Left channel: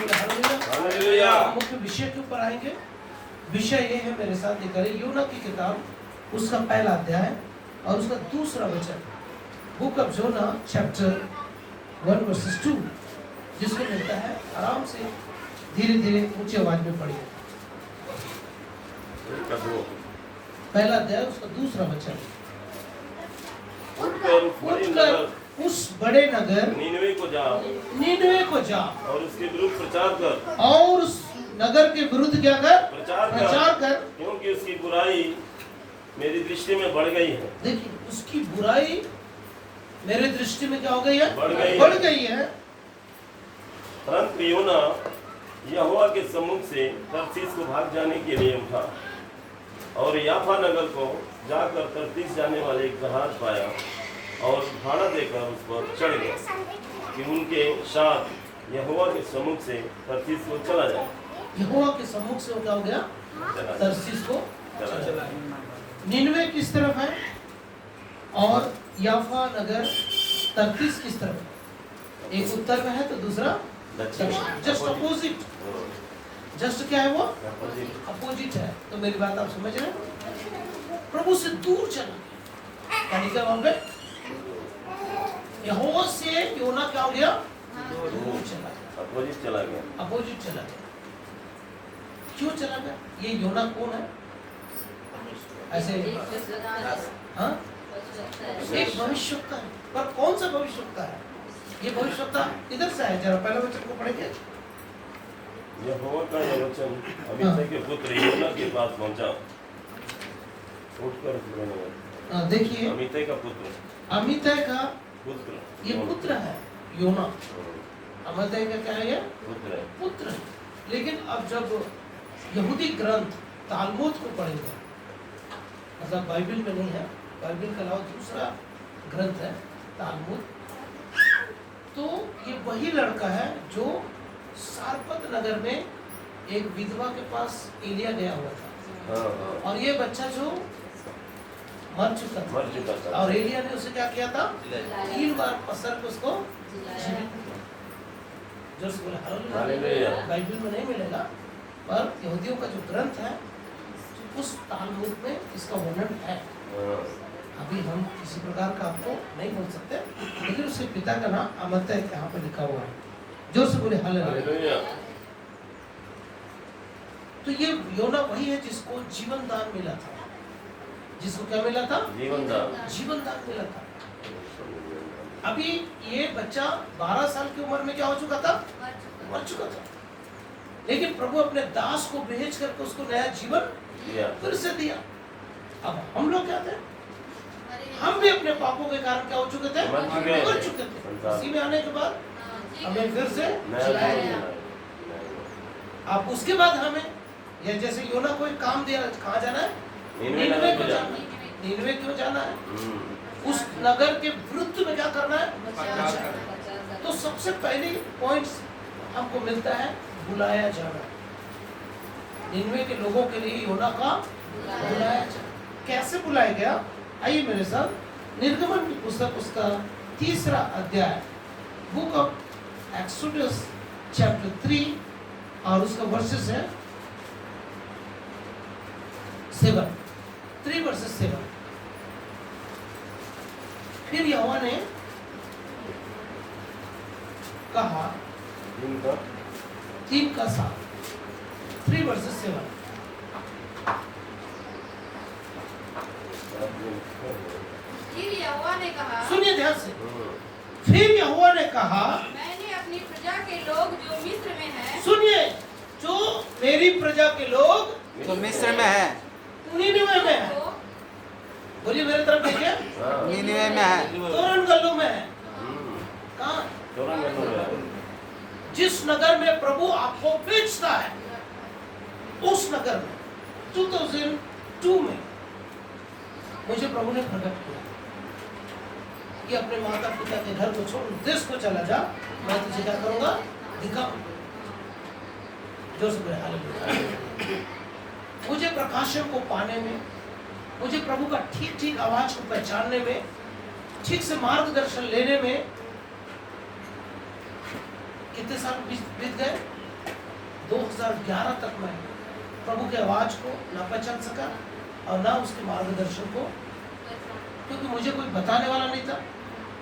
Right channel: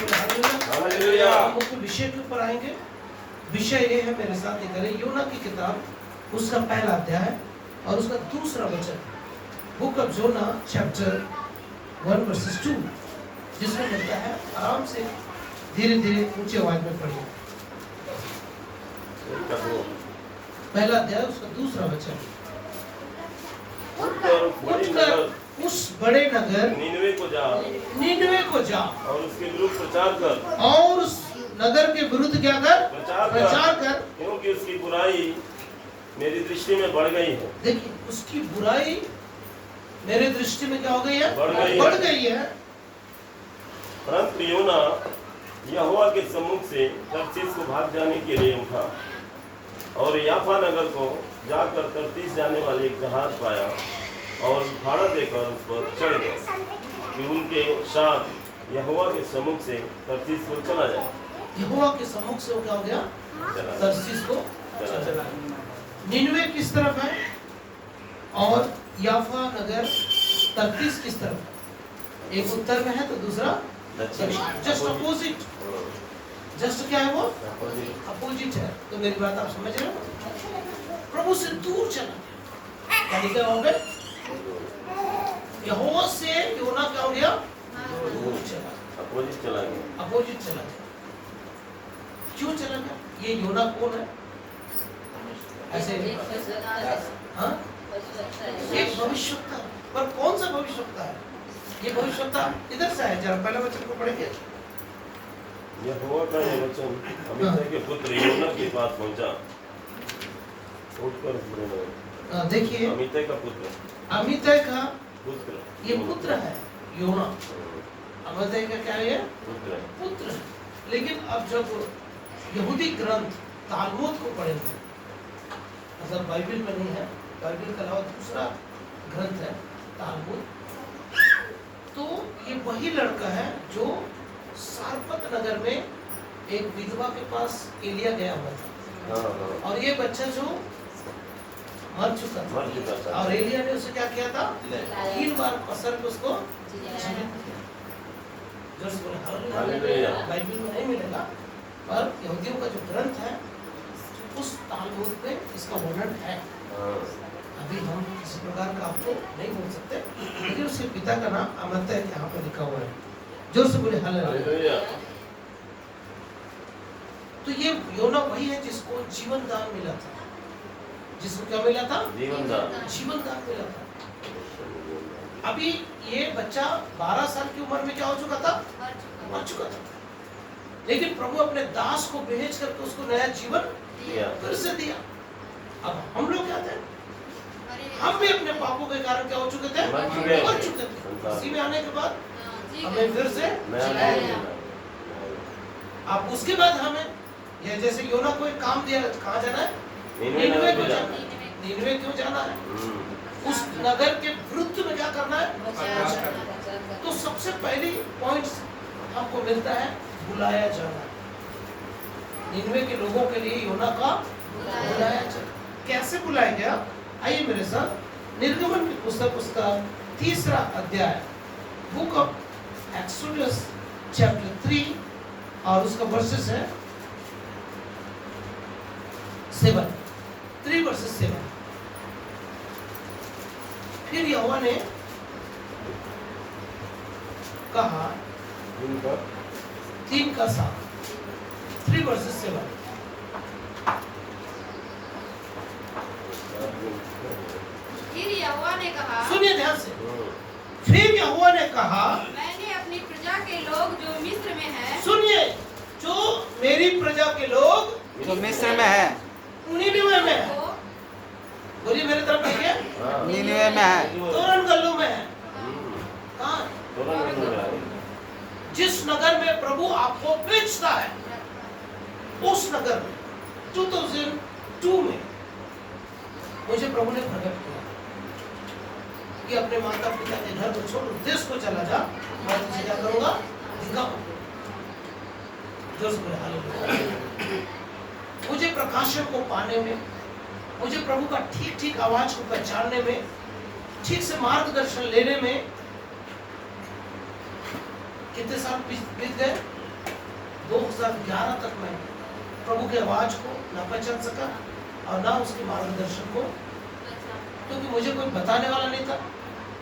Hallelujah. हम मुख्य विषय के ऊपर आएंगे। विषय ये है, मेरे साथ ये करें, यूना की किताब उसका पहला अध्याय और उसका दूसरा वचन, book of Jonah chapter 1 verses 2, जिसमें मिलता है। आराम से धीरे धीरे ऊंची आवाज में पढ़िए। पहला अध्याय उसका दूसरा वचन। उठकर उस बड़े नगर नीनवे को जा और उसके विरुद्ध प्रचार कर, और उस नगर के विरुद्ध क्या कर? प्रचार कर, क्योंकि उसकी बुराई मेरी दृष्टि में बढ़ गई है। देखिए, उसकी बुराई मेरी दृष्टि में क्या हो गई है? बढ़ गई है। परंतु योना यहोवा के सम्मुख से तर्शीश को भाग जाने के लिए उठा और याफा नगर को जाकर तर्शीश जाने वाले एक जहाज पाया और भाड़ा देकर उस पर चढ़ गया कि उनके साथ यहोवा के सम्मुख से तर्शीश को चला जाए। यहोवा के सम्मुख से वो क्या हो गया? तर्शीश को चला। निनवे किस तरफ है और याफा नगर तर्शीश किस तरफ है? एक उत्तर में है तो दूसरा जस्ट अपोजिट। जस्ट क्या है वो? अपोजिट है। तो मेरी बात आप समझ रहे हो? प्रभु से दूर चला क्या लिखा वहां पे? यहोवा से योना क्या हो गया? दूर चला, अपोजिट चला गया। अपोजिट चला गया। क्यों चला गया? ये योना कौन है? ऐसे हाँ, एक भविष्यवक्ता है। पर कौन सा भविष्यवक्ता है? ये भविष्यवक्ता इधर से है। जरा पहले वचन को पढ़ेंगे। यहोवा का यह वचन अमित्तै के पुत्र योना के पास पहुंचा। उठकर देखिए, अमित्तै का पुत्र, अमित्तै का पुत्र, ये पुत्र है योना। अमित्तै का क्या है? ये पुत्र है। लेकिन अब जब यहूदी ग्रंथ तालमुद को पढ़ेंगे, मतलब बाइबल में नहीं है, बाइबल के अलावा दूसरा ग्रंथ है तालमुद, तो ये वही लड़का है जो सारपत नगर में एक विधवा के पास एलिया गया हुआ था। और ये बच्चा जो मर चुका था और एलिया ने उसे क्या किया था? 3 बार पसर के उसको जीवित किया। जोर से बोले हालेलुया। बाइबल में नहीं मिलेगा, पर यहूदियों का जो ग्रंथ है उस तालमुद में इसका वर्णन है। अभी हम किसी प्रकार का आपको नहीं बोल सकते, लेकिन उसके पिता का नाम अमित्तै यहाँ पे लिखा हुआ है। जोर से बोले हालेलुया। तो ये योना वही है जिसको जीवन दान मिला था। जिसको क्या मिला था? जीवन दान मिला था। अभी ये बच्चा 12 साल की उम्र में क्या हो चुका था? मर चुका था। लेकिन प्रभु अपने दास को भेज करके उसको नया जीवन फिर से दिया। अब हम लोग क्या थे? हम भी अपने पापों के कारण क्या हो चुके थे? मर चुके थे। इसी में आने के बाद हमें फिर से जिलाया गया। अब उसके बाद हमें ये जैसे योना को एक काम दिया, कहाँ जाना है? नीनवे को जाना है। नीनवे क्यों जाना है? उस नगर के विरुद्ध में क्या करना है? तो सबसे पहली पॉइंट हमको मिलता है बुलाया जाना। नीनवे के लोगों के लिए योना का बुलाया जाना। कैसे बुलाया गया? आइए मेरे साथ निर्गमन की पुस्तक उसका 3रा अध्याय, बुक ऑफ एक्सोडस चैप्टर 3 और उसका वर्सेस है 7, 3 वर्सेस 7। फिर यहोवा ने कहा 3 का 7, 3 वर्सेस 7। फिर यहोवा ने कहा, सुनिए ध्यान से। फिर यहोवा ने कहा, मैंने अपनी प्रजा के लोग जो मिस्र में है, सुनिए, जो मेरी प्रजा के लोग जो मिस्र में है, नीनवे में है। बोलिए मेरे तरफ देखिए। नीनवे में है, तोरण गल्लों में है। कहाँ? जिस नगर में प्रभु आपको भेजता है, उस नगर में 2002 में मुझे प्रभु ने प्रकट किया कि अपने माता पिता के घर को छोड़ देश को चला जा, मैं तुझे क्या करूंगा? दिखाऊंगा। जोर से बोले हालेलुया। मुझे प्रकाशन को पाने में, मुझे प्रभु का ठीक ठीक आवाज को पहचानने में, ठीक से मार्गदर्शन लेने में कितने साल बीत गए? 2011 तक मैं प्रभु के आवाज को ना पहचान सका और ना उसके मार्गदर्शन को, क्योंकि मुझे कोई बताने वाला नहीं था,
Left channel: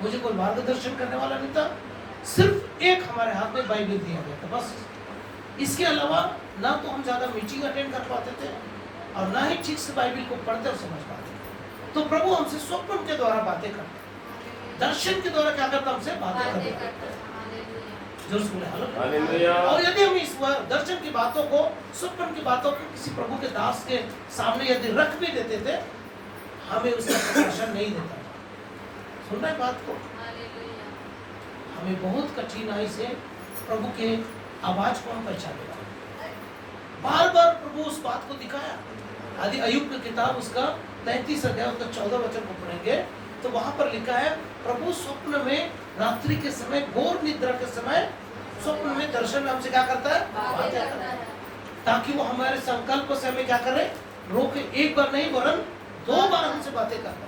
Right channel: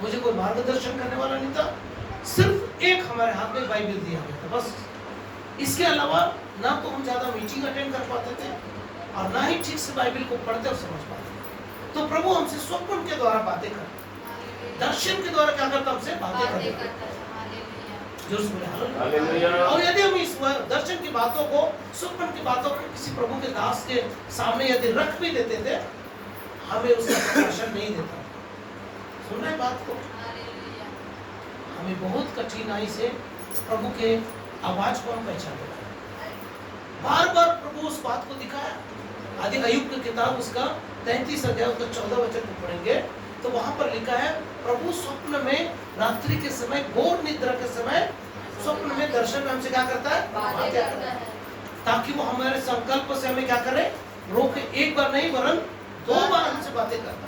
मुझे कोई मार्गदर्शन करने वाला नहीं था। सिर्फ एक हमारे हाथ में बाइबल दिया गया था बस। इसके अलावा ना तो हम ज्यादा मीटिंग अटेंड कर पाते थे और ना ही ठीक से बाइबल को पढ़ते और समझ पाते। तो प्रभु हमसे स्वप्न के द्वारा बातें करते, दर्शन के द्वारा क्या करता, हमसे बातें करते। जो बोले हालेलुया। और यदि हम इस दर्शन की बातों को, स्वप्न की बातों को किसी प्रभु के दास के सामने यदि रख भी देते थे, हमें उसका प्रकाशन नहीं देता। सुन रहे बात को? हमें बहुत कठिनाई से प्रभु के आवाज को हम पहचान रहे हैं। बार बार प्रभु उस बात को दिखाया। आदि अय्यूब की किताब उसका 33 अध्याय उसका 14 वचन को पढ़ेंगे तो वहां पर लिखा है, प्रभु स्वप्न में रात्रि के समय, घोर निद्रा के समय स्वप्न में, दर्शन में हमसे क्या करता है, बातें करता है, ताकि वो हमारे संकल्प से हमें क्या करे, रोके। एक बार नहीं वरन 2 बार हमसे बातें करता है,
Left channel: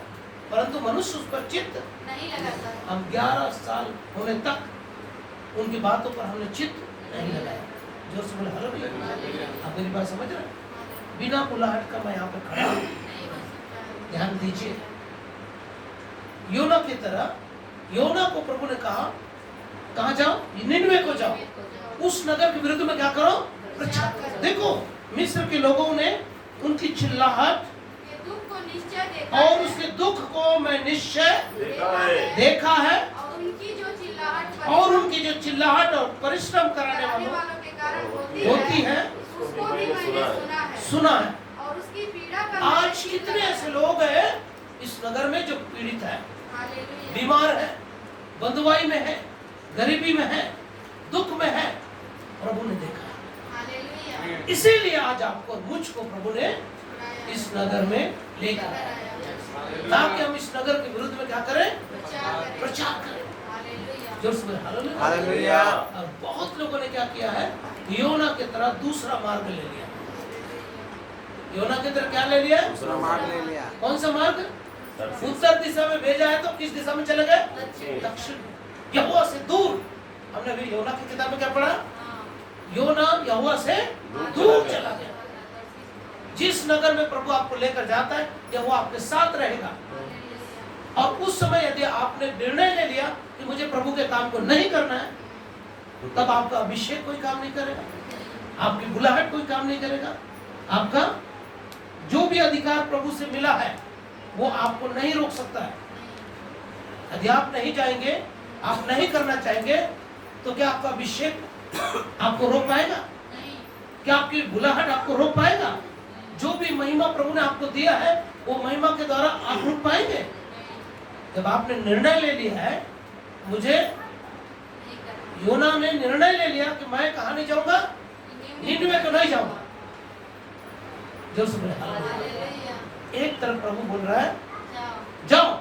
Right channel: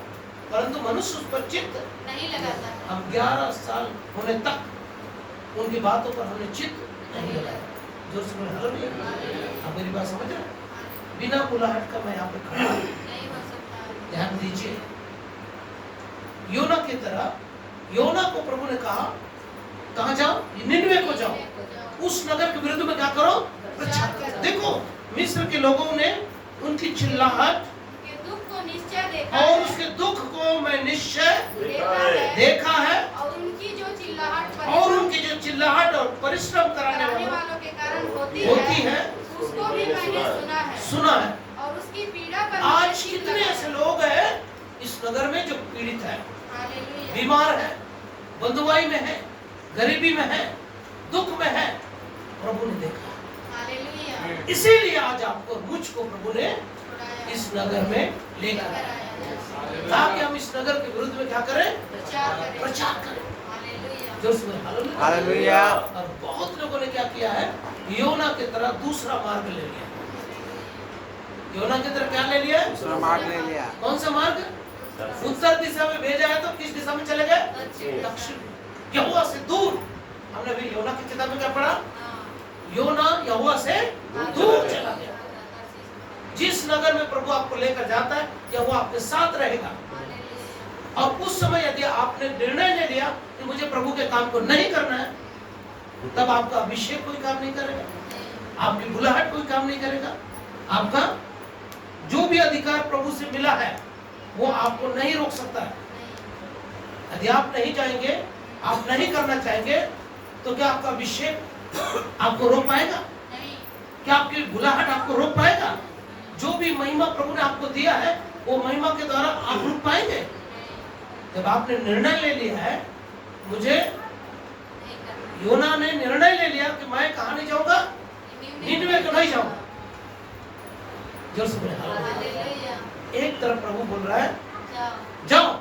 परंतु मनुष्य उस पर चित्त नहीं लगाता। हम 11 साल होने तक उनकी बातों पर हमने चित्त नहीं लगाया। जोर से बोले हालेलुया। आप मेरी बात समझ रहे? बिना बुलाहट का मैं यहाँ पे खड़ा हूँ। ध्यान दीजिए, योना की तरह योना को प्रभु ने कहा, कहाँ जाओ, निनवे को जाओ, उस नगर के विरुद्ध में क्या करो, प्रचार करो। देखो मिस्र के लोगों ने उनकी चिल्लाहट और उसके दुख को मैं निश्चय देखा है और उनकी जो चिल्लाहट और परिश्रम कराने वालों के कारण होती है, उसको भी मैंने सुना है। और उसकी पीड़ा पर आज कितने ऐसे लोग हैं इस नगर में जो पीड़ित है, बीमार है, बंधुआई में है, गरीबी में है, दुख में है, प्रभु ने देखा। इसीलिए आज आपको मुझको प्रभु ने इस नगर में लेकर आया, ताकि हम इस नगर के विरुद्ध में क्या करें, प्रचार करें। जोर से हालेलुया। हालेलुया। और बहुत लोगों ने क्या किया है, योना की तरह दूसरा मार्ग ले लिया। योना की तरह क्या ले लिया, दूसरा मार्ग ले लिया। कौन सा मार्ग? उत्तर दिशा में भेजा है तो किस दिशा में चले गए, दक्षिण। यहोवा से दूर। हमने भी योना की किताब में क्या पढ़ा, योना यहोवा से दूर चला गया। जिस नगर में प्रभु आपको लेकर जाता है, यहोवा आपके साथ रहेगा। और उस समय यदि आपने निर्णय ले लिया कि मुझे प्रभु के काम को नहीं करना है, तब आपका अभिषेक कोई काम नहीं करेगा, आपकी बुलाहट कोई काम नहीं करेगा, आपका जो भी अधिकार प्रभु से मिला है वो आपको नहीं रोक सकता है। यदि आप नहीं जाएंगे, आप नहीं करना चाहेंगे, तो क्या आपका अभिषेक आपको रोक पाएगा? क्या आपकी बुलाहट आपको रोक पाएगा? जो भी महिमा प्रभु ने आपको दिया है, वो महिमा के द्वारा आप रुक पाएंगे? जब आपने निर्णय ले लिया है, मुझे, योना ने निर्णय ले लिया कि मैं कहाँ नहीं जाऊंगा, निनवे को नहीं जाऊंगा। जोर से बोले हालेलुया। एक तरफ प्रभु बोल रहा है जाओ,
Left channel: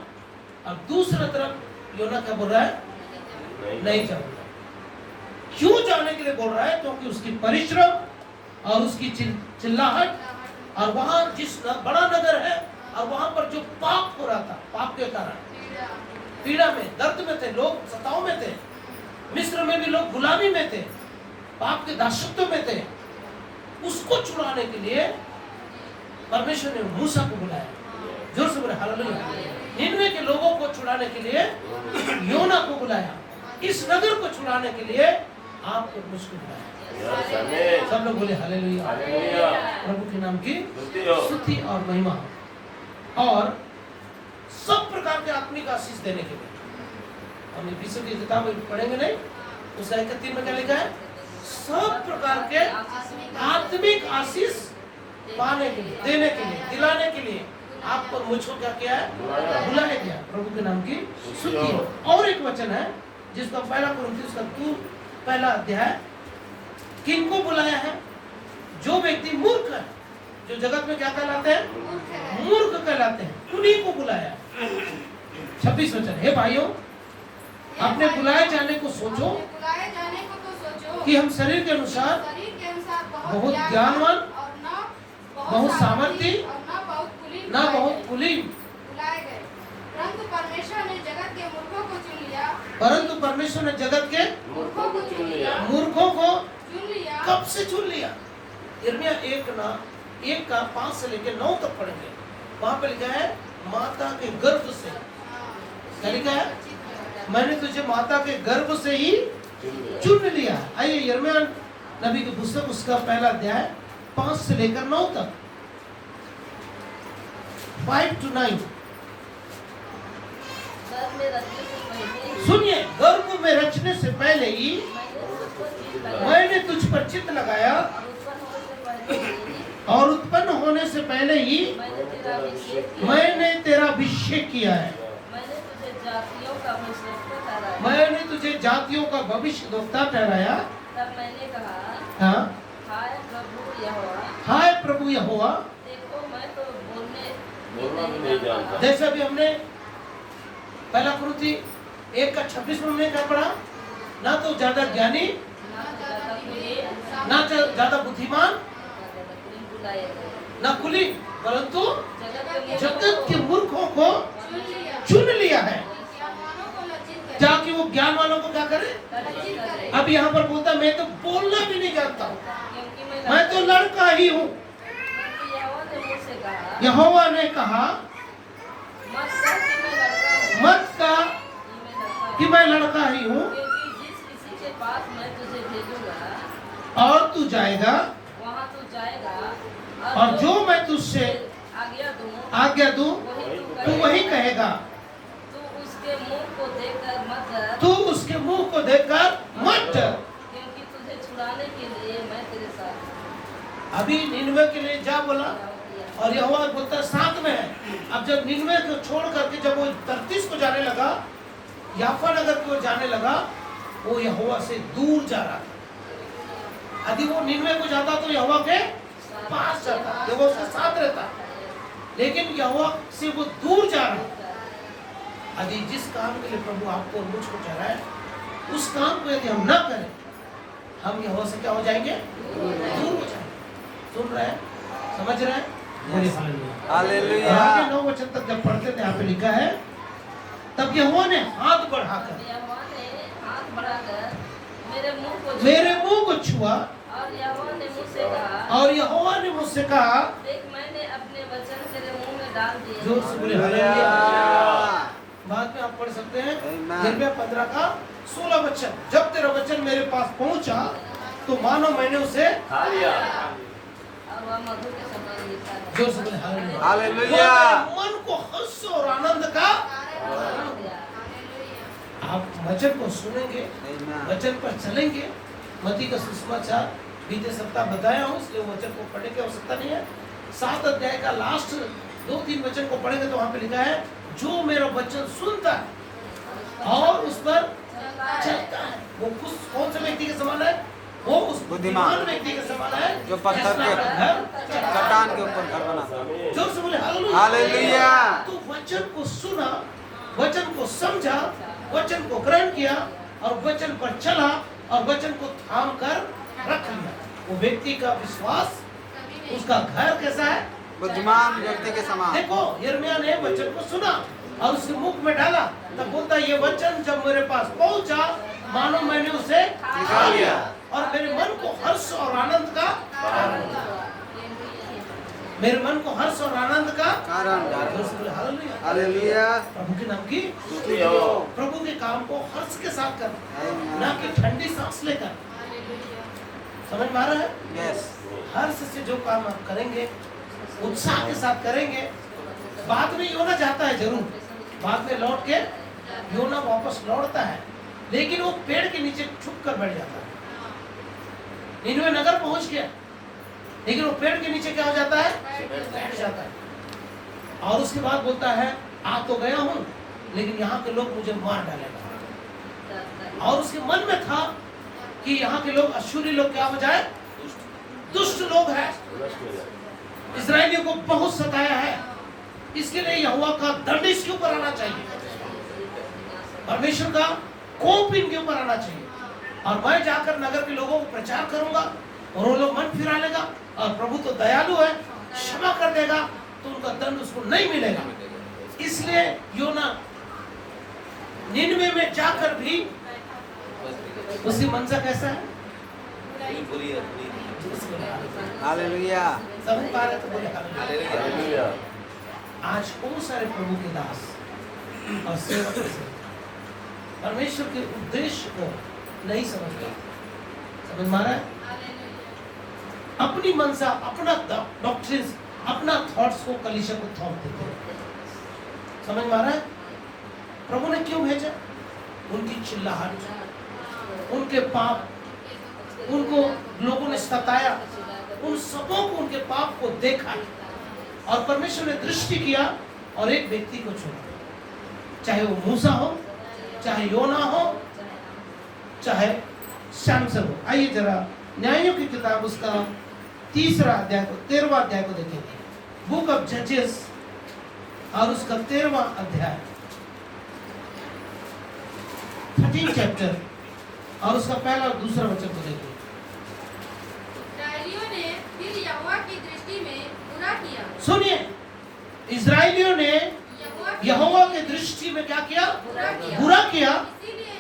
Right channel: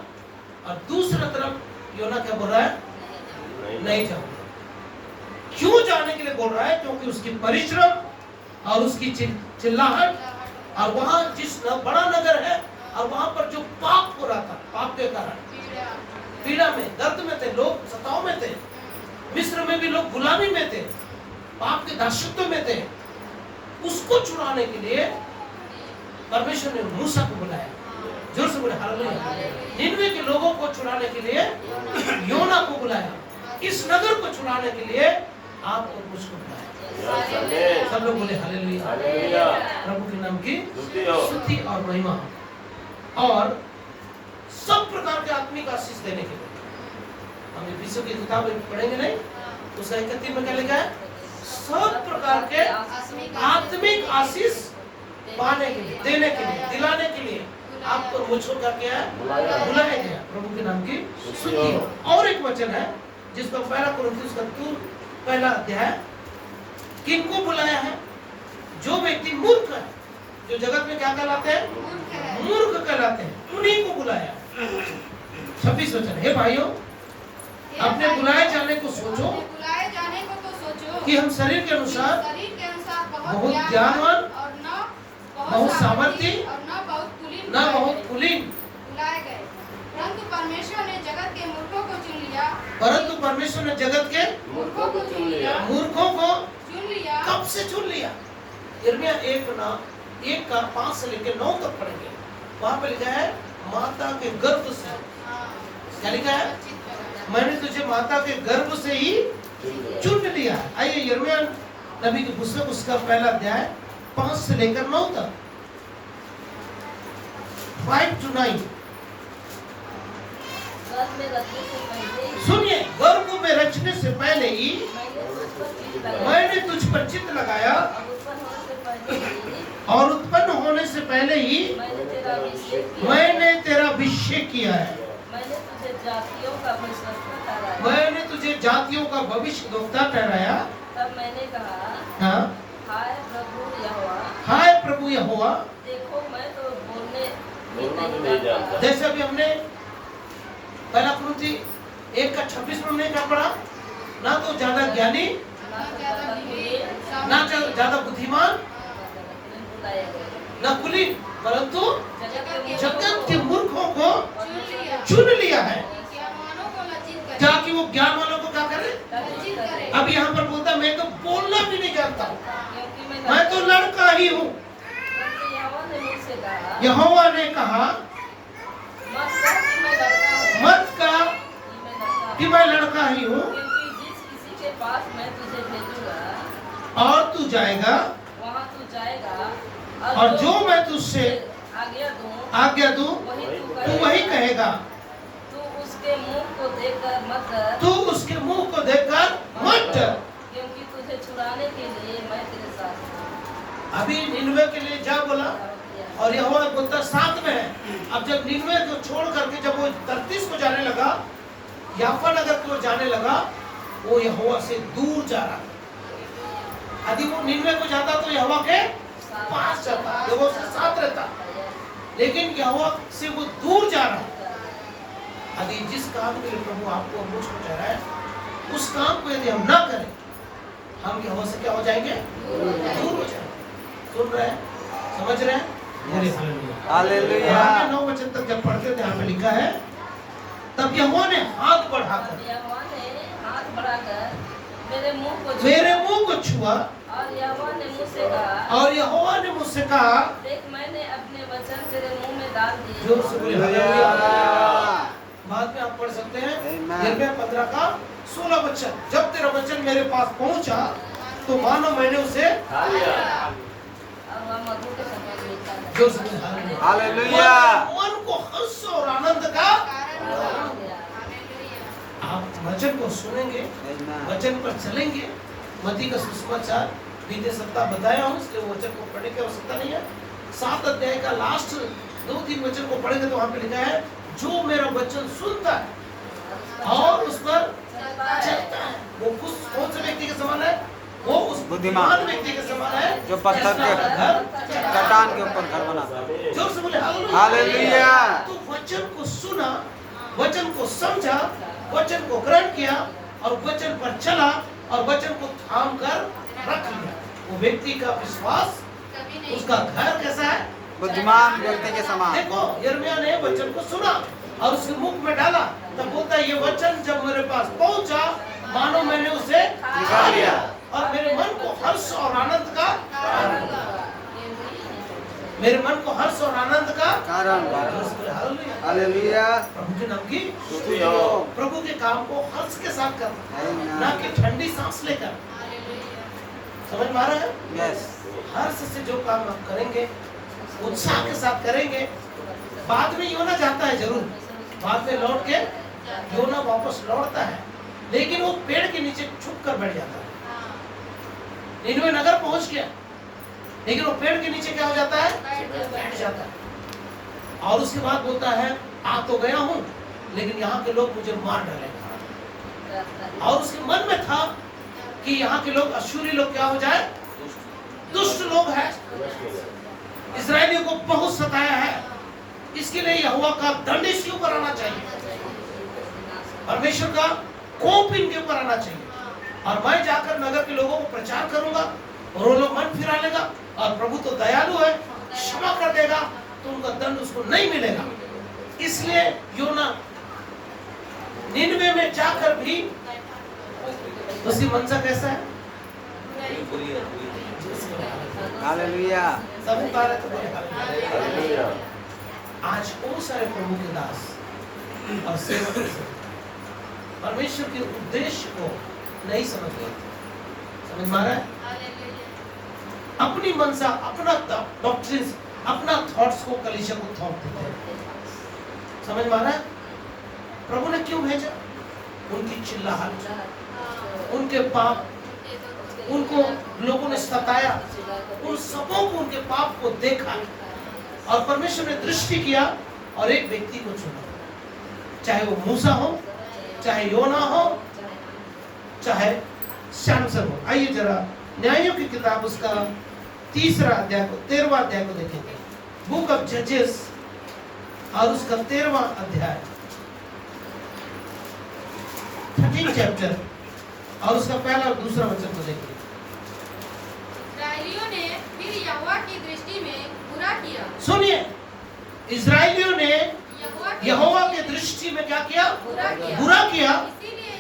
और दूसरा तरफ योना क्या बोल रहा है, नहीं जाऊंगा। क्यों जाने के लिए बोल रहा है? क्योंकि उसकी परिश्रम और उसकी चिल्लाहट, और वहां जिस बड़ा नगर है और वहां पर जो पाप हो रहा था, पाप के कारण पीड़ा में, दर्द में थे लोग, सताव में थे। मिस्र में भी लोग गुलामी में थे, पाप के दासत्व में थे। उसको छुड़ाने के लिए परमेश्वर ने मूसा को बुलाया। जोर से बोले हालेलुया। निनवे के लोगों को छुड़ाने के लिए योना को बुलाया। इस नगर को छुड़ाने के लिए आपको मुझको बुलाया। सब लोग बोले हालेलुया। प्रभु के नाम की स्तुति और महिमा। और सब प्रकार के आत्मिक आशीष देने के लिए, हम एफिसियों की किताब पढ़ेंगे नहीं, उसका 31 में क्या लिखा है, सब प्रकार के आत्मिक आशीष पाने के लिए, देने के लिए, दिलाने के लिए आपको मुझको क्या किया है, बुलाया गया। प्रभु के नाम की स्तुति। और एक वचन है जिसका 1 कुरिन्थियों का 1 अध्याय, किनको बुलाया है? जो व्यक्ति मूर्ख है, जो जगत में क्या कहलाते हैं, मूर्ख कहलाते हैं, उन्हीं को बुलाया। 26 वचन, हे भाइयों, अपने बुलाए जाने को सोचो कि हम शरीर के अनुसार बहुत ज्ञानवान, बहुत सामर्थी, न बहुत कुलीन, परंतु परमेश्वर ने जगत के मूर्खों को चुन लिया। मूर्खों को चुन लिया। कब से चुन लिया? यिर्मयाह 1:5 से लेकर 9 तक पढ़ेंगे। वहां पे लिखा है माता के गर्भ से, क्या लिखा है? मैंने तुझे माता के गर्भ से ही चुन लिया है। आइए यिर्मयाह नबी की पुस्तक उसका पहला अध्याय 5 से लेकर 9 तक, 5 to 9। सुनिए, गर्भ में रचने से पहले ही मैंने तुझ पर चित्त लगाया और उत्पन्न होने से पहले ही मैंने तेरा अभिषेक किया है। मैंने तुझे जातियों का भविष्यद्वक्ता ठहराया। तब मैंने कहा, हाँ, हाय प्रभु यहोवा, हाय प्रभु यहोवा, देखो मैं तो बोलने नहीं जानता। जैसे अभी हमने पहला कुरिन्थी 1:26 में हमने क्या पढ़ा? ना तो ज्यादा ज्ञानी, ना ज्यादा बुद्धिमान, ना कुलीन, परंतु जगत के मूर्खों को चुन लिया है ताकि वो ज्ञान वालों को क्या करे। अब यहाँ पर बोलता मैं तो बोलना भी नहीं जानता हूँ, मैं तो लड़का ही हूँ। यहोवा ने कहा मत कहा कि मैं लड़का ही हूँ, और तू जाएगा और जो मैं तुझसे आज्ञा दूं तू वही कहेगा। तू उसके मुंह को देखकर मत डर, तू उसके मुंह को देखकर मत डर, क्योंकि तुझे छुड़ाने के लिए मैं तेरे साथ हूं। अभी निनवे के लिए जा बोला और यहोवा बोलता साथ में है। अब जब निनवे को छोड़ करके जब वो तर्तीस को जाने लगा, याफा नगर की ओर जाने लगा, वो यहोवा से दूर जा रहा था। यदि वो निनवे को जाता तो यहोवा के पास जाता, यहोवा उसके साथ रहता, लेकिन यहोवा से वो दूर जा रहा है। यदि जिस काम के लिए प्रभु आपको मुझको ठहराया, उस काम को यदि हम ना करें, हम यहोवा से क्या हो जाएंगे? दूर हो जाएंगे। सुन रहे हैं, समझ रहे हैं? हालेलुया। 9 वचन तक जब पढ़ते थे, यहाँ पे लिखा है तब यहोवा ने हाथ बढ़ाकर यहोवा ने हाथ बढ़ाकर मेरे मुंह को छुआ और यहोवा ने मुझसे कहा, और यहोवा ने मुझसे कहा, देख मैंने अपने वचन तेरे मुंह में डाल दिए। जोर से बोले हालेलुया। बाद में आप पढ़ सकते हैं Amen। यिर्मयाह 15:16 वचन, जब तेरा वचन मेरे पास पहुंचा तो मानो मैंने उसे खा लिया। और वह मधु के समान मीठा है। जोर से बोले हालेलुया। हालेलुया। मन को हर्ष और आनंद का, आप वचन को सुनेंगे, Amen। वचन पर चलेंगे। मत्ती का सुसमाचार बीते सप्ताह बताया हूँ, इसलिए वचन को पढ़ने की आवश्यकता नहीं है। 7 अध्याय का लास्ट 2-3 वचन को पढ़ेंगे तो वहां पे लिखा है, जो मेरा वचन सुनता है और उस पर चलता है वो कौन से व्यक्ति के समान है? वो उस बुद्धिमान व्यक्ति के समान है जो पत्थर के घर चट्टान के ऊपर घर बनाता है। जोर से बोले हालेलुया। तो वचन को सुना, वचन को समझा, वचन को ग्रहण किया और वचन पर चला और वचन को थाम कर रख लिया। वो व्यक्ति का विश्वास, उसका घर कैसा है? बुद्धिमान व्यक्ति के समान। देखो यिर्मयाह ने वचन को सुना और उसके मुख में डाला, तब बोलता है ये वचन जब मेरे पास पहुंचा मानो मैंने उसे निकाल लिया और मेरे मन को हर्ष और आनंद का, मेरे मन को हर्ष और आनंद का कारण। हालेलुया। हालेलुया। प्रभु के नाम की, प्रभु के काम को हर्ष के साथ कर, Amen। ना कि ठंडी सांस लेकर। समझ में आ रहा है? यस। हर्ष से जो काम आप करेंगे, उत्साह के साथ करेंगे। बाद में योना जाता है जरूर, बाद में लौट के योना वापस लौटता है, लेकिन वो पेड़ के नीचे छुप कर बैठ जाता है। निनवे नगर पहुंच गया, लेकिन वो पेड़ के नीचे क्या हो जाता है? बैठ जाता है। और उसके बाद बोलता है आ तो गया हूं, लेकिन यहाँ के लोग मुझे मार डालेंगे। और उसके मन में था कि यहाँ के लोग अश्शूरी लोग क्या हो जाए? दुष्ट लोग हैं, इस्राएलियों को बहुत सताया है, इसके लिए यहोवा का दंड इसके ऊपर आना चाहिए, परमेश्वर का कोप इनके ऊपर आना चाहिए। और मैं जाकर नगर के लोगों को प्रचार करूंगा और वो लोग मन फिरा लेगा, और प्रभु तो दयालु है, क्षमा कर देगा, तो उनका दंड उसको नहीं मिलेगा। इसलिए योना निनवे में जाकर भी उसकी मंशा कैसा है? हालेलुया। सब उठा रहे तो बोले हालेलुया। हालेलुया। आज बहुत सारे प्रभु के दास और सेवक परमेश्वर के उद्देश्य को नहीं समझ गए। समझ में आ रहा है? अपनी मनसा, अपना डॉक्ट्रिन, अपना थॉट्स को कलीसिया को थॉट देते हैं। समझ में आ रहा है? प्रभु ने क्यों भेजा? उनकी चिल्लाहट, उनके पाप, उनको लोगों ने सताया, उन सबों को, उनके पाप को देखा और परमेश्वर ने दृष्टि किया और एक व्यक्ति को चुना, चाहे वो मूसा हो, चाहे योना हो, चाहे सैमसन हो। आइए जरा न्यायों की किताब उसका 3रा अध्याय को, 13वां अध्याय को देखेंगे। बुक ऑफ जजेस और उसका 13वां अध्याय, 13 चैप्टर और उसका पहला और दूसरा वचन को देखिए। इस्राएलियों ने फिर यहोवा की दृष्टि में बुरा किया। सुनिए, इजराइलियों ने यहोवा के दृष्टि में क्या किया? बुरा किया। इसीलिए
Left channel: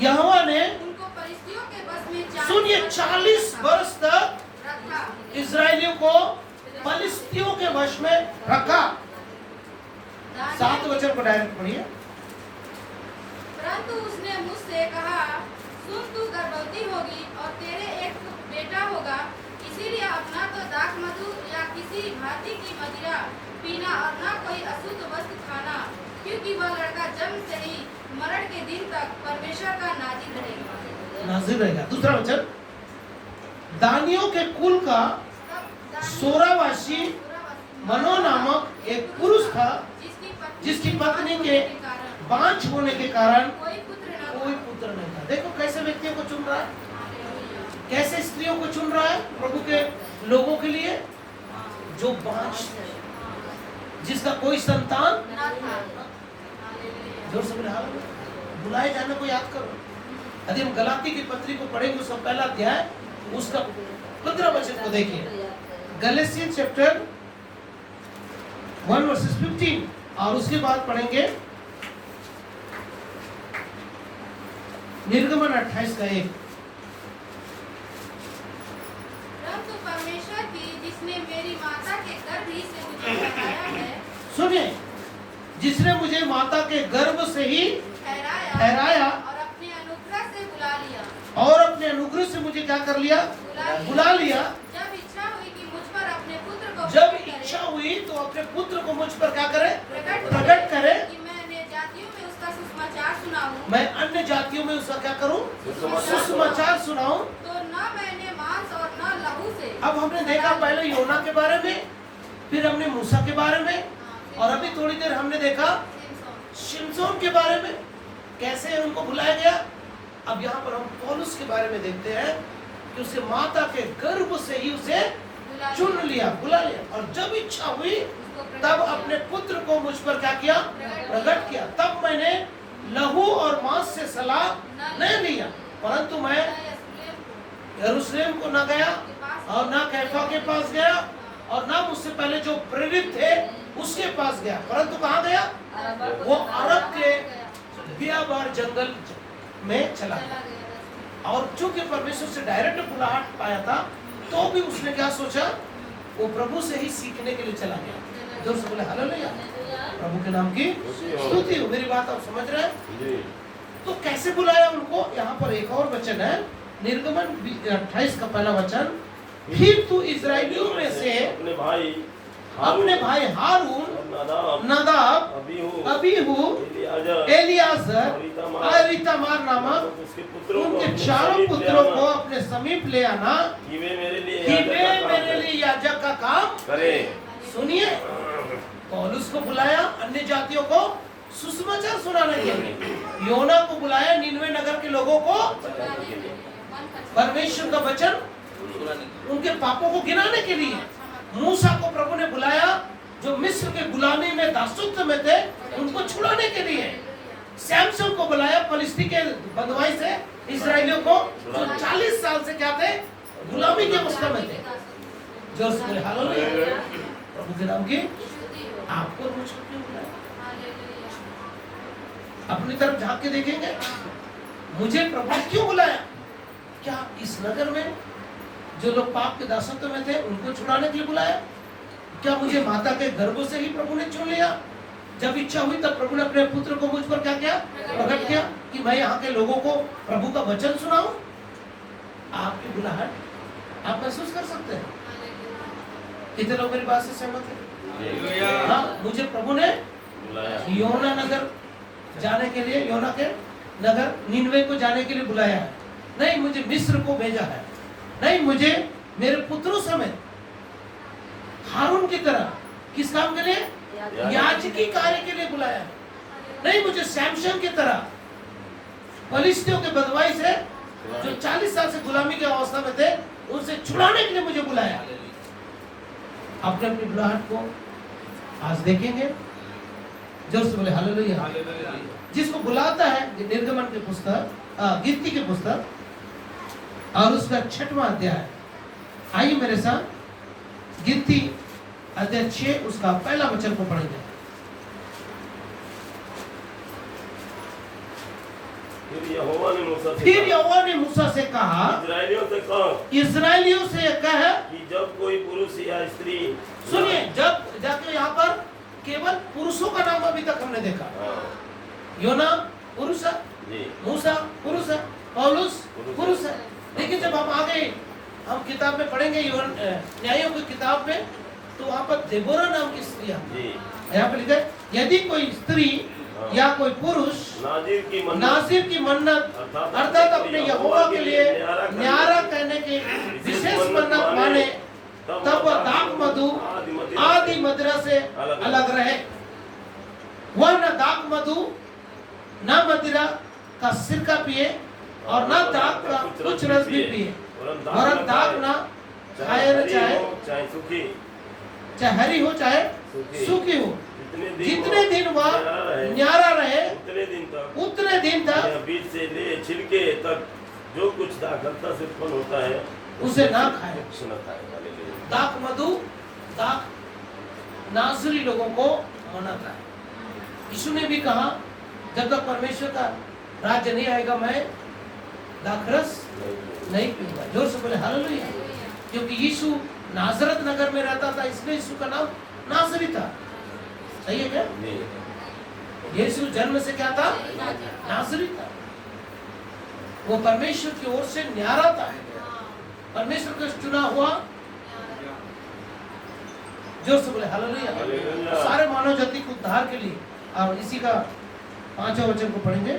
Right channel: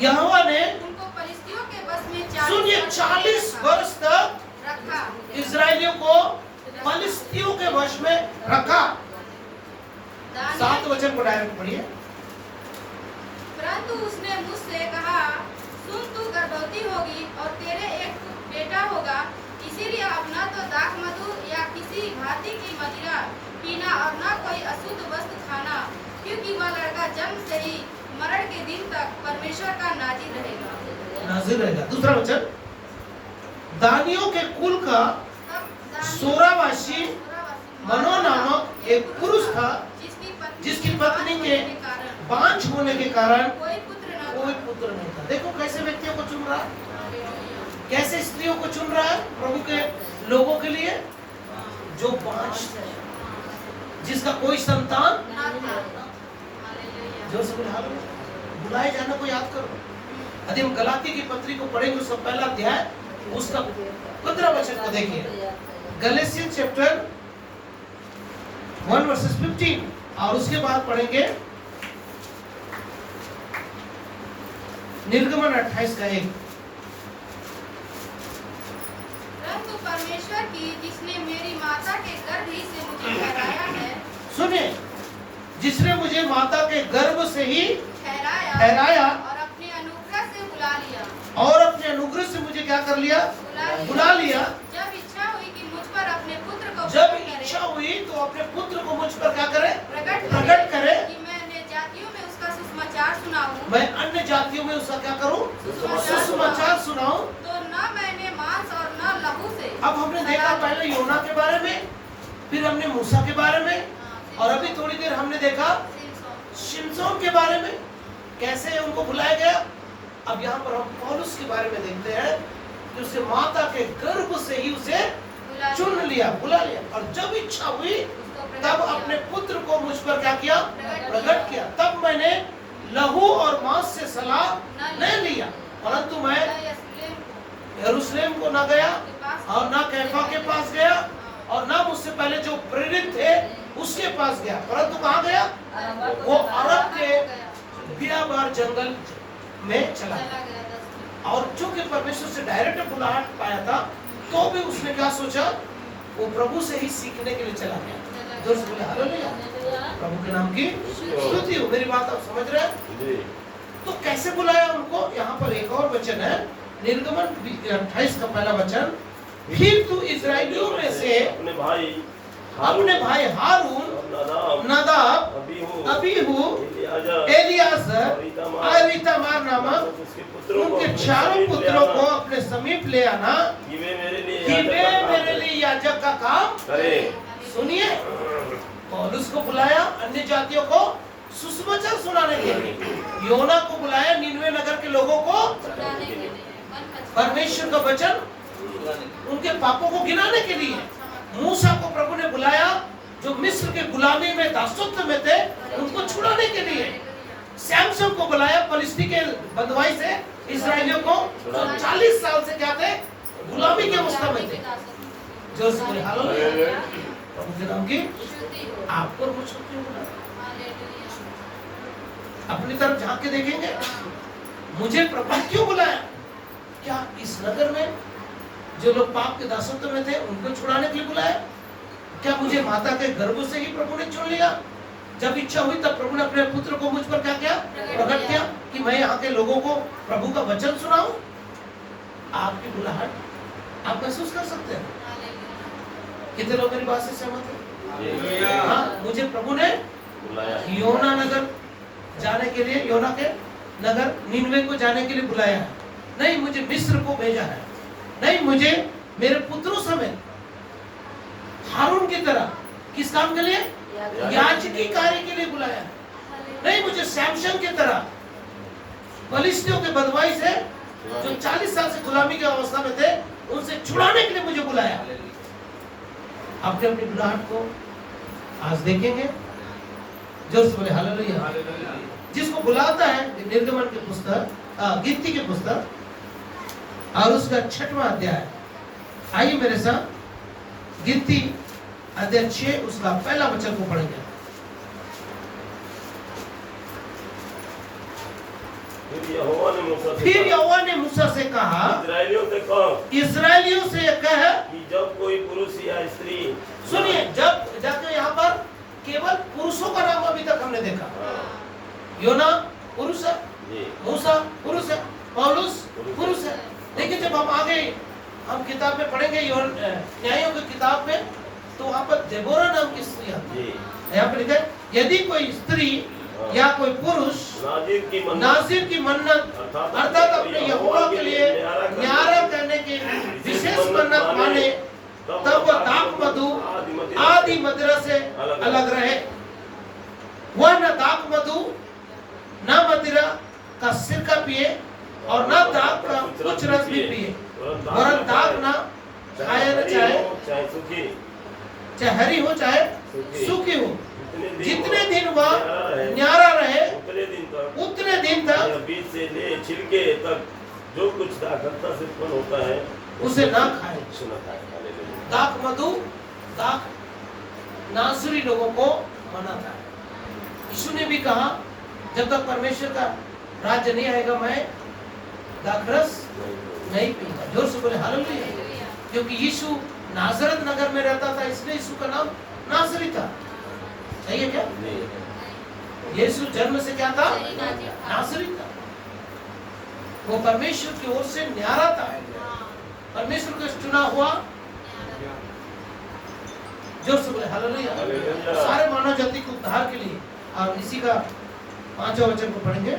यहोवा ने उनको परिस्थितियों के बस में सुनिए 40 वर्ष तक रखा। इजराइलियों को फलिस्तियों के वश में रखा। 7 वचन को डायरेक्ट पढ़िए। परंतु उसने मुझसे कहा, सुन, तू गर्भवती होगी और तेरे एक बेटा होगा, इसीलिए अब न तो दाख मधु या किसी भांति की मदिरा पीना और न कोई अशुद्ध वस्तु खाना, क्योंकि वह लड़का जन्म से ही मरण के दिन तक परमेश्वर का नाजिर रहेगा। नाजिर रहेगा। दूसरा वचन, दानियों के कुल का सोरावासी मनो नामक एक पुरुष था, जिसकी पत्नी के बांझ होने के कारण कोई पुत्र नहीं था। देखो कैसे व्यक्तियों को चुन रहा है, कैसे स्त्रियों को चुन रहा है प्रभु के लोगों के लिए, जो बांझ थे, जिसका कोई संतान। जोर से बोले हालेलुया। बुलाए जाना को याद करो। यदि हम गलाती की पत्री को पढ़ेंगे, उसका पहला अध्याय, उसका 15 वचन को देखिए। गलातियन चैप्टर 1 वर्सेस 15 और उसके बाद पढ़ेंगे निर्गमन 28 का 1। परंतु परमेश्वर की, जिसने मेरी माता के गर्भ ही से मुझे ठहराया है, सुनिए, जिसने मुझे माता के गर्भ से ही ठहराया और अपने अनुग्रह से बुला लिया, और अपने अनुग्रह से मुझे क्या कर लिया? बुला लिया। जब इच्छा हुई कि मुझ पर अपने पुत्र को जब प्रकट करे, इच्छा हुई तो अपने पुत्र को मुझ पर क्या करे? प्रकट करे कि मैं अन्य जातियों में उसका सुसमाचार सुनाऊं, मैं अन्य जातियों में उसका क्या करूं? सुसमाचार सुनाऊं। तो न मैंने मांस और न लहू से। अब हमने देखा पहले योना के बारे में, फिर हमने मूसा के बारे में, और अभी थोड़ी देर हमने देखा शिमशोन के बारे में, कैसे उनको बुलाया गया। अब यहाँ पर हम पौलुस के बारे में देखते हैं कि उसे माता के गर्भ से ही उसे चुन लिया, बुला लिया, और जब इच्छा हुई तब अपने पुत्र को मुझ पर क्या किया? प्रकट किया। तब मैंने लहू और मांस से सलाह नहीं लिया, परंतु मैं यरूशलेम को न गया और न कैफा के पास गया और न मुझसे पहले जो प्रेरित थे उसके पास गया, परंतु कहाँ गया? वो अरब के बियाबार जंगल में चला गया। और चूंकि परमेश्वर से डायरेक्ट बुलाहट पाया था, तो भी उसने क्या सोचा? वो प्रभु से ही सीखने के लिए चला गया। जोर से बोले हालेलुया। प्रभु के नाम की स्तुति हो। मेरी बात आप समझ रहे हैं? तो कैसे बुलाया उनको? यहाँ पर एक और वचन है, निर्गमन 28 का पहला वचन, फिर तू इजराइलियों में से अपने भाई हारून, नदाब, अबीहू, एलियाजर और इतामार नामक उनके चारों पुत्रों को अपने समीप ले आना कि वे मेरे लिए याजक का काम करें। सुनिए, पौलुस को बुलाया अन्य जातियों को सुसमाचार सुनाने के लिए, योना को बुलाया निनवे नगर के लोगों को परमेश्वर का वचन उनके पापों को गिनाने के लिए, मूसा को प्रभु ने बुलाया जो मिस्र के गुलामी में दासत्व में थे, उनको छुड़ाने के लिए, सैमसन को बुलाया फलिस्ती के बंधुआई से इस्राएलियों को जो 40 साल से क्या थे? गुलामी के अवस्था में थे। जोर से बोले हालेलुया। प्रभु के नाम की आपको मुझको क्यों बुलाया? अपनी तरफ झांक के देखेंगे, मुझे प्रभु ने क्यों बुलाया? क्या इस नगर में जो लोग पाप के दासत्व में थे उनको छुड़ाने के लिए बुलाया। क्या मुझे माता के गर्भ से ही प्रभु ने चुन लिया? जब इच्छा हुई तब प्रभु ने अपने पुत्र को मुझ पर क्या किया? प्रकट किया कि मैं यहाँ के लोगों को प्रभु का वचन सुनाऊं। आपकी बुलाहट आप महसूस कर सकते हैं। कितने लोग मेरी बात से सहमत हैं? हाँ, मुझे प्रभु ने योना नगर जाने के लिए, योना के नगर नीनवे को जाने के लिए बुलाया है। नहीं, मुझे मिस्र को भेजा है। नहीं, मुझे मेरे पुत्रों समेत हारून की तरह किस काम के लिए? याजकी कार्य के लिए बुलाया है। नहीं, मुझे सैमसन की तरह फलिस्तियों के बदमाई से जो 40 साल से गुलामी की अवस्था में थे उनसे छुड़ाने के लिए मुझे बुलाया। अपने अपनी बुलाहट को आज देखेंगे। जोर से बोले हालेलुया। जिसको बुलाता है निर्गमन के पुस्तक, गिनती के पुस्तक और उसका 6वां अध्याय। आइए मेरे साथ गिनती अध्याय 6 उसका पहला वचन को पढ़ेंगे। फिर यहोवा ने मूसा से कहा, इस्राएलियों से कह कि जब कोई पुरुष या स्त्री, सुनिए, जब जाके यहाँ पर केवल पुरुषों का नाम अभी तक हमने देखा। योना पुरुष है, मूसा पुरुष है, पौलुस पुरुष है। लेकिन जब हम आगे हम किताब में पढ़ेंगे न्यायों की किताब में, तो वहाँ पर देबोरा नाम की स्त्री आती है। यहाँ पर लिखा है, यदि कोई स्त्री या कोई पुरुष नाज़िर की मन्नत अर्थात अपने यहोवा के लिए न्यारा कहने के विशेष मन्नत माने, तब वह दाख मधु आदि मदिरा से अलग रहे। वह न दाख मधु न मदिरा का सिरका पिए और न दाख का कुछ रस भी पिए, वरन दाख न चाहे हरी हो चाहे सूखी हो, जितने दिन वह न्यारा रहे उतने दिन तक बीज से ले छिलके तक जो कुछ दाखलता से उत्पन्न होता है उसे ना खाए। दाख मधु दाख नासरी लोगों को मना था। यीशु ने भी कहा, जब तक परमेश्वर का राज्य नहीं आएगा मैं दाखरस नहीं पीऊंगा। जोर से बोले हालेलुया। क्योंकि यीशु नाजरत नगर में रहता था, इसलिए यीशु का नाम नासरी था। सही है क्या? यीशु जन्म से क्या था? नासरी था। वो परमेश्वर की ओर से न्यारा था, परमेश्वर का चुना हुआ। जोर से बोले हालेलुया। सारे मानव जाति को उद्धार के लिए। और इसी का 5वां वचन को पढ़ेंगे।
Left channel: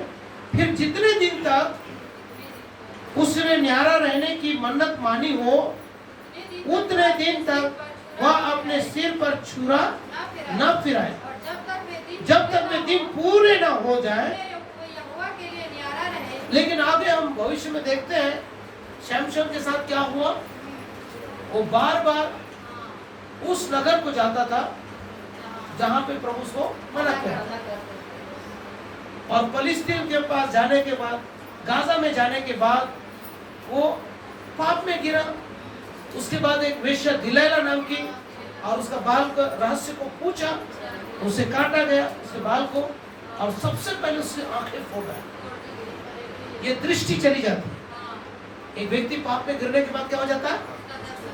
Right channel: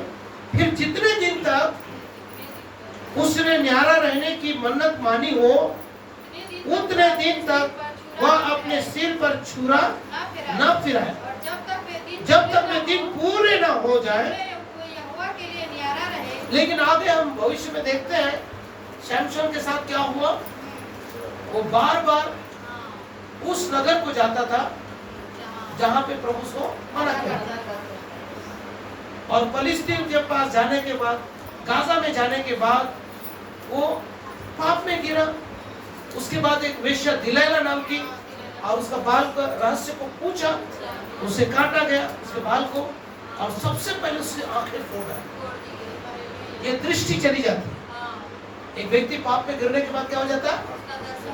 फिर जितने दिन तक उसने न्यारा रहने की मन्नत मानी हो, उतने दिन तक वह अपने सिर पर छुरा न फिराए, जब तक वे दिन पूरे न हो जाए। लेकिन आगे हम भविष्य में देखते हैं शमशोन के साथ क्या हुआ। वो बार बार उस नगर को जाता था जहां पे प्रभु को मना किया, और फलिस्तीन के पास जाने के बाद, गाजा में जाने के बाद वो पाप में गिरा। उसके बाद एक वेश्या दिलैला नाम की, और उसका बाल का रहस्य को पूछा, उसे काटा गया उसके बाल को, और सबसे पहले उससे आंखें फोड़ा। ये दृष्टि चली जाती है। एक व्यक्ति पाप में गिरने के बाद क्या हो जाता है?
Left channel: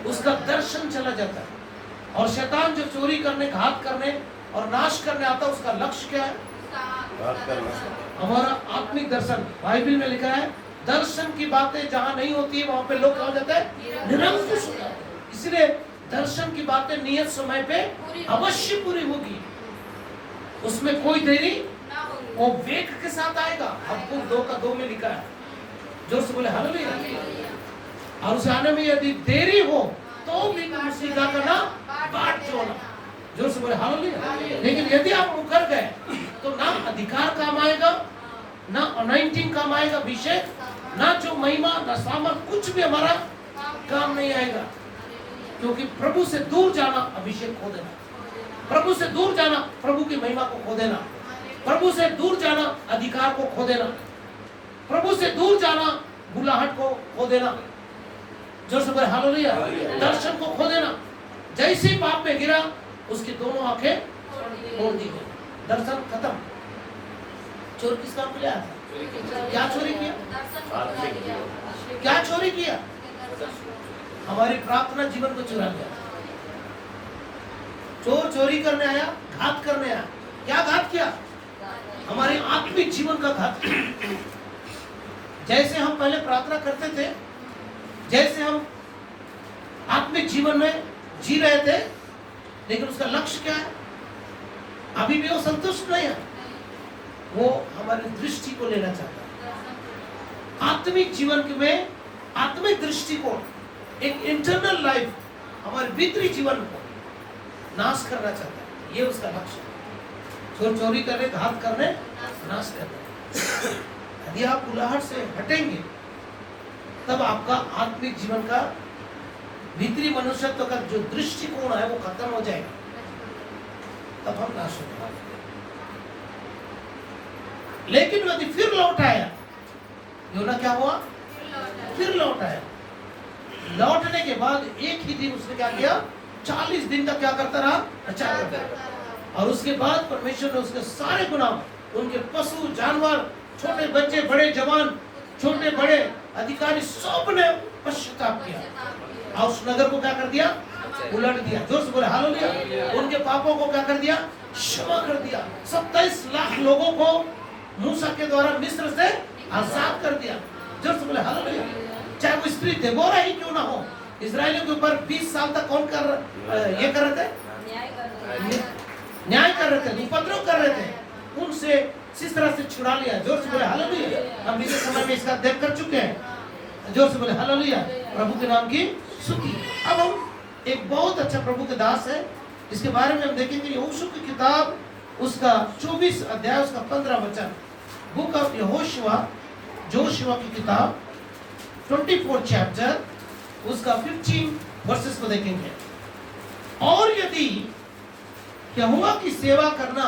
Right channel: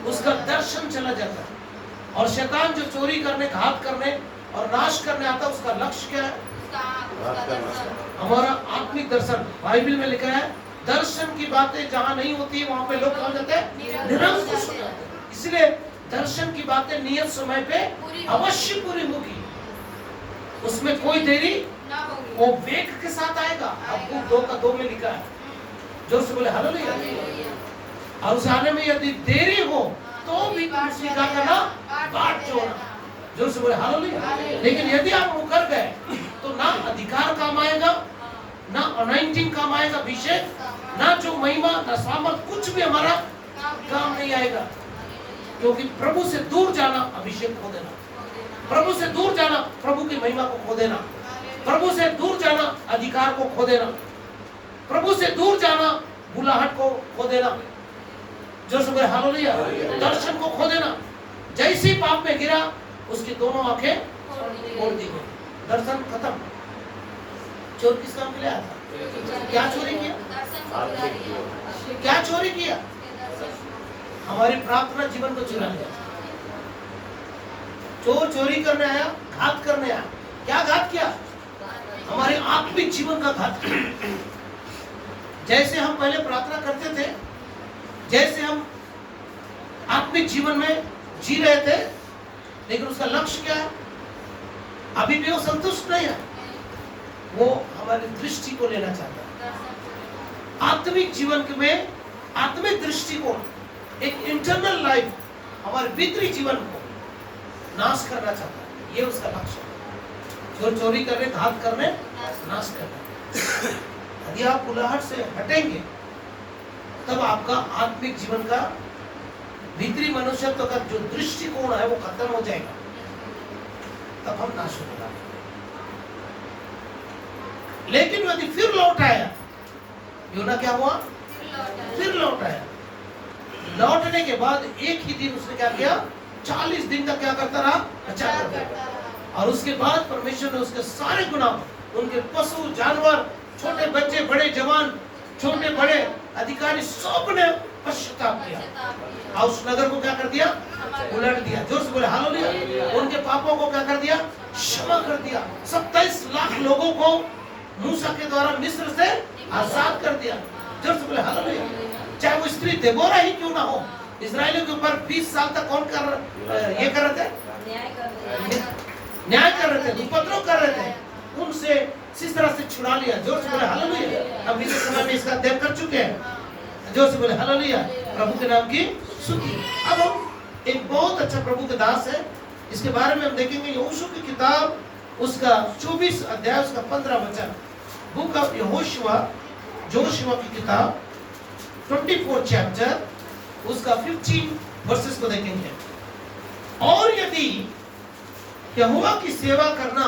उसका दर्शन चला जाता है। और शैतान जो चोरी करने, घात करने और नाश करने आता है, उसका लक्ष्य क्या है? हमारा आत्मिक दर्शन। बाइबल में लिखा है, दर्शन की बातें जहां नहीं होती है वहां पे लोग क्या हो जाते हैं? निरंकुश हो जाते हैं। इसलिए दर्शन की बातें नियत समय पे अवश्य पूरी होगी, उसमें कोई देरी, वो वेग के साथ आएगा। आपको 2 का 2 में लिखा है। जोर से बोले हालेलुया। और उस आने में यदि देरी हो तो भी क्रूसिफिका का ना बाट जोड़ना। जोर से बोले हालेलुया। लेकिन यदि आप मुकर गए तो ना अधिकार काम आएगा, ना अनॉइंटिंग काम आएगा, अभिषेक, ना जो महिमा, ना स्वामर्थ, कुछ भी हमारा काम नहीं आएगा। क्योंकि प्रभु से दूर जाना अभिषेक खो देना, प्रभु से दूर जाना प्रभु की महिमा को खो देना, प्रभु से दूर जाना अधिकार को खो देना, प्रभु से दूर जाना बुलाहट को खो देना। जो से बोले हालेलुया। दर्शन को खो देना। जैसे ही पाप में गिरा उसकी दोनों आंखें फोड़ दी गई, दर्शन खत्म। चोर किस काम के लिए आया था? क्या चोरी किया? क्या चोरी किया? हमारी प्रार्थना जीवन को चुरा लिया। चोर चोरी करने आया, घात करने आया। क्या घात किया? हमारे आत्मिक जीवन का घात किया। जैसे हम पहले प्रार्थना करते थे, जैसे हम आत्मिक जीवन में जी रहे थे, लेकिन उसका लक्ष्य क्या है? अभी भी वो संतुष्ट नहीं है। वो हमारी दृष्टि को लेना चाहता है। आत्मिक जीवन में आत्मिक दृष्टिकोण, एक इंटरनल लाइफ, हमारे भीतरी जीवन को नाश करना चाहता है। ये उसका लक्ष्य है। चोर चोरी करने, घात करने, नाश करना। यदि आप बुलाहट से हटेंगे, तब आपका आत्मिक जीवन का भीतरी मनुष्यत्व का जो दृष्टिकोण है वो खत्म हो जाएगा। तब हम नाश हो जाएंगे। लेकिन यदि फिर लौट आया, योना क्या हुआ? फिर लौट आया। लौटने के बाद एक ही दिन उसने क्या किया? 40 दिन तक क्या करता रहा? प्रचार करता रहा। और उसके बाद परमेश्वर ने उसके सारे गुनाह, उनके पशु जानवर, छोटे बच्चे, बड़े जवान, छोटे बड़े अधिकारी, सब ने पश्चाताप किया और उस नगर को क्या कर दिया? उलट दिया। जोर से बोले हालेलुया। उनके पापों को क्या कर दिया? क्षमा कर दिया। 27 लाख लोगों को मूसा के द्वारा मिस्र से आजाद कर दिया। जोर से बोले हालेलुया। चाहे वो स्त्री देबोरा ही क्यों ना हो, इजरायलियों के ऊपर 20 साल तक कौन ये कर रहे थे? न्याय कर रहे थे, उपद्रव कर रहे थे। उनसे इस तरह से छुड़ा लिया। जोर से बोले हालेलुया। हम बीते समय में इसका अध्ययन कर चुके हैं। जोर से बोले हालेलुया। प्रभु के नाम की स्तुति। अब हम एक बहुत अच्छा प्रभु के दास है, इसके बारे में हम देखेंगे। यहोशू की किताब, उसका 24 अध्याय, उसका 15 वचन। बुक ऑफ यहोशुआ, जोशुआ की किताब 24 चैप्टर, उसका 15 वर्सेस को देखेंगे। और यदि यहोवा की सेवा करना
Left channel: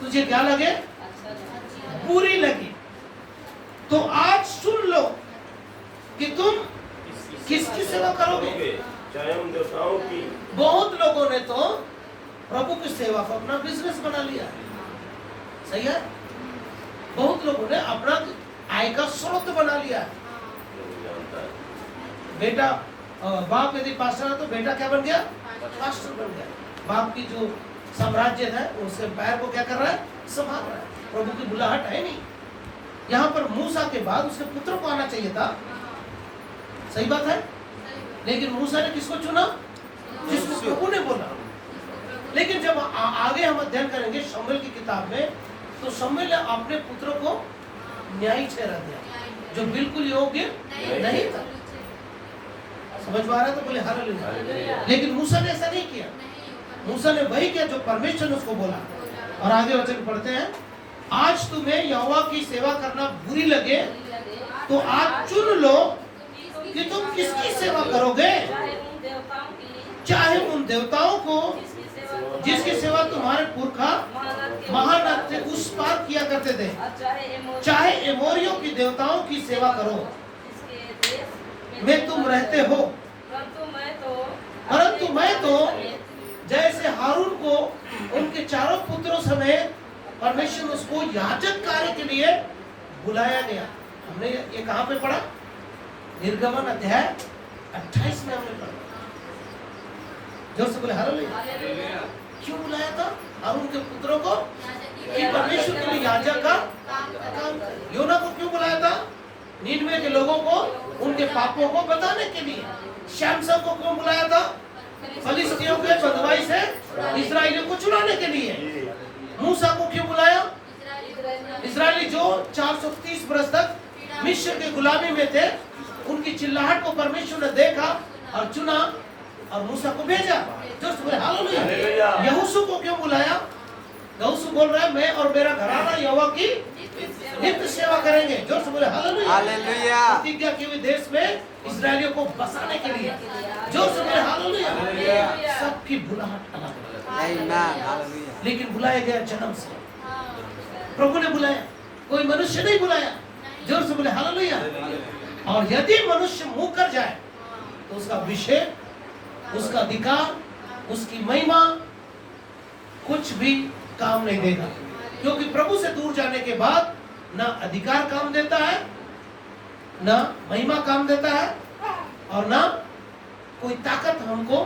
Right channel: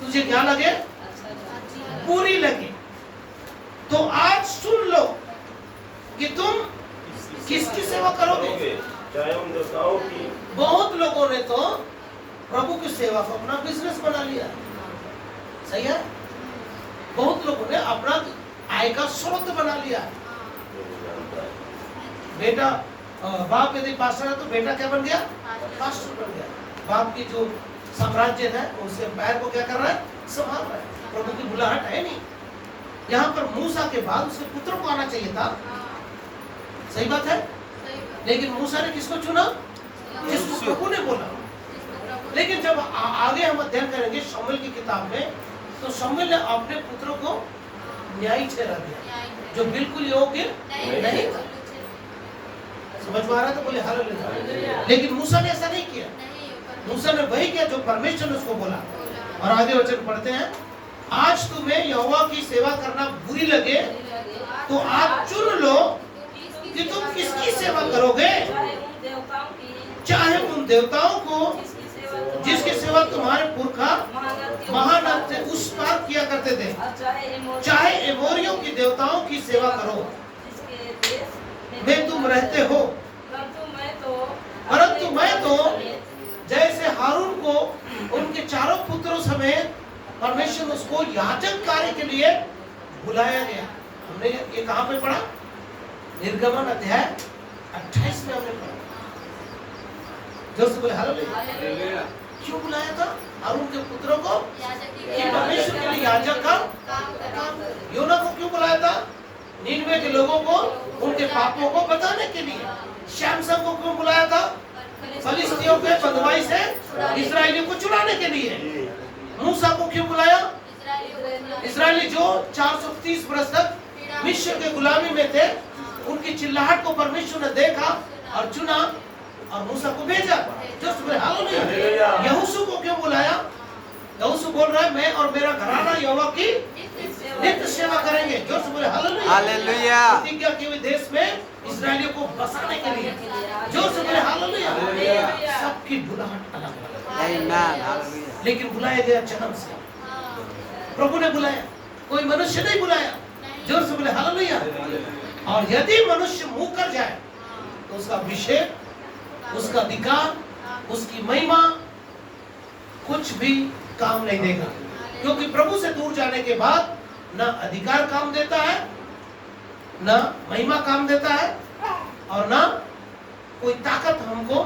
तुझे क्या लगे? बुरी लगे, तो आज सुन लो कि तुम किसकी सेवा करोगे। चाहे उन देवताओं की। बहुत लोगों ने तो प्रभु की सेवा को अपना बिजनेस बना लिया है। सही है? बहुत लोगों ने अपना आय का स्रोत बना लिया है। बेटा, बाप यदि पास्टर है तो बेटा क्या बन गया? पास्टर बन गया। बाप की जो साम्राज्य है उससे पैर को क्या कर रहा है? संभाल रहा है। प्रभु की बुलाहट है नहीं। यहाँ पर मूसा के बाद उसके पुत्र को आना चाहिए था। सही बात है? लेकिन मूसा ने किसको चुना? जिसको प्रभु ने बोला। लेकिन जब आगे हम अध्ययन करेंगे शमूएल की किताब में, तो शमूएल ने अपने पुत्र को न्यायी ठहरा दिया, जो बिल्कुल योग्य नहीं था। समझ में आ रहा है? तो बोले हालेलुया। लेकिन मूसा ने ऐसा नहीं किया। मूसा ने वही किया जो परमेश्वर ने उसको बोला। और आगे वचन पढ़ते हैं, आज तुम्हें यहोवा की सेवा करना बुरी लगे, तो आज चुन लो कि तुम किसकी सेवा करोगे। चाहे उन देवताओं को जिसकी सेवा तुम्हारे पुरखा महानद से उस पार किया करते थे, चाहे एमोरियों की देवताओं की सेवा करो में तुम रहते हो। परंतु मैं तो जैसे हारून को उनके चारों पुत्रों समेत परमेश्वर ने उसको याजक कार्य के लिए बुलाया गया। हमने ये कहाँ पे पढ़ा? निर्गमन अध्याय 28 में हमने पढ़ा। जोर से बोले हालेलुया। क्यों बुलाया था हारून के पुत्रों को? कि परमेश्वर के लिए याजक का काम। योना को क्यों बुलाया था? नीनवे के लोगों को उनके पापों को बताने के लिए। शमसन को क्यों बुलाया था? फलिस्तियों के बंधुआई से इस्राएलियों को छुड़ाने के लिए। मूसा को क्यों बुलाया? इस्राएली जो 430 वर्ष तक मिस्र के गुलामी में थे, उनकी चिल्लाहट को परमेश्वर ने देखा और चुना और मूसा को भेजा। जो सुबह हालेलुया। यहोशू को क्यों बुलाया? यहोशू बोल रहा है, मैं और मेरा घराना यहोवा की नित्य सेवा करेंगे। जोर से बोले हालेलुया। हालेलुया। प्रतिज्ञा की हुई देश में इस्राएलियों को बसाने के लिए। जोर से बोले हालेलुया। सबकी बुलाहट अलग अलग, आमीन, हालेलुया। लेकिन बुलाया गया जन्म से। प्रभु ने बुलाया, कोई मनुष्य नहीं बुलाया। जोर से बोले हालेलुया। और यदि मनुष्य मुंह कर जाए तो उसका अभिषेक, उसका अधिकार, उसकी महिमा कुछ भी काम नहीं देगा। क्योंकि प्रभु से दूर जाने के बाद ना अधिकार काम देता है, ना महिमा काम देता है, और ना कोई ताकत हमको,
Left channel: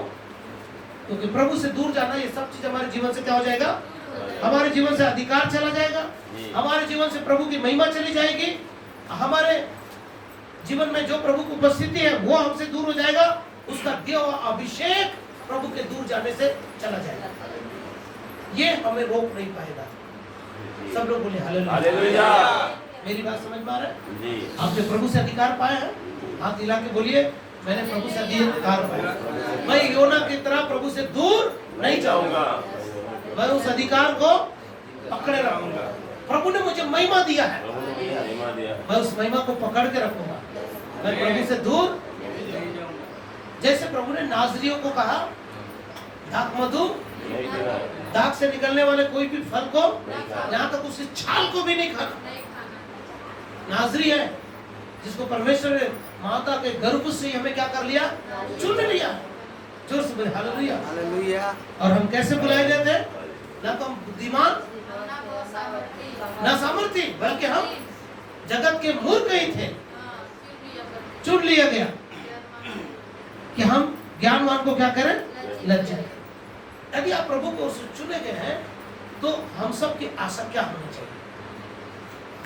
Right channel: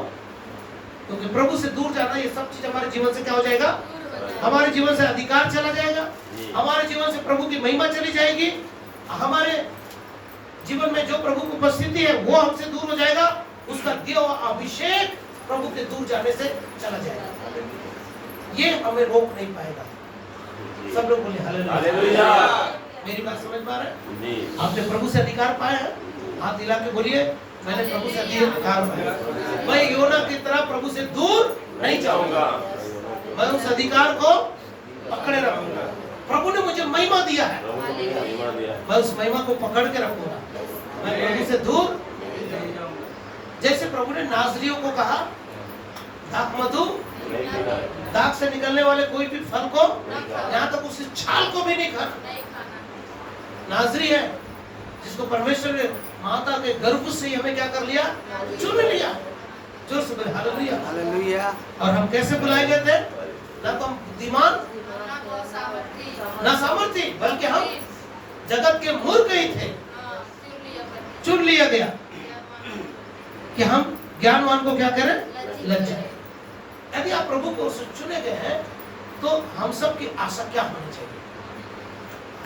क्योंकि प्रभु से दूर जाना, ये सब चीज हमारे जीवन से क्या हो जाएगा, हमारे जीवन से अधिकार चला जाएगा, हमारे जीवन से प्रभु की महिमा चली जाएगी, हमारे जीवन में जो प्रभु की उपस्थिति है वो हमसे दूर हो जाएगा, उसका दिया हुआ अभिषेक प्रभु के दूर जाने से चला जाएगा। ये हमें रोक नहीं पाएगा। सब लोग बोले हालेलुया। मेरी बात समझ में आ रहा है? आपने प्रभु से अधिकार पाया है? हाथ हिला के बोलिए, मैंने प्रभु से अधिकार पाया। मैं योना की तरह प्रभु से दूर नहीं जाऊंगा, मैं उस अधिकार को पकड़े रखूंगा। प्रभु ने मुझे महिमा दिया है, मैं उस महिमा को पकड़ के रखूंगा, मैं प्रभु से दूर। जैसे प्रभु ने नाज़रियों को कहा, दाख मधु, दाख से निकलने वाले कोई भी फल को, यहाँ तक उसकी छाल को भी नहीं खाना। नाज़री है जिसको परमेश्वर ने माता के गर्भ से हमें क्या कर लिया, चुन लिया। जोर से बोले हालेलुया। हालेलुया। और हम कैसे बुलाए गए थे? ना तो हम बुद्धिमान, ना सामर्थी, बल्कि हम जगत के मूर्ख ही थे। चुन लिया गया कि हम ज्ञानवान को क्या करें, लज्जा। यदि आप प्रभु को चुने गए हैं तो हम सब की आशा क्या होनी चाहिए?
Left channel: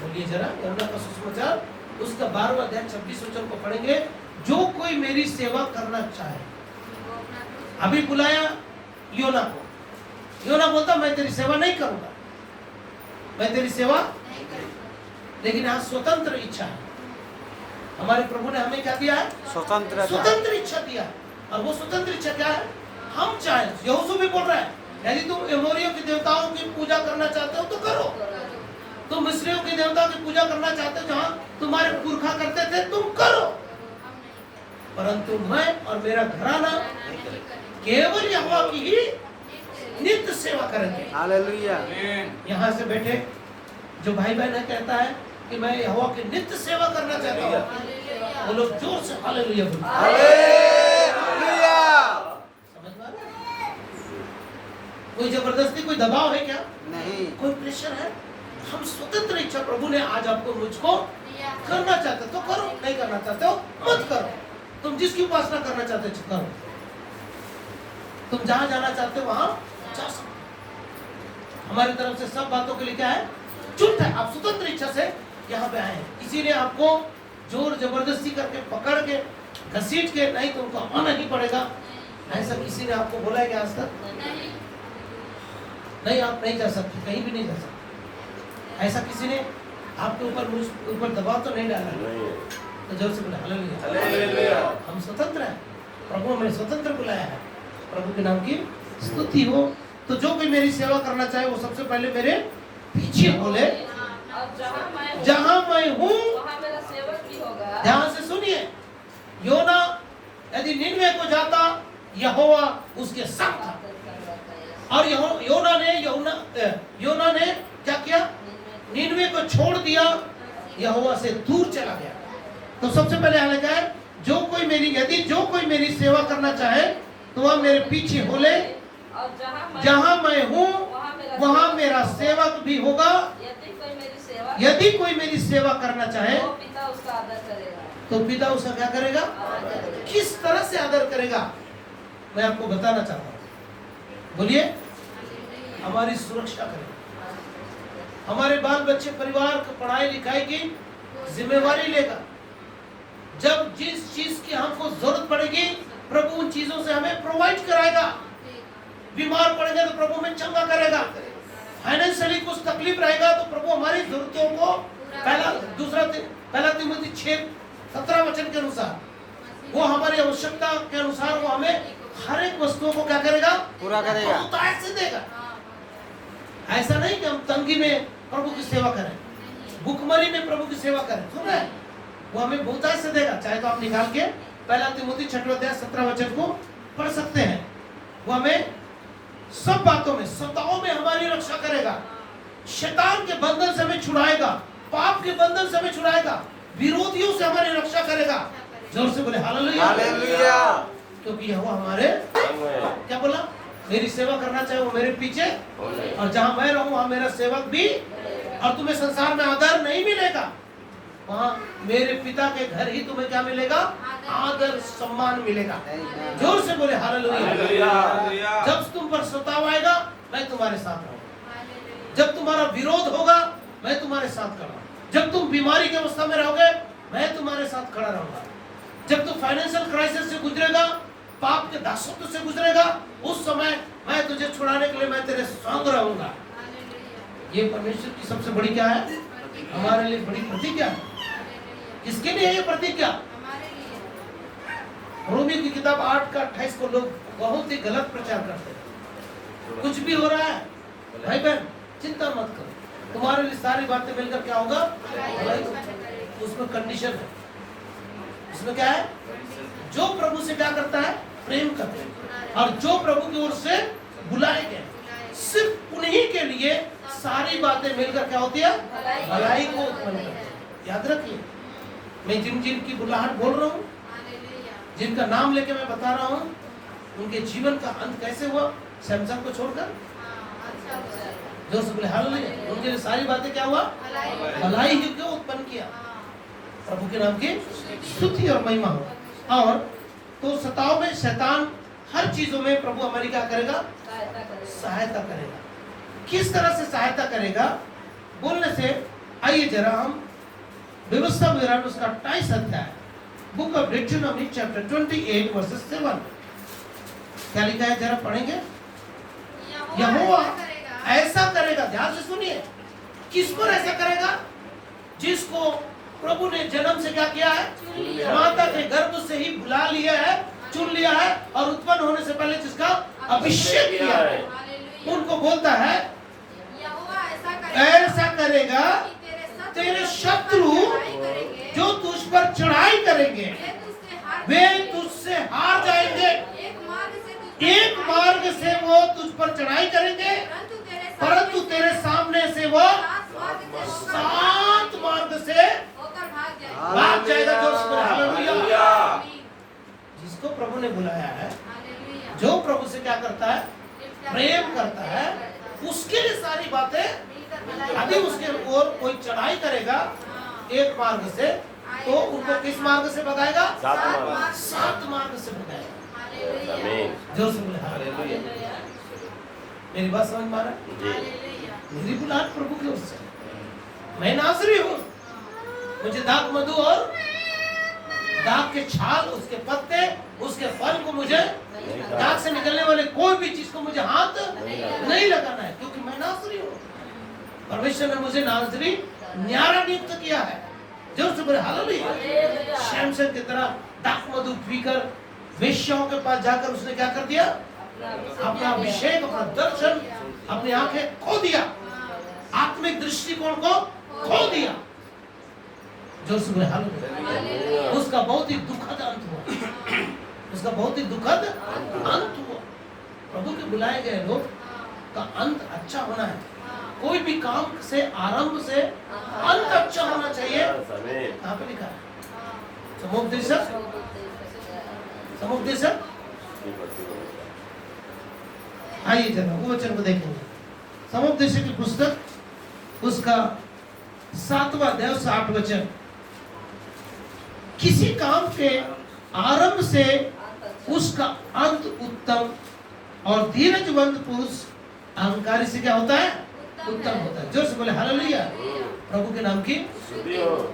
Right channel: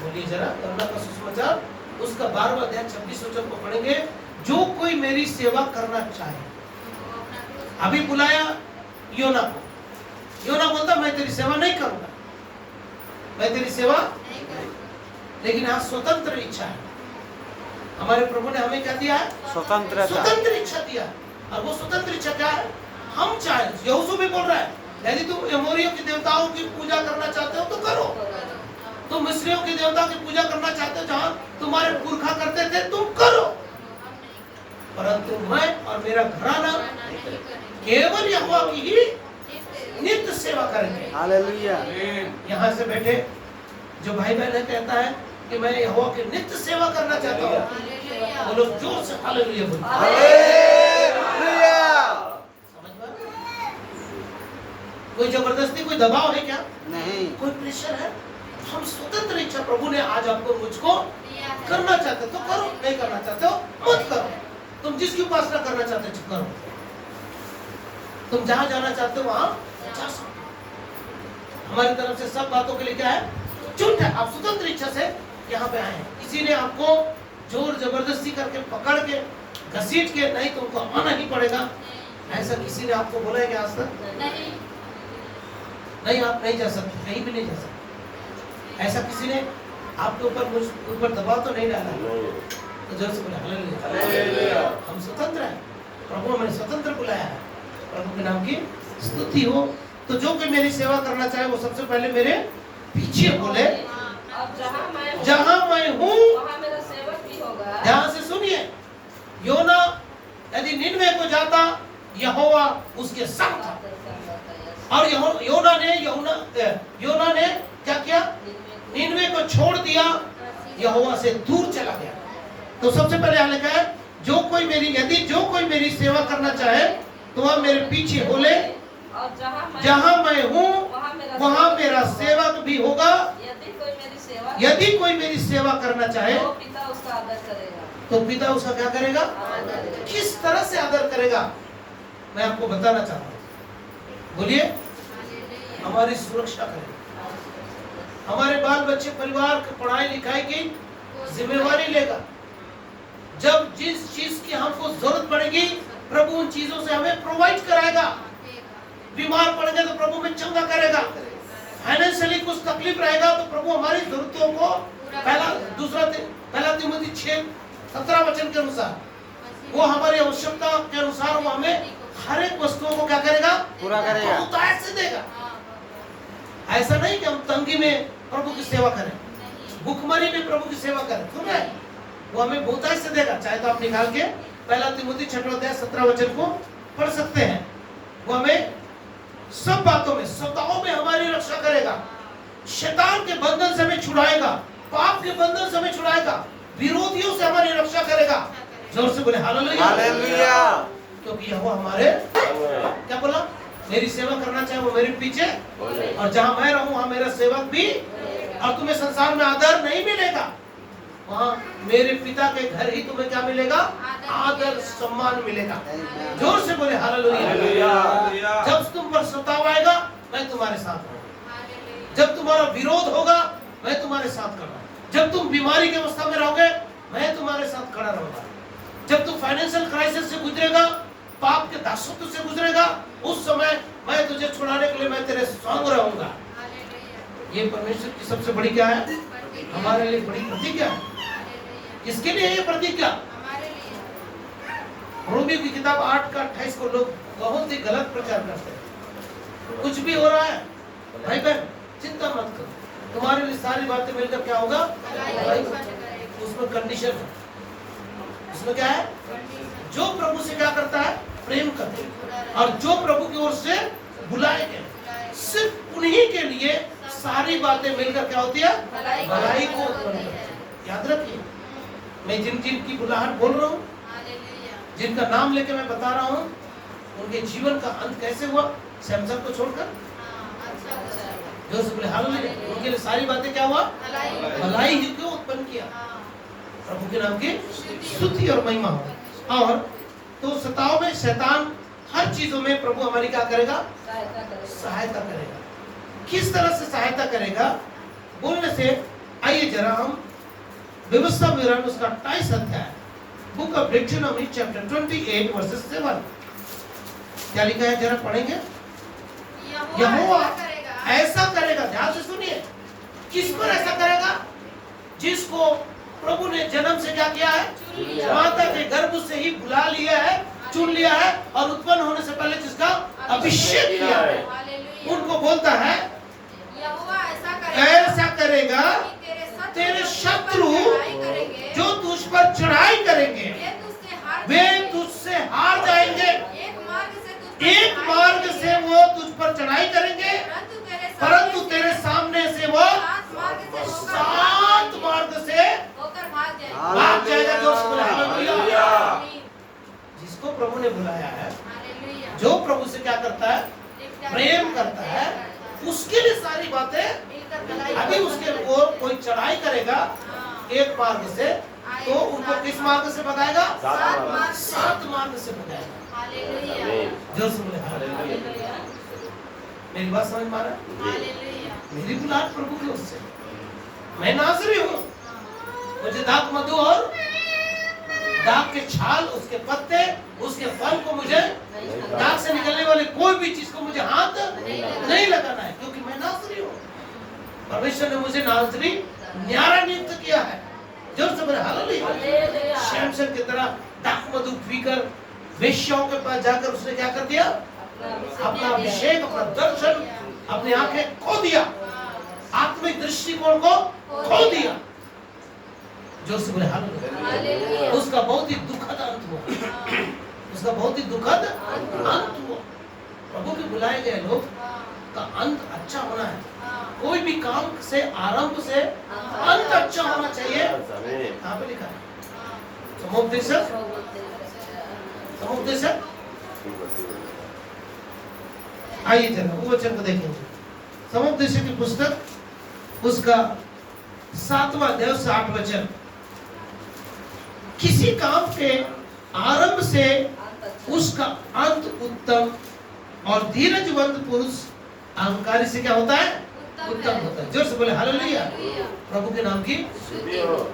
बोलिए जरा, यहोना का सुसमाचार उसका 12वां अध्याय 26 वचन को पढ़ेंगे। जो कोई मेरी सेवा करना चाहे, अभी बुलाया योना को, योना बोलता मैं तेरी सेवा नहीं करूंगा, मैं तेरी सेवा, लेकिन आज स्वतंत्र इच्छा है। हमारे प्रभु ने हमें क्या दिया है? स्वतंत्र इच्छा दिया है। और वो स्वतंत्र इच्छा क्या है? हम चाहे, यहोशू भी बोल रहा है, यदि तुम एमोरियों की देवताओं की पूजा करना चाहते हो तो करो, तुम मिस्रियों की देवताओं की पूजा करना चाहते हो जहां तुम्हारे पुरखा करते थे, तुम करो, परंतु मैं और मेरा घराना केवल यहोवा की ही नित्य सेवा करेंगे। हालेलुया। यहाँ से बैठे जो भाई बहन है कहता है कि मैं यहोवा की नित्य सेवा करना चाहता हूँ, वो लोग जोर से हालेलुया बोलो। हालेलुया। समझ में आ रहा है? कोई जबरदस्ती, कोई दबाव है क्या? नहीं। कोई प्रेशर है? हम स्वतंत्र इच्छा, प्रभु ने आज आपको मुझको करना चाहते हो तो करो, नहीं करना चाहते हो मत करो। तुम जिसकी उपासना करना चाहते हो करो, तुम जहां जाना चाहते हो वहां जा सकते हो। हमारी तरफ से सब बातों के लिए क्या है? छूट है। आप स्वतंत्र इच्छा से यहाँ पे आए हैं, इसीलिए आपको जोर जबरदस्ती करके पकड़ के घसीट के नहीं तुमको आना ही पड़ेगा, ऐसा किसी ने आपको बोला है कि आज तक? नहीं, आप नहीं जा सकते, कहीं भी नहीं जा सकते। ऐसा किसी ने आपके ऊपर दबाव तो नहीं डाला है? तो जोर से बोले हालेलुया। हम स्वतंत्र हैं, प्रभु हमें स्वतंत्र बुलाया है। प्रभु के नाम की स्तुति हो। तो जो कोई मेरी सेवा करना चाहे वो सबसे पहले मेरे पीछे बोले, जहां मैं हूँ ध्यान से सुनिए। योना यदि निनवे को जाता, यहोवा उसके संग था, और योना ने क्या किया? निनवे को छोड़ दिया, यहोवा से दूर चला गया। तो सबसे पहले यहाँ लिखा है, यदि जो कोई मेरी सेवा करना चाहे तो वह मेरे पीछे हो ले, जहां मैं हूँ वहां मेरा सेवक भी होगा। यदि कोई मेरी सेवा करना चाहे तो पिता उसका क्या करेगा? किस तरह से आदर करेगा मैं आपको बताना चाहता हूँ। बोलिए, हमारी सुरक्षा करेगा, हमारे बाल बच्चे परिवार की पढ़ाई लिखाई की जिम्मेवारी लेगा। जब जिस चीज की हमको जरूरत पड़ेगी प्रभु उन चीजों से हमें प्रोवाइड कराएगा। बीमार पड़ेगा तो प्रभु में चंगा करेगा। फाइनेंशियली कुछ तकलीफ रहेगा तो प्रभु हमारी जरूरतों को पहला तिमोथी 6:17 वचन के अनुसार, वो हमारी आवश्यकता के अनुसार वो हमें हर एक वस्तुओं को क्या करेगा? पूरा करेगा, बहुतायत से देगा। ऐसा नहीं कि हम तंगी में प्रभु की सेवा करें, भूखमरी में प्रभु की सेवा करें, सुन रहे? वो हमें बहुतायत से देगा। चाहे तो आप निकाल के पहला तिमोथी 6:17 वचन को पढ़ सकते हैं। वो हमें सब बातों में, सताओं में हमारी रक्षा करेगा, शैतान के बंधन से हमें छुड़ाएगा, पाप के बंधन से हमें छुड़ाएगा, विरोधियों से हमारी रक्षा करेगा। जोर से बोले हालेलुया। हालेलुया। क्योंकि वो हमारे क्या बोला? मेरी सेवा करना चाहे वो मेरे पीछे, और जहां मैं रहूं वहां मेरा सेवक भी। और तुम्हें संसार में आदर नहीं मिलेगा, वहाँ मेरे पिता के घर ही तुम्हें क्या मिलेगा? आदर सम्मान मिलेगा। जोर से बोले हालेलुया। जब तुम पर सताव आएगा मैं तुम्हारे साथ रहूंगा। जब तुम्हारा विरोध होगा मैं तुम्हारे साथ खड़ा। जब तुम बीमारी की अवस्था में रहोगे मैं तुम्हारे साथ खड़ा रहूंगा। जब तुम फाइनेंशियल क्राइसिस से गुजरेगा, पाप के दासत्व से गुजरेगा, उस समय मैं तुझे छुड़ाने के लिए मैं तेरे संग रहूंगा। ये परमेश्वर की सबसे बड़ी क्या है? हमारे लिए बड़ी प्रतिज्ञा है। किसके लिए ये प्रतिज्ञा? रोमी की किताब 8 का 28 को लोग बहुत ही गलत प्रचार करते हैं। कुछ भी हो रहा है भाई बहन चिंता मत करो, तुम्हारे लिए सारी बातें मिलकर क्या होगा? भलाई। उसमें कंडीशन है। उसमें क्या है? जो प्रभु से क्या करता है? प्रेम करते हैं। और जो प्रभु की ओर से बुलाए गए, सिर्फ उन्हीं के लिए सारी बातें मिलकर क्या होती है? भलाई को उत्पन्न करती है। याद रखिए, मैं जिन जिन की बुलाहट बोल रहा हूँ, जिनका नाम लेके मैं बता रहा हूँ, उनके जीवन का अंत कैसे हुआ? सैमसन को छोड़कर जो से बोले हालेलुया। उनके लिए सारी बातें क्या हुआ? भलाई ही क्यों उत्पन्न किया? प्रभु के नाम की स्तुति और महिमा हो। और तो सताव में शैतान हर चीजों में प्रभु हमारी क्या करेगा? सहायता करेगा। किस तरह से सहायता करेगा बोलने से आइए जरा हम व्यवस्था विवरण उसका 28 अध्याय book of dictionary chapter 28 versus 7 क्या लिखा है जरा पढ़ेंगे। यहोवा ऐसा करेगा, ध्यान से सुनिए, किस पर ऐसा करेगा? जिसको प्रभु ने जन्म से क्या किया है? माता के गर्भ से ही बुला लिया है, चुन लिया है और उत्पन्न होने से पहले जिसका अभिषेक किया है, उनको बोलता है ऐसा करेगा तेरे शत्रु जो तुझ पर चढ़ाई करेंगे वे तुझसे हार जाएंगे। एक मार्ग से वो तुझ पर चढ़ाई करेंगे परंतु तेरे सामने से वो 7 मार्ग से भाग जाएगा। जो हालेलुया। जिसको प्रभु ने बुलाया है, जो प्रभु से क्या करता है? प्रेम करता है, उसके लिए सारी बातें। अभी उसके ओर कोई चढ़ाई करेगा एक मार्ग से, तो उनको किस मार्ग से भगाएगा? 7 मार्ग से भगाएगा। जोर से बोले हालेलुया। मेरी बात समझ में आ रहा है? मेरी बुलाहट प्रभु की ओर से। मैं नाज़री हूँ, मुझे दाख मधु और दाख के छाल, उसके पत्ते, उसके फल को मुझे दाख से निकलने वाले कोई भी चीज को मुझे हाथ नहीं लगाना है, क्योंकि मैं नाज़री हूँ। परमेश्वर ने मुझे नाज़री न्यारा नियुक्त किया है। जोर से बोले हालेलुया। शमशन की तरह दाख मधु पीकर वेश्याओं के पास जाकर उसने क्या कर दिया? अपना अभिषेक, अपना दर्शन, अपनी आंखें खो दिया, आत्मिक दृष्टिकोण को खो दिया। जो से बोले हालेलुया। उसका बहुत ही दुखद अंत हुआ। उसका बहुत ही दुखद अंत हुआ। प्रभु के बुलाए गए लोग का अंत अच्छा होना है। कोई भी काम से आरंभ से अंत अच्छा होना चाहिए। कहाँ पे लिखा है? समुपदेशक, समुपदेशक। आइए जरा वो वचन को देखेंगे। समुपदेशक की पुस्तक उसका 7वां अध्याय 8 वचन। किसी काम के आरंभ से उसका अंत उत्तम और धीरजवंत पुरुष अहंकारी से क्या होता है? उत्तम होता है। जोर से बोले हालेलुया। प्रभु के नाम की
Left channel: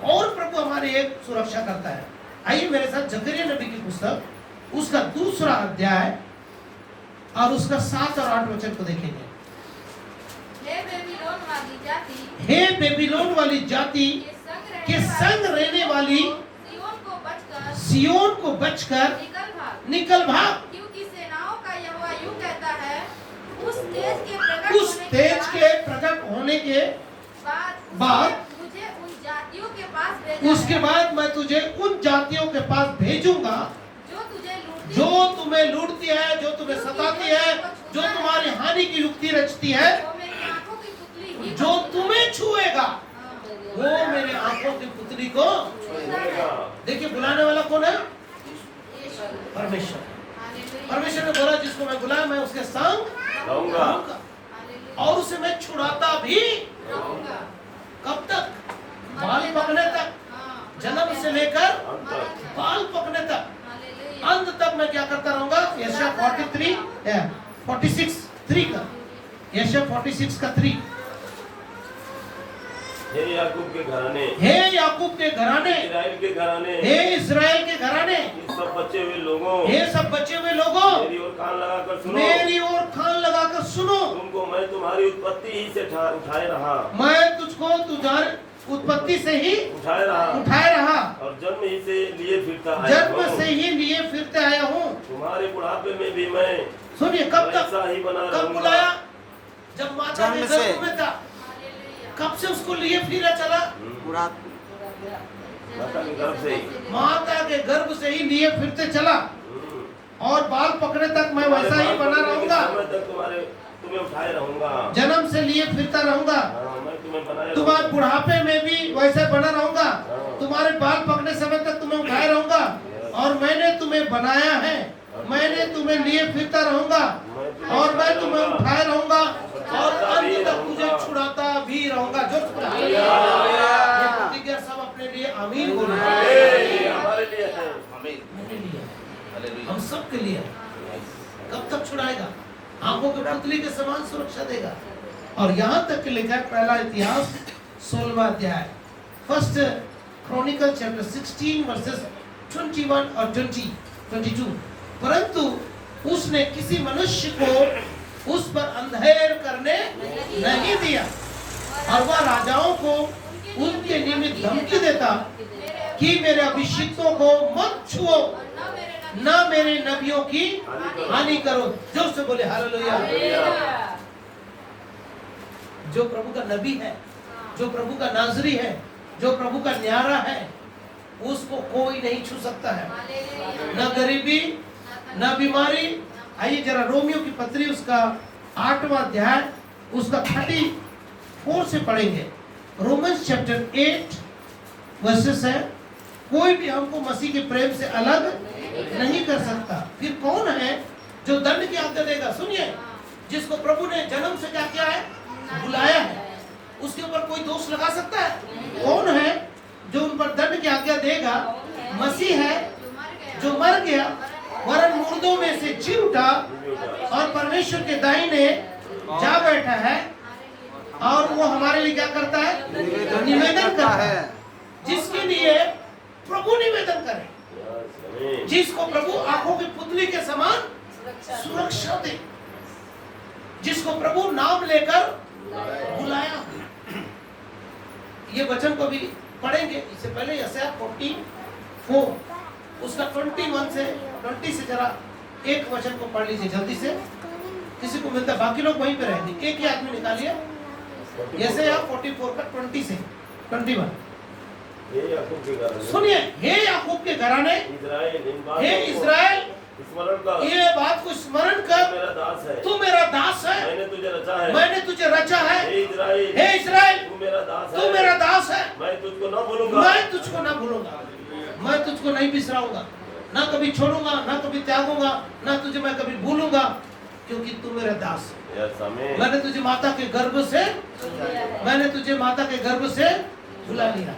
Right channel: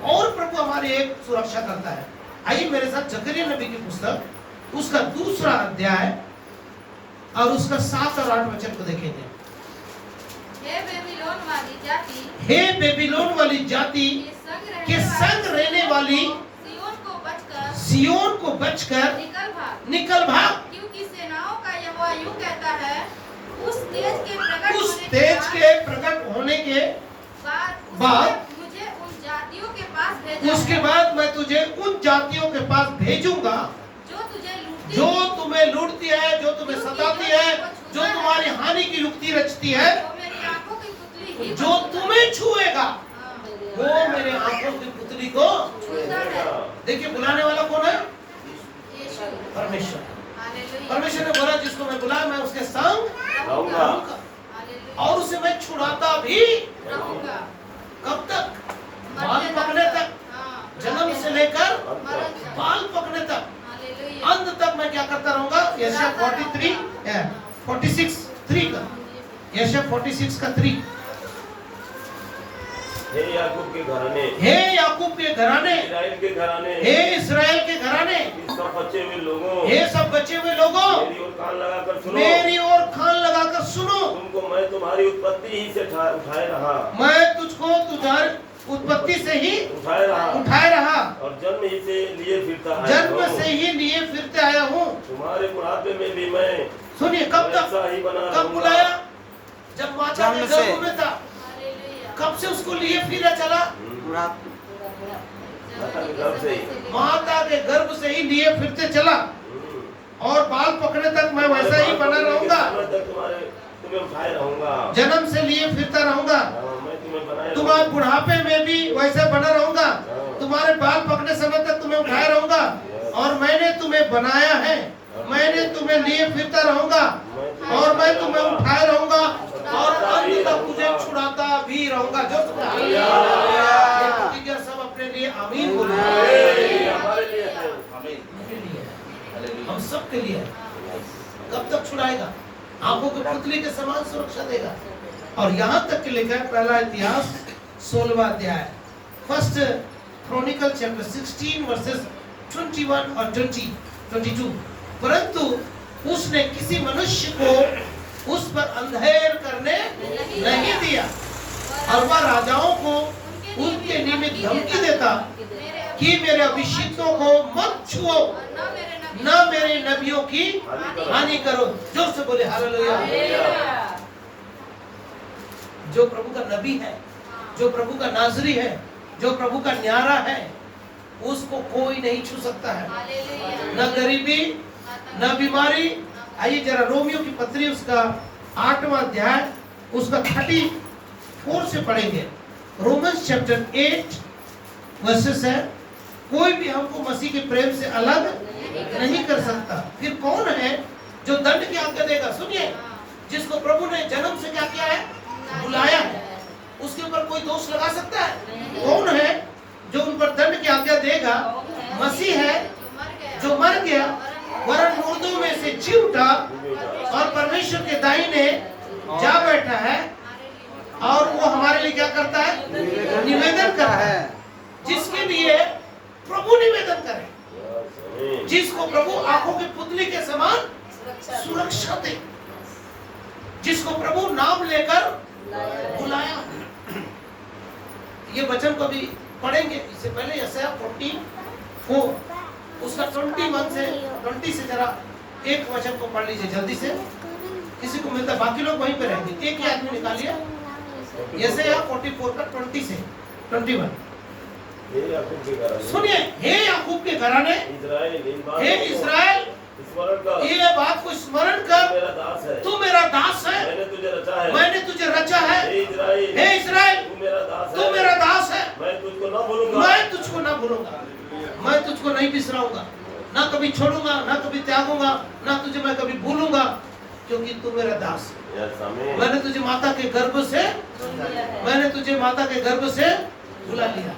और प्रभु हमारी एक सुरक्षा करता है। आइए मेरे साथ जकरिया नबी की पुस्तक उसका 2रा अध्याय और उसका 7 और 8 वचन को देखेंगे। हे बेबीलोन वाली जाति के संग रहने वाली सियोन को बचकर निकल भाग। क्योंकि सेनाओं का यहोवा यूं कहता है, उस तेज के प्रकट होने के बाद मुझे उन जातियों के पास भेजा उसके है, बाद मैं तुझे उन जातियों के पास भेजूंगा जो तुम्हें लूटती है, जो तुम्हें सताती है, जो तुम्हारी हानि की युक्ति रचती है, जो तुम्हें छुएगा वो मेरे आंखों की पुतली को देखिए। बुलाने वाला कौन है? परमेश्वर। परमेश्वर ने बोला जिसको मैं बुलाया मैं उसके संग रहूंगा और उसे मैं छुड़ाता भी। कब तक? बाल पकने तक। जन्म से लेकर अंत तक। बाल पकने तक, हालेलुया। अंत तक मैं क्या करता रहूंगा। यशायाह 46:3 का, यशायाह 46:3। हे याकूब के घराने, हे याकूब के घराने, इस्राएल के घराने, हे इस्राएल के घराने, इन सब बचे हुए लोगों, हे सब बचे हुए लोगों, मेरी ओर कान लगाकर सुनो। मेरी ओर कान लगाकर सुनो। तुमको मैं तुम्हारी उत्पत्ति ही से उठाए रहा, मैं तुझको तुम्हारी उत्पत्ति से ही उठाए रहा उठाए रहा, और जन्म ही से लिए फिरता आया जन्म हूँ। से ही लिए फिरते आया हूँ। तुम्हारे बुढ़ापे में भी मैं सुनिए, कब तक, वैसा ही बना कब रहूंगा। बुलाया? जब माता के जन्म से। गर्भ में था। हालेलुया। कब से उसको लिए फिरा चला? पूरा माता के गर्भ से ही। माता के गर्भ से ही लिए फिरते चला, और बाल पकड़े तक मैं वैसा ही बना रहूंगा। समय तक तुम्हें उठाए रहूंगा। जन्म से लिए फिरता रहूंगा। हाँ, मैं तुम्हें बनाया तुम्हारे रहूंगा। बुढ़ापे में भी वैसे बना रहूंगा। तुम्हारे बाल पकड़ने समय तक तुम्हें उठाए रहूंगा, और मैंने तुम्हें बनाया है, मैंने तुम्हें लिए फिरता रहूंगा, और मैं तुम्हें उठाए रहूंगा, और अंत तक तुझे छुड़ाता भी रहूंगा। जो सब अपने लिए आमीन बोलो। हमारे लिए है। मेरे लिए है, हम सब के लिए है। कब तक छुड़ाएगा? आंखों के पुतली के समान सुरक्षा देगा। और यहाँ तक के लिखा है, पहला इतिहास 16वां अध्याय, फर्स्ट क्रॉनिकल चैप्टर 16 वर्सेस 21 और 22। परंतु उसने किसी मनुष्य को उस पर अंधेर करने नहीं दिया, और वह राजाओं को उनके निमित्त धमकी देता कि मेरे अभिषिक्तों को मत छुओ, न मेरे नबियों की हानि करो। जोर से बोले हालेलुया। जो प्रभु का नबी है, जो प्रभु का नाजरी है, जो प्रभु का न्यारा है, उसको कोई नहीं छू सकता है। न गरीबी, न बीमारी। आइए जरा रोमियो की पत्री उसका 8वां अध्याय उसका 34 से पढ़ेंगे। रोमन्स चैप्टर 8 वर्सेस है। कोई भी हमको मसीह के प्रेम से अलग नहीं कर सकता। फिर कौन है जो दंड की आज्ञा देगा? सुनिए, जिसको प्रभु ने जन्म से क्या किया है? बुलाया है। उसके ऊपर कोई दोष लगा सकता है? कौन है जो उन पर दंड की आज्ञा देगा? मसीह है, जो मर गया, वरन मुर्दों में से जी उठा, और परमेश्वर के दाहिने जा बैठा है, और वो हमारे लिए क्या करता है? निवेदन करता है। जिसके लिए प्रभु निवेदन करे, जिसको प्रभु आंखों की पुतली के समान सुरक्षा दे, जिसको प्रभु नाम लेकर बुलाया। ये वचन को भी पढ़ेंगे। इससे पहले यशायाह 44 उसका 21 से 20 से जरा एक वचन को पढ़ लीजिए जल्दी से। किसी को मिलता है, बाकी लोग वहीं पे रहेंगे। एक ही आदमी निकालिए यशायाह 44 का 20 से 21। हे याकूब के घराने, सुनिए, हे याकूब के घराने, इस्राएल, इन बातों हे को इस्राएल, स्मरण कर, ये बात को स्मरण कर, तू मेरा दास है, तू मेरा दास है, मैंने तुझे रचा है। मैंने तुझे रचा है। हे इस्राएल, हे इस्राएल, तू मेरा दास है, तू मेरा दास है। मैं तुझको न भूलूंगा, मैं तुझको ना भूलूंगा, मैं तुझको नहीं बिसराऊंगा, ना कभी छोड़ूंगा, ना कभी त्यागूंगा, ना तुझे मैं कभी भूलूंगा, क्योंकि तू मेरा दास है। यस, आमीन। मैंने तुझे माता के गर्भ से बुला लिया।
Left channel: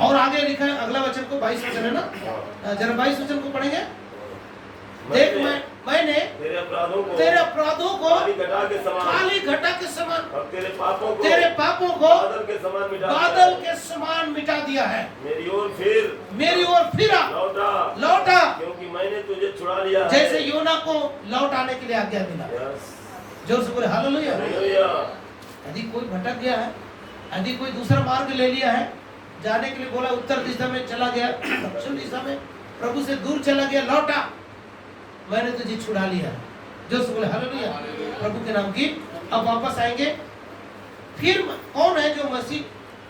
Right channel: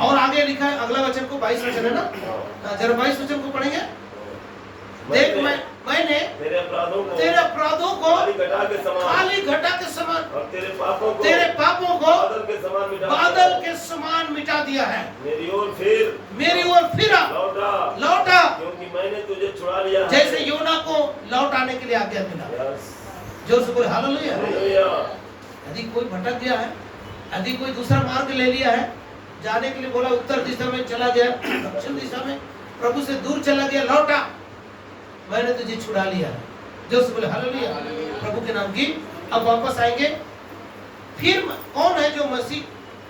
और आगे लिखा है, अगला वचन को 22 वचन है ना, जरा 22 वचन को पढ़ेंगे। देख, मैंने तेरे अपराधों को काली घटा के समान और तेरे पापों को बादल के समान मिटा दिया है। मेरी ओर फिरा लौटा, क्योंकि मैंने तुझे छुड़ा लिया है। जैसे योना को लौट आने के लिए आज्ञा मिला। यस, जोर से बोले हालेलुया। हालेलुया। यदि कोई भटक गया है, यदि कोई दूसरा मार्ग ले लिया है, जाने के लिए बोला उत्तर दिशा में चला गया, दक्षिण दिशा में, प्रभु से दूर चला गया, लौटा, मैंने तुझे छुड़ा लिया। जोर से बोले हालेलुया, प्रभु के नाम की। अब वापस आएंगे। फिर कौन है जो मसीह,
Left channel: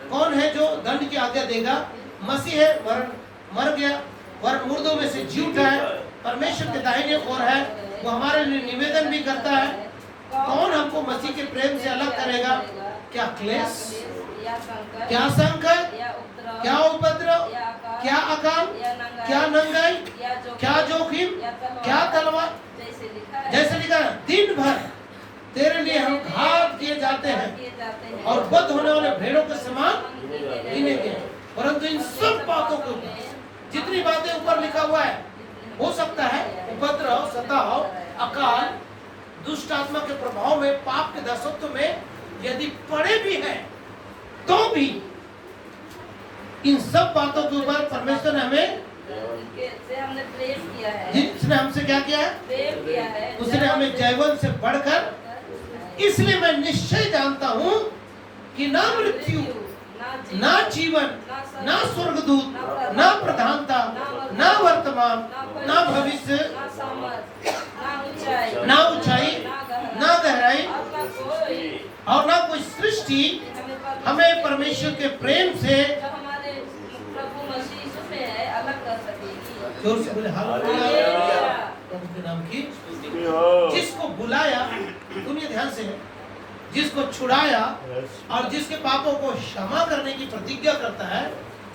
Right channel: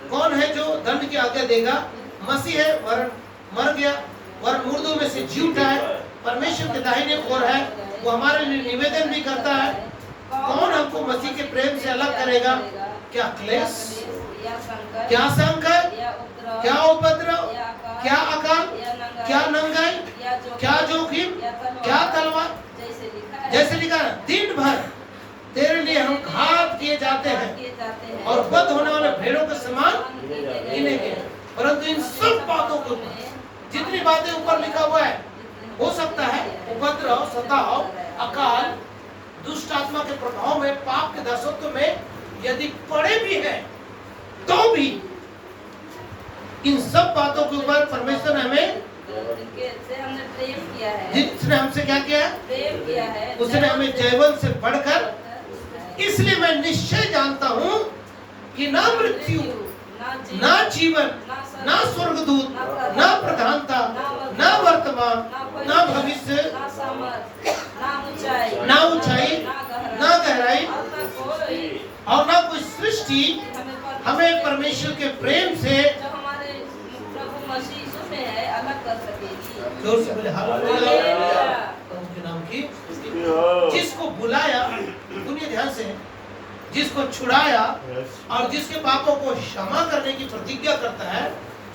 कौन है जो दंड की आज्ञा देगा? मसीह है, वरन मर गया, वरन मुर्दों में से जी उठा है, परमेश्वर के दाहिने ओर है, वो हमारे लिए निवेदन भी करता है। कौन हमको मसीह के प्रेम से अलग करेगा? क्या क्लेश, क्या संकट, क्या उपद्रव, क्या अकाल, क्या नंगाई, क्या जोखिम, क्या तलवार। जैसे लिखा है, दिन भर तेरे लिए हम घात किए जाते हैं और बद होने वाले भेड़ों के समान गिने गए। परंतु इन सब बातों के ऊपर, जितनी बातें ऊपर लिखा हुआ है, हो सकता है उपद्रव, सताव, अकाल, दुष्ट आत्मा के प्रभाव में, पाप के दासत्व में यदि पड़े भी हैं, तो भी इन सब बातों के ऊपर परमेश्वर ने हमें, से हमने प्रेम किया है, जिसने हमसे क्या किया है, प्रेम किया है, उसने हमें जयवंत से बढ़कर, इसलिए मैं निश्चय जानता हूं कि ना मृत्यु, ना जीवन, ना स्वर्गदूत, ना प्रधानता, ना वर्तमान, ना भविष्य, ना ऊंचाई, ना गहराई और ना कोई सृष्टि हमें परमेश्वर के प्रेम से प्रभु मसीह यीशु में है अलग कर सकेगी। जोर से बोले हालेलुया। प्रभु के नाम की, जिसको बुलाया, दुनिया ध्यान से, जिसको छुड़ाया और जिसके पापों को क्षमा करने की प्रतिज्ञा करता है,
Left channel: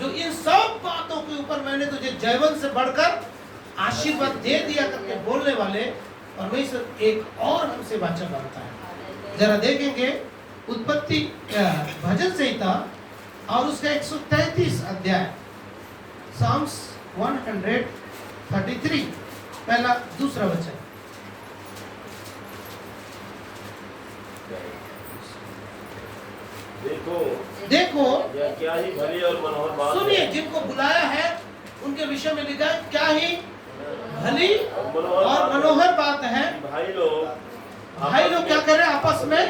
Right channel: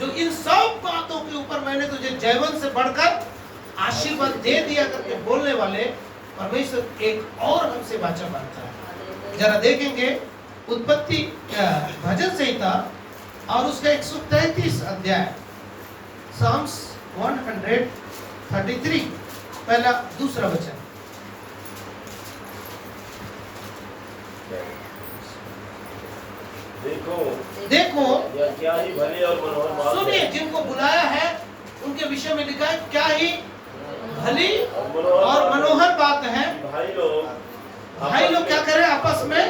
जो इन सब बातों के ऊपर मैंने तुझे जयवंत से बढ़कर आशीर्वाद दे दिया करके बोलने वाले परमेश्वर एक और हमसे वाचा मांगता है। जरा देखेंगे उत्पत्ति भजन संहिता और उसका 133 अध्याय, साम्स 133 पहला दूसरा वचन। देखो यह क्या ही भली और मनोहर बात सुनिए, है। जिनको बुलाया है उनके विषय में लिखा है क्या ही भली और मनोहर बात है। भाई लोग क्या करें, आपस में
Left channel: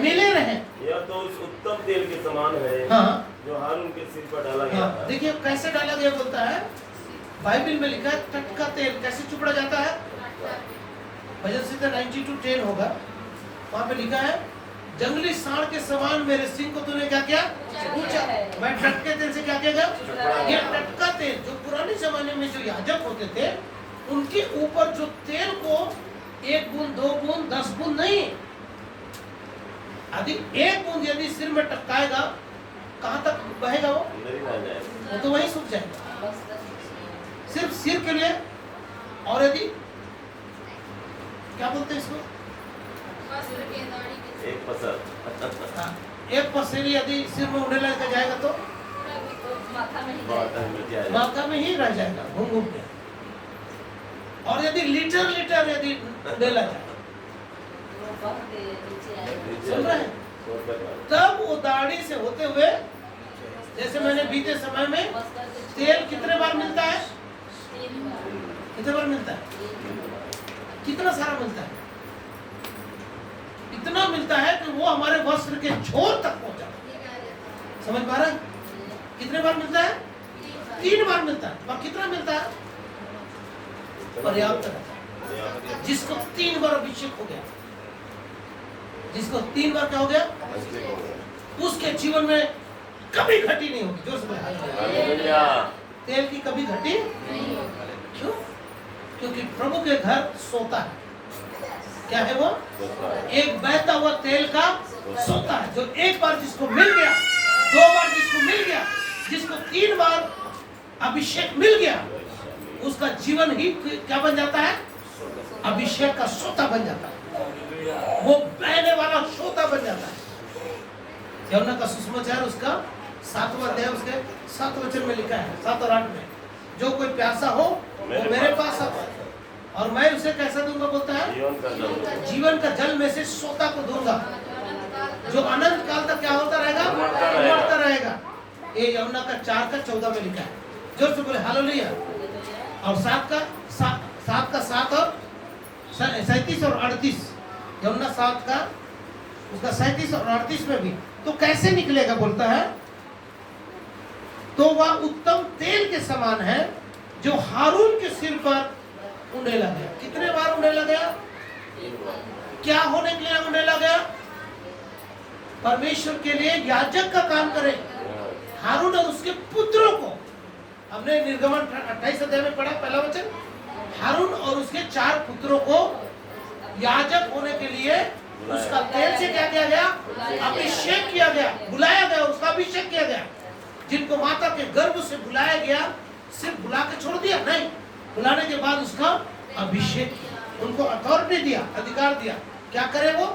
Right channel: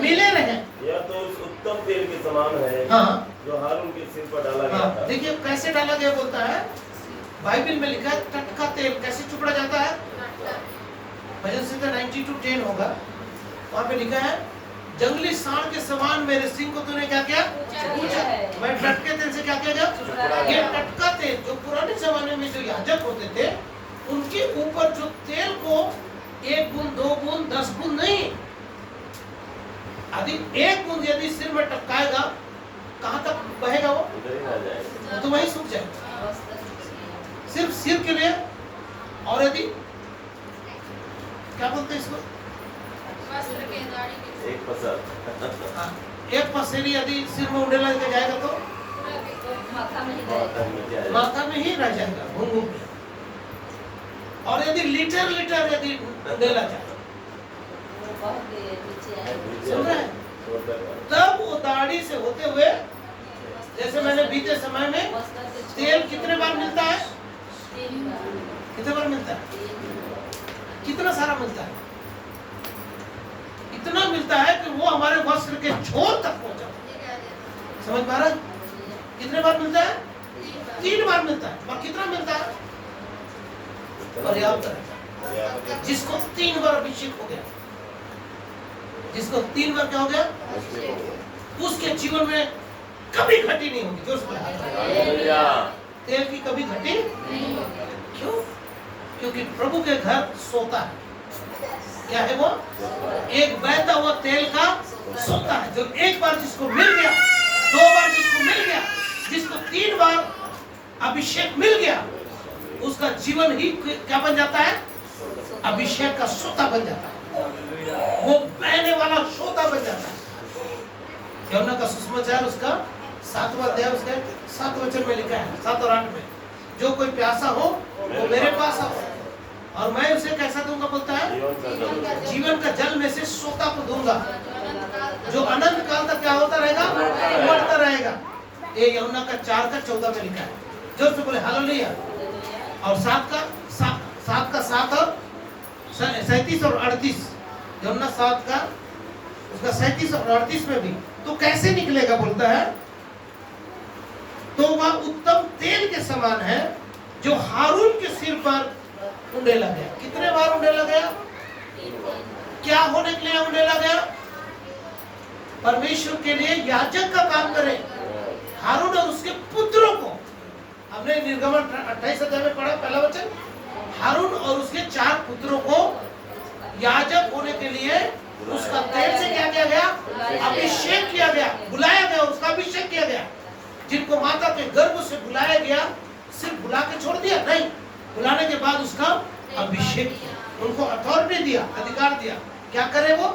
मिले रहे। यह तो उस उत्तम तेल के समान है, हाँ, जो हारून के सिर पर डाला गया हाँ, था। देखिए कैसे डाला गया, बोलता है बाइबल में लिखा है टटका तेल कैसे चुपड़ा जाता है। भजन संहिता 92:10 होगा, वहाँ पे लिखा है जंगली सांड के समान मेरे सिंह को तूने क्या किया, पूछा। मैं टटके तेल से क्या किया गया, ये टटका तेल जो पुराने जमाने में जो याजक होते थे उनके ऊपर जो तेल को 1 बूंद 2 बूंद 10 बूंद नहीं, यदि 1 बूंद यदि सिर में टपकाएगा कहाँ तक बहेगा वो, तो वही सूख जाएगा, सिर्फ सिर के लिए। और यदि क्या बोलते हैं इसको, एक पसर, हाँ, एक पसेरी यदि सिर में उंडेला के जाएगा तो माथा में ही रह जाएगा घूम घूम के। और यदि लीटर लीटर यदि उंडेला जाए, सुन रहे हैं, तब वो दाढ़ी से होते हुए, जैसे मैंने बीते समय में तेल कितने बार मिलता है, कितने बार मिलता है, कितना सारा मिलता है, इतना मिलता है कि वो हमारे वस्त्र के छोर तक पहुंचा। समझ पा रहा है, कितने बार मिलता है, 3 बार मिलता है। और कितना मिलता है, पर्याप्त है। जिसको 3 बार अभिषेक हो गया, जिसको 3 बार क्या हो गया, उसके जीवन में कभी घटी नहीं होगी। जोर से बोले तेल की कभी घटी क्यों, क्योंकि प्रभु के घर सोता है। क्या है वो, एक बहता हुआ तेल का सोता है, जो एक बार जिसको मिल गया, 2 बार जिसको मिल गया, जिसको 3 बार अभिषेक मिल गया, उसका जीवन ही क्या बन जाता है, अभिषेक का सोता बन जाता है, वो बहने वाला सोता बन जाता है। यूहन्ना का सुसमाचार उसका 7वां अध्याय उसके 7 वचन में लिखा है, 7 और 8 में, जो कोई प्यासा हो वो मेरे पास आओ और मैं उसे कैसा दूंगा, बोलता है जीवन का जल में से सोता को दूंगा, जो अनंत काल तक क्या होता रहेगा, बढ़ता रहेगा। ये यूहन्ना का 4:14 में लिखा है। जोर से बोले हालेलुया। और 7 का 7 और 37 और 38, यूहन्ना 7 का उसका 37 और 38 में भी, तो कैसे निकलेगा, बोलता है तो वह उत्तम तेल के समान है जो हारून के सिर पर उंडेला गया। कितने बार उंडेला गया, क्या होने के लिए उंडेला गया, परमेश्वर के लिए याजक का काम करे। हारून और उसके पुत्रों को, हमने निर्गमन 28 अध्याय में पढ़ा पहला वचन, हारून और उसके 4 पुत्रों को याजक होने के लिए उसका तेल से क्या किया गया, अभिषेक किया गया, बुलाया गया, उसका अभिषेक किया गया। जिनको माता के गर्भ से बुलाया गया, सिर्फ बुला के छोड़ दिया नहीं, बुलाने के बाद उसका अभिषेक किया, उनको अथॉरिटी दिया, अधिकार दिया, क्या करे वो,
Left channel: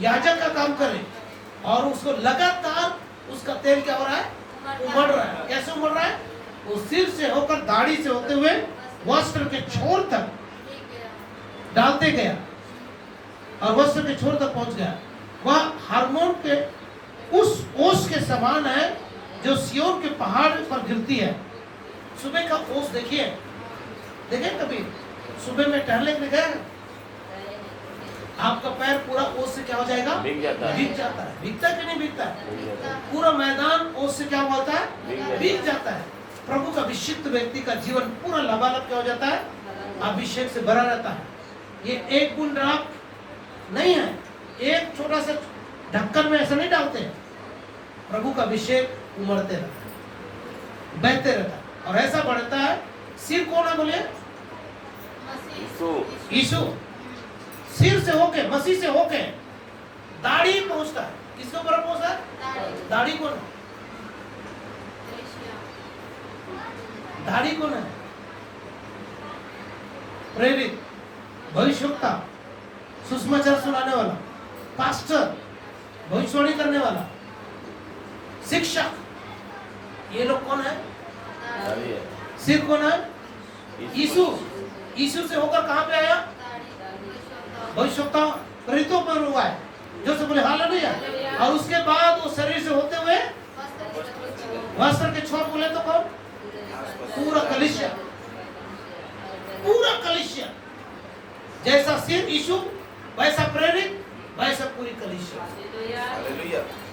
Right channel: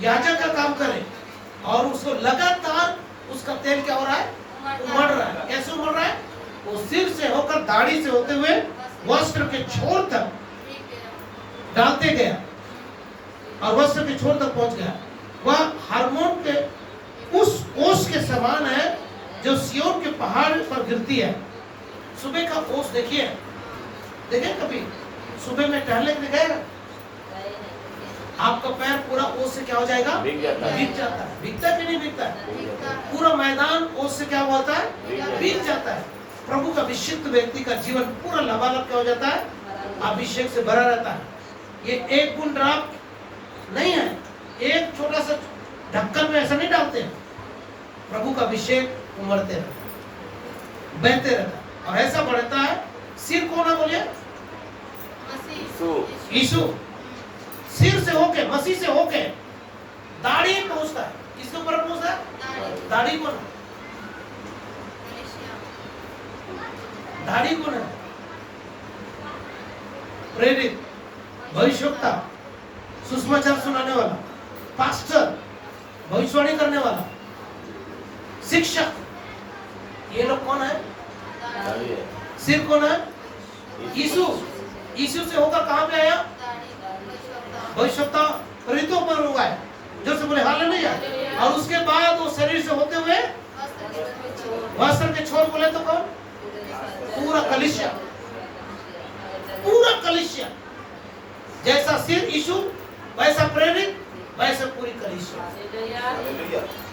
याजक का काम करे। और उसको लगातार उसका तेल क्या हो रहा है, उमड़ रहा है। कैसे उमड़ रहा है? वो सिर से होकर दाढ़ी से होते हुए वस्त्र के छोर तक डालते गया और वस्त्र के छोर तक पहुंच गया। वह हार्मोन के उस ओस के समान है जो सियोन के पहाड़ पर गिरती है। सुबह का ओस देखिए, देखे कभी सुबह में टहलने के लिए गए? आपका पैर पूरा ओस से क्या हो जाएगा? भीग जाता है। भीग जाता है। भीगता है कि नहीं भीगता है? पूरा मैदान ओस से क्या होता है? भीग जाता है। प्रभु का अभिषिक्त व्यक्ति का जीवन पूरा लबालब क्या हो जाता है? अभिषेक से भरा रहता है। ये एक बूंद ड्रॉप नहीं है, एक छोटा सा ढक्कन में ऐसा नहीं डालते हैं। प्रभु का अभिषेक उमड़ते रहता है, बहते रहता है और ऐसा बढ़ता है। सिर कौन है बोलिए? यीशु। सिर से होके, मसीह से होके दाढ़ी पहुंचता है। किसके ऊपर पहुंचता है? दाढ़ी कौन है? दाढ़ी कौन है? प्रेरित, भविष्यवक्ता, सुसमाचार सुनाने वाला, पास्टर, भविष्यवाणी करने वाला, शिक्षक, ये लोग कौन है? सिर कौन है? यीशु। यीशु से होकर कहां पे आया? भविष्यवक्ता प्रेरितों पर हुआ है, जो से बोले हालेलुया। और उसके बाद वो शरीर से होते हुए वस्त्र के छोर बोले तो कौन? पूरा कलीसिया। पूरा कलीसिया। जैसा सिर यीशु, वैसा प्रेरित, वैसा पूरी कलीसिया।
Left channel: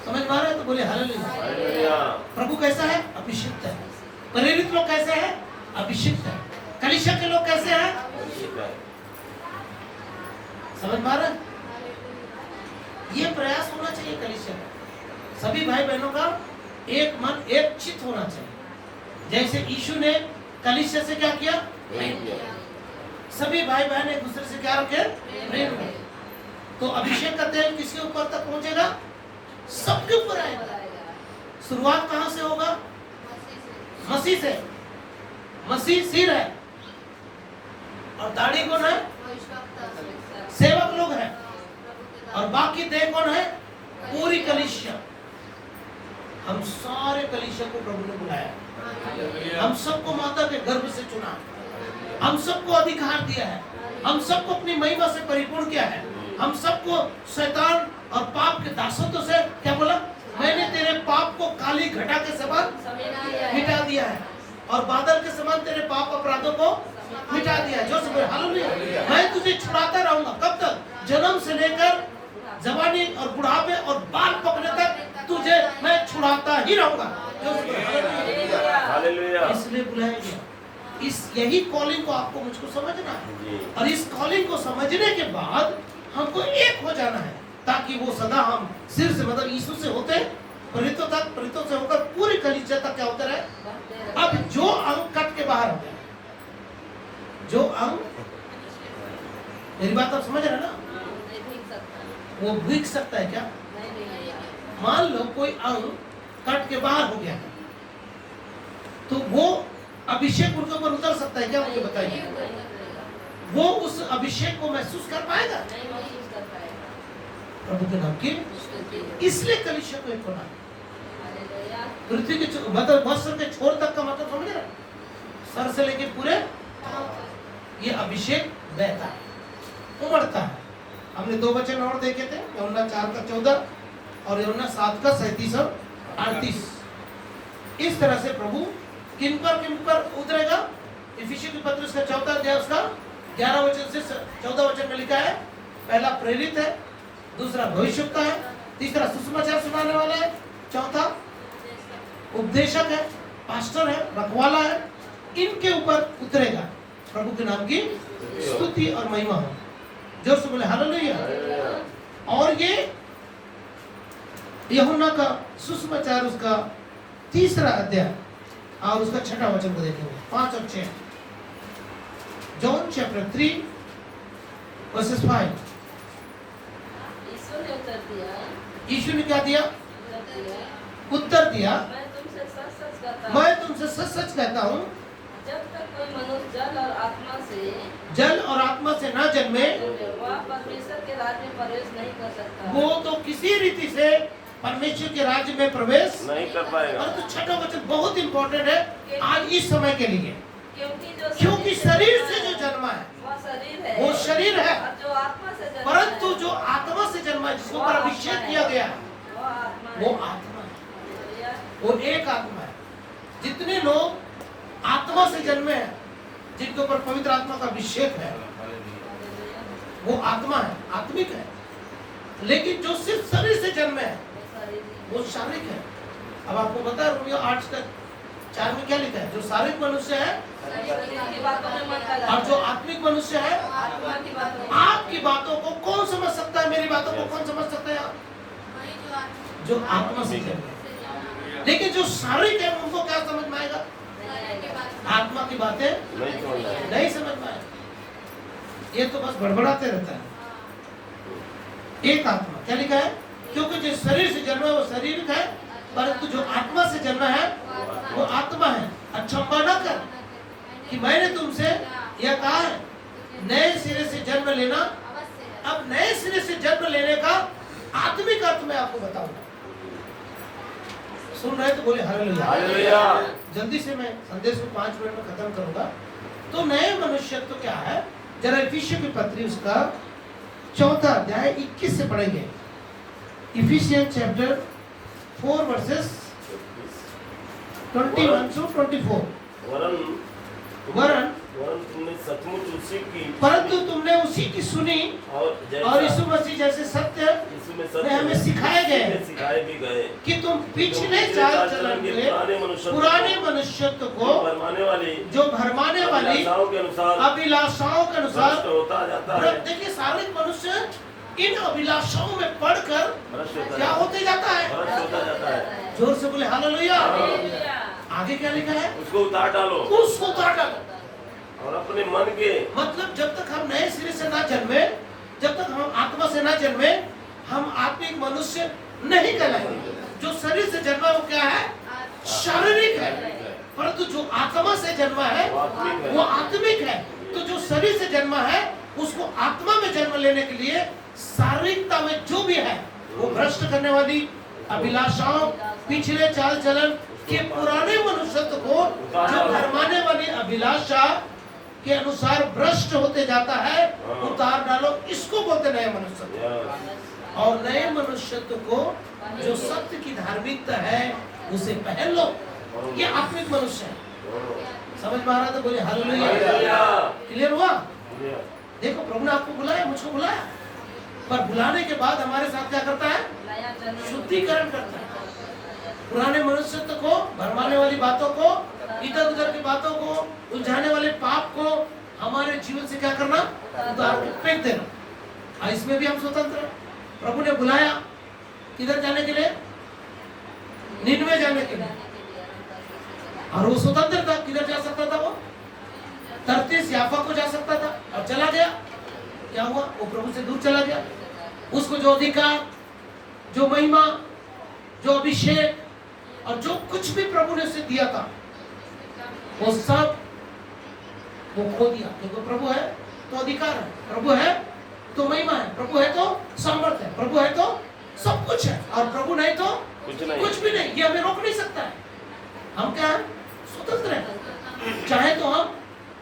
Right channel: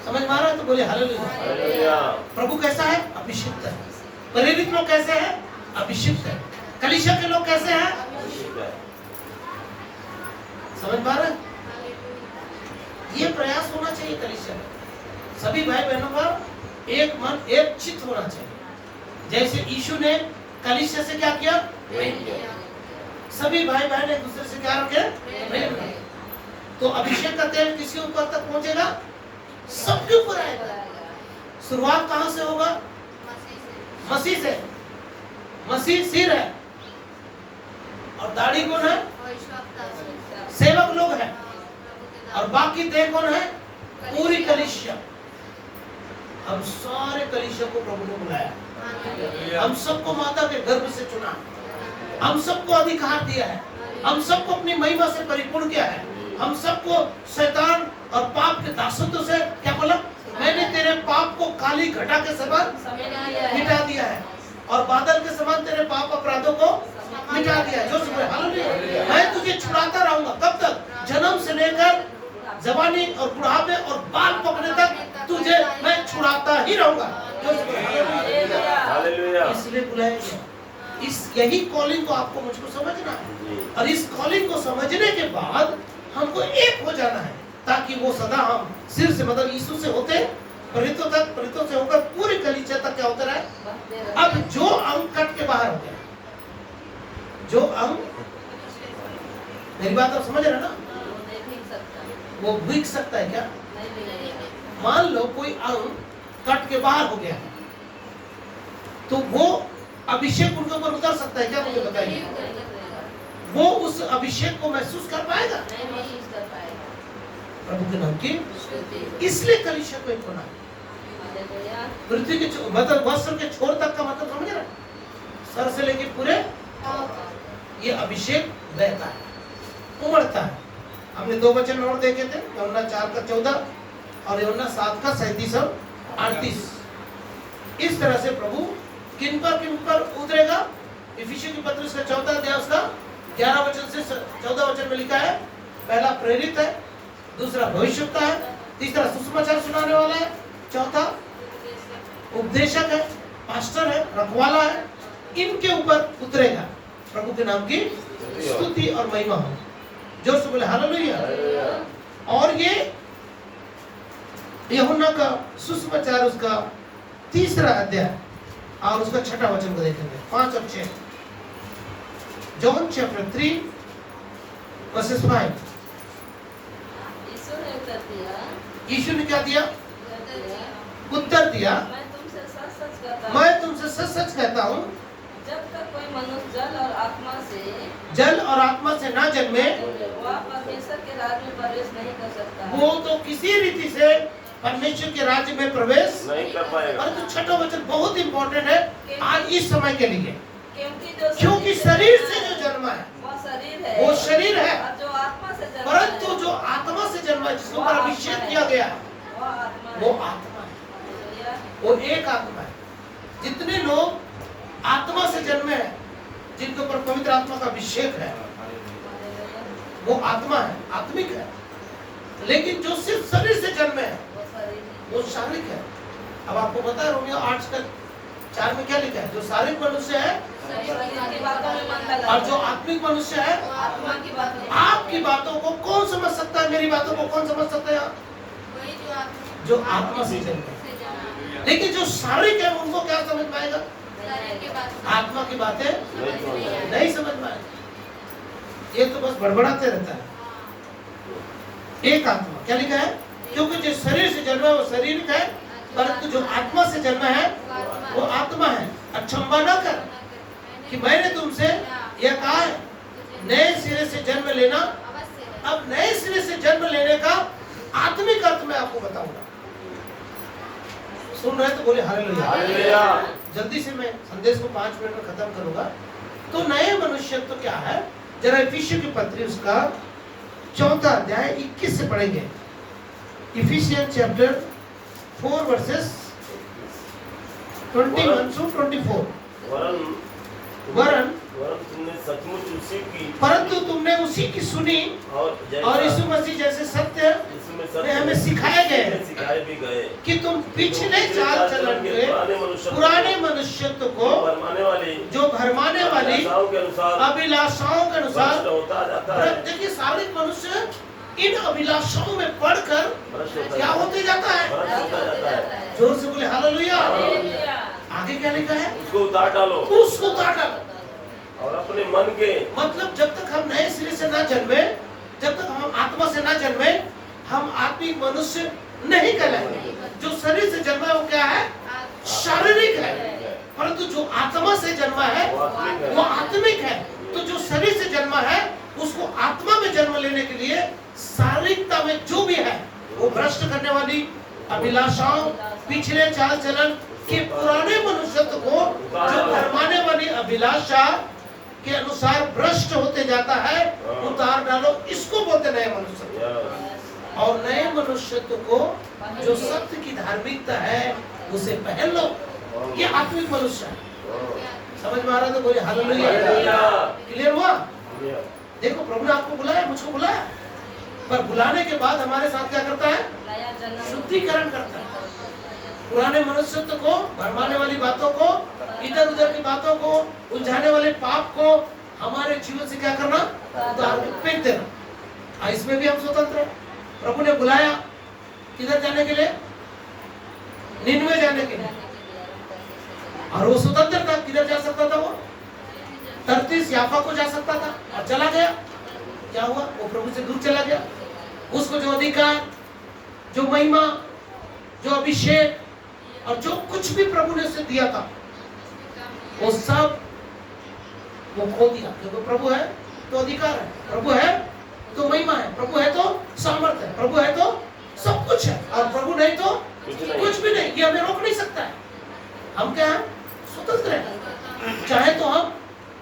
समझ में आ रहा है? तो बोले हालेलुया। प्रभु कैसा है? अभिषिक्त है। प्रेरित लोग कैसे हैं? अभिषिक्त है। कलीसिया के लोग कैसे हैं? समझ में आ रहा है? ये प्रयास होना चाहिए कलीसिया का। सभी भाई बहनों का एक मन, एक चित्त होना चाहिए। जैसे यीशु ने कलीसिया से क्या किया? सभी भाई बहन एक दूसरे से क्या रखे? प्रेम रखे। तो अभिषेक का तेल किसके ऊपर तक पहुंचेगा? सबके ऊपर आएगा। शुरुआत कहां से होगा? मसीह से। मसीह सिर है और दाढ़ी कौन है? सेवक लोग हैं और बाकी देह कौन है? पूरी कलीसिया। हम सारे कलीसिया को प्रभु ने बुलाया। हम सबको माता के गर्भ से चुना, हम सबको अधिकार दिया है, हम सबको अपनी महिमा से परिपूर्ण किया है। हम सबको शैतान और पाप के दासत्व से क्या बोला? मैंने तेरे पाप को काली घटा के समान मिटा दिया है और बादल के समान तेरे पाप अपराधों को मिटा दिया है। जो सब हालेलुया। मैं तुझे छुड़ाता रहूंगा। कब तक? जन्म से लेकर जवानी और बुढ़ापे और बाल पकने तक तुझे मैं छुड़ाता ही रहूंगा। जो सब हालेलुया। इसलिए बुलाया गया। इस यही कॉलिंग को आपको मुझको समझना है और इस कॉलिंग को समझने के बाद हमको एक हो जाना है, ताकि वो सदा हम सिर से मतलब यीशु से होते प्रेरितों तक, प्रेरितों से होकर पूरी कलीसिया तक क्या होते रहे। अब जो अंग कट के बाहर हो गया, जो अंग, मेरी बात आप समझ रहे ना? वो भीग सकता है क्या? मान लो कोई अंग कट के बाहर हो गया है, तो वो अभिषेक उनके ऊपर उतर सकता है क्या? मुझे बताइए। वो उस अभिषेक को महसूस कर पाएगा? प्रभु के नाम की। इसलिए कलीसिया को एक होना है। पृथ्वी के मतलब वस्त्र के छोर तक का मतलब समझ रहे? सर से लेके पूरे ये अभिषेक बहता है, उमड़ता है। हमने 2 वचन और देखे थे, यूहन्ना 4:14 और यूहन्ना 7:37 और 38। इस तरह से प्रभु किन पर उतरेगा? इफिसियों की पत्री का 4 अध्याय उसका 11 वचन से 14 वचन में लिखा है। पहला प्रेरित है, दूसरा भविष्यवक्ता है, तीसरा सुसमाचार सुनाने वाला है, चौथा उपदेशक है, पास्टर है, रखवाला है। इनके ऊपर उतरेगा। प्रभु के नाम की स्तुति और महिमा हो। जोर से बोले हालेलुया। और ये यूहन्ना का सुसमाचार उसका 3 अध्याय और उसका 6 वचन को देखेंगे, 5 और 6। John chapter 3 versus 5। यीशु ने क्या दिया? उत्तर दिया, मैं तुमसे सच सच कहता हूँ, जब तक कोई मनुष्य जल और आत्मा से ना जन्मे वो परमेश्वर के राज्य में प्रवेश नहीं कर सकता। वो तो किसी रीति से परमेश्वर के राज्य में प्रवेश नहीं कर पाएगा। और तो छठा वचन बहुत इंपॉर्टेंट है आज इस समय के लिए, क्योंकि शरीर शरीर से जो जन्मा है वो शरीर है, वो शरीर है, और जो आत्मा से जन्मा परंतु है, जो आत्मा से जन्मा है, जिसके ऊपर अभिषेक किया गया है, वो आत्मा वो आत्मा है, वो एक आत्मा है। जितने लोग आत्मा से जन्मे हैं, जिनके ऊपर पवित्र आत्मा का अभिषेक है, वो आत्मा है, आत्मिक है। लेकिन जो सिर्फ शरीर से जन्मे है वो शारीरिक है। अब आपको पता है रोमियो 8:4 में क्या लिखा है? जो शारीरिक मनुष्य है और जो आत्मिक मनुष्य है, आत्मा की बात आपकी बातों को कौन समझ सकता है? मेरी बातों को कौन समझ सकता है? जो आत्मा से जन्मे है। लेकिन जो शारीरिक है उनको क्या समझ में आएगा? आत्मा की बातें नहीं समझ में आएगी। ये तो बस बड़बड़ाते रहता है। एक आत्मा क्या लिखा है? क्योंकि जो शरीर से जन्मा है वो शारीरिक है, परंतु जो आत्मा से जन्मा है वो आत्मा है। अचंभा न कर कि मैंने तुमसे यह कहा है, नए सिरे से जन्म लेना। अब नए सिरे से जन्म लेने का आत्मिक अर्थ मैं आपको बताऊंगा। सुन रहे तो बोले हालेलुया। जल्दी से मैं संदेश को 5 मिनट में खत्म करूंगा। तो नए मनुष्यत्व तो क्या है? जरा इफिसियों की पत्री उसका 4 अध्याय 21 से पढ़ेंगे। Ephesians chapter 4 versus 21 to 24। वरन तुमने सचमुच उसी की, परंतु तुमने उसी की सुनी और यीशु मसीह जैसे सत्य में हमें सिखाए भी गए कि तुम पिछले चाल चलन के पुराने मनुष्यत्व को जो भरमाने वाली अभिलाषाओं के अनुसार होता जाता है। देखिए शारीरिक मनुष्य इन अभिलाषाओं में पढ़कर क्या होते जाता है? जोर से बोले हालेलुया। आगे क्या लिखा है? उसको उतार डालो, उसको उतार डालो। और अपने मन के, मतलब जब तक हम नए सिरे से ना जन्मे, जब तक हम आत्मा से ना जन्मे, हम आत्मिक मनुष्य नहीं कहलाएंगे। जो शरीर से जन्मा है वो क्या है? शारीरिक है। परंतु जो आत्मा से जन्मा है वो आत्मिक है। तो जो शरीर से जन्मा है उसको आत्मा में जन्म लेने के लिए शारीरिकता में जो भी है वो भ्रष्ट करने वाली अभिलाषाओं, पिछले चाल चलन के पुराने मनुष्यत्व को जो भरमाने वाली अभिलाषा के अनुसार भ्रष्ट होते जाता है, उतार डालो। इसको बोलते नए मनुष्यत्व। और नए मनुष्यत्व को जो सत्य की धार्मिकता है उसे पहन लो। ये आत्मिक मनुष्य है। समझ में आ रहा? तो बोले हालेलुया। क्लियर हुआ? देखो प्रभु ने आपको बुलाया, मुझको बुलाया, पर बुलाने के बाद हमारे साथ क्या करता है? शुद्धिकरण करता है। पुराने मनुष्यत्व को, भरमाने वाली बातों को, इधर उधर की बातों को, उलझाने वाले पाप को हमारे जीवन से क्या करना? उतार के फेंक देना। इसमें भी हम स्वतंत्र हैं। प्रभु ने बुलाया किधर जाने के लिए? निनवे जाने के लिए। और वो स्वतंत्र था, किधर जा सकता था? वो तर्तीस याफा को जा सकता था और चला गया। क्या हुआ? वो प्रभु से दूर चला गया। उसको जो अधिकार, जो महिमा, जो अभिषेक और जो कुछ भी प्रभु ने उसे दिया था वो सब वो खो दिया। क्योंकि प्रभु है तो अधिकार है, प्रभु है तो महिमा है, प्रभु है तो सामर्थ्य है, प्रभु है तो सब कुछ है, और प्रभु नहीं तो कुछ भी नहीं। ये हमें रोक नहीं सकता है। हम क्या है? स्वतंत्र हैं। चाहे तो हम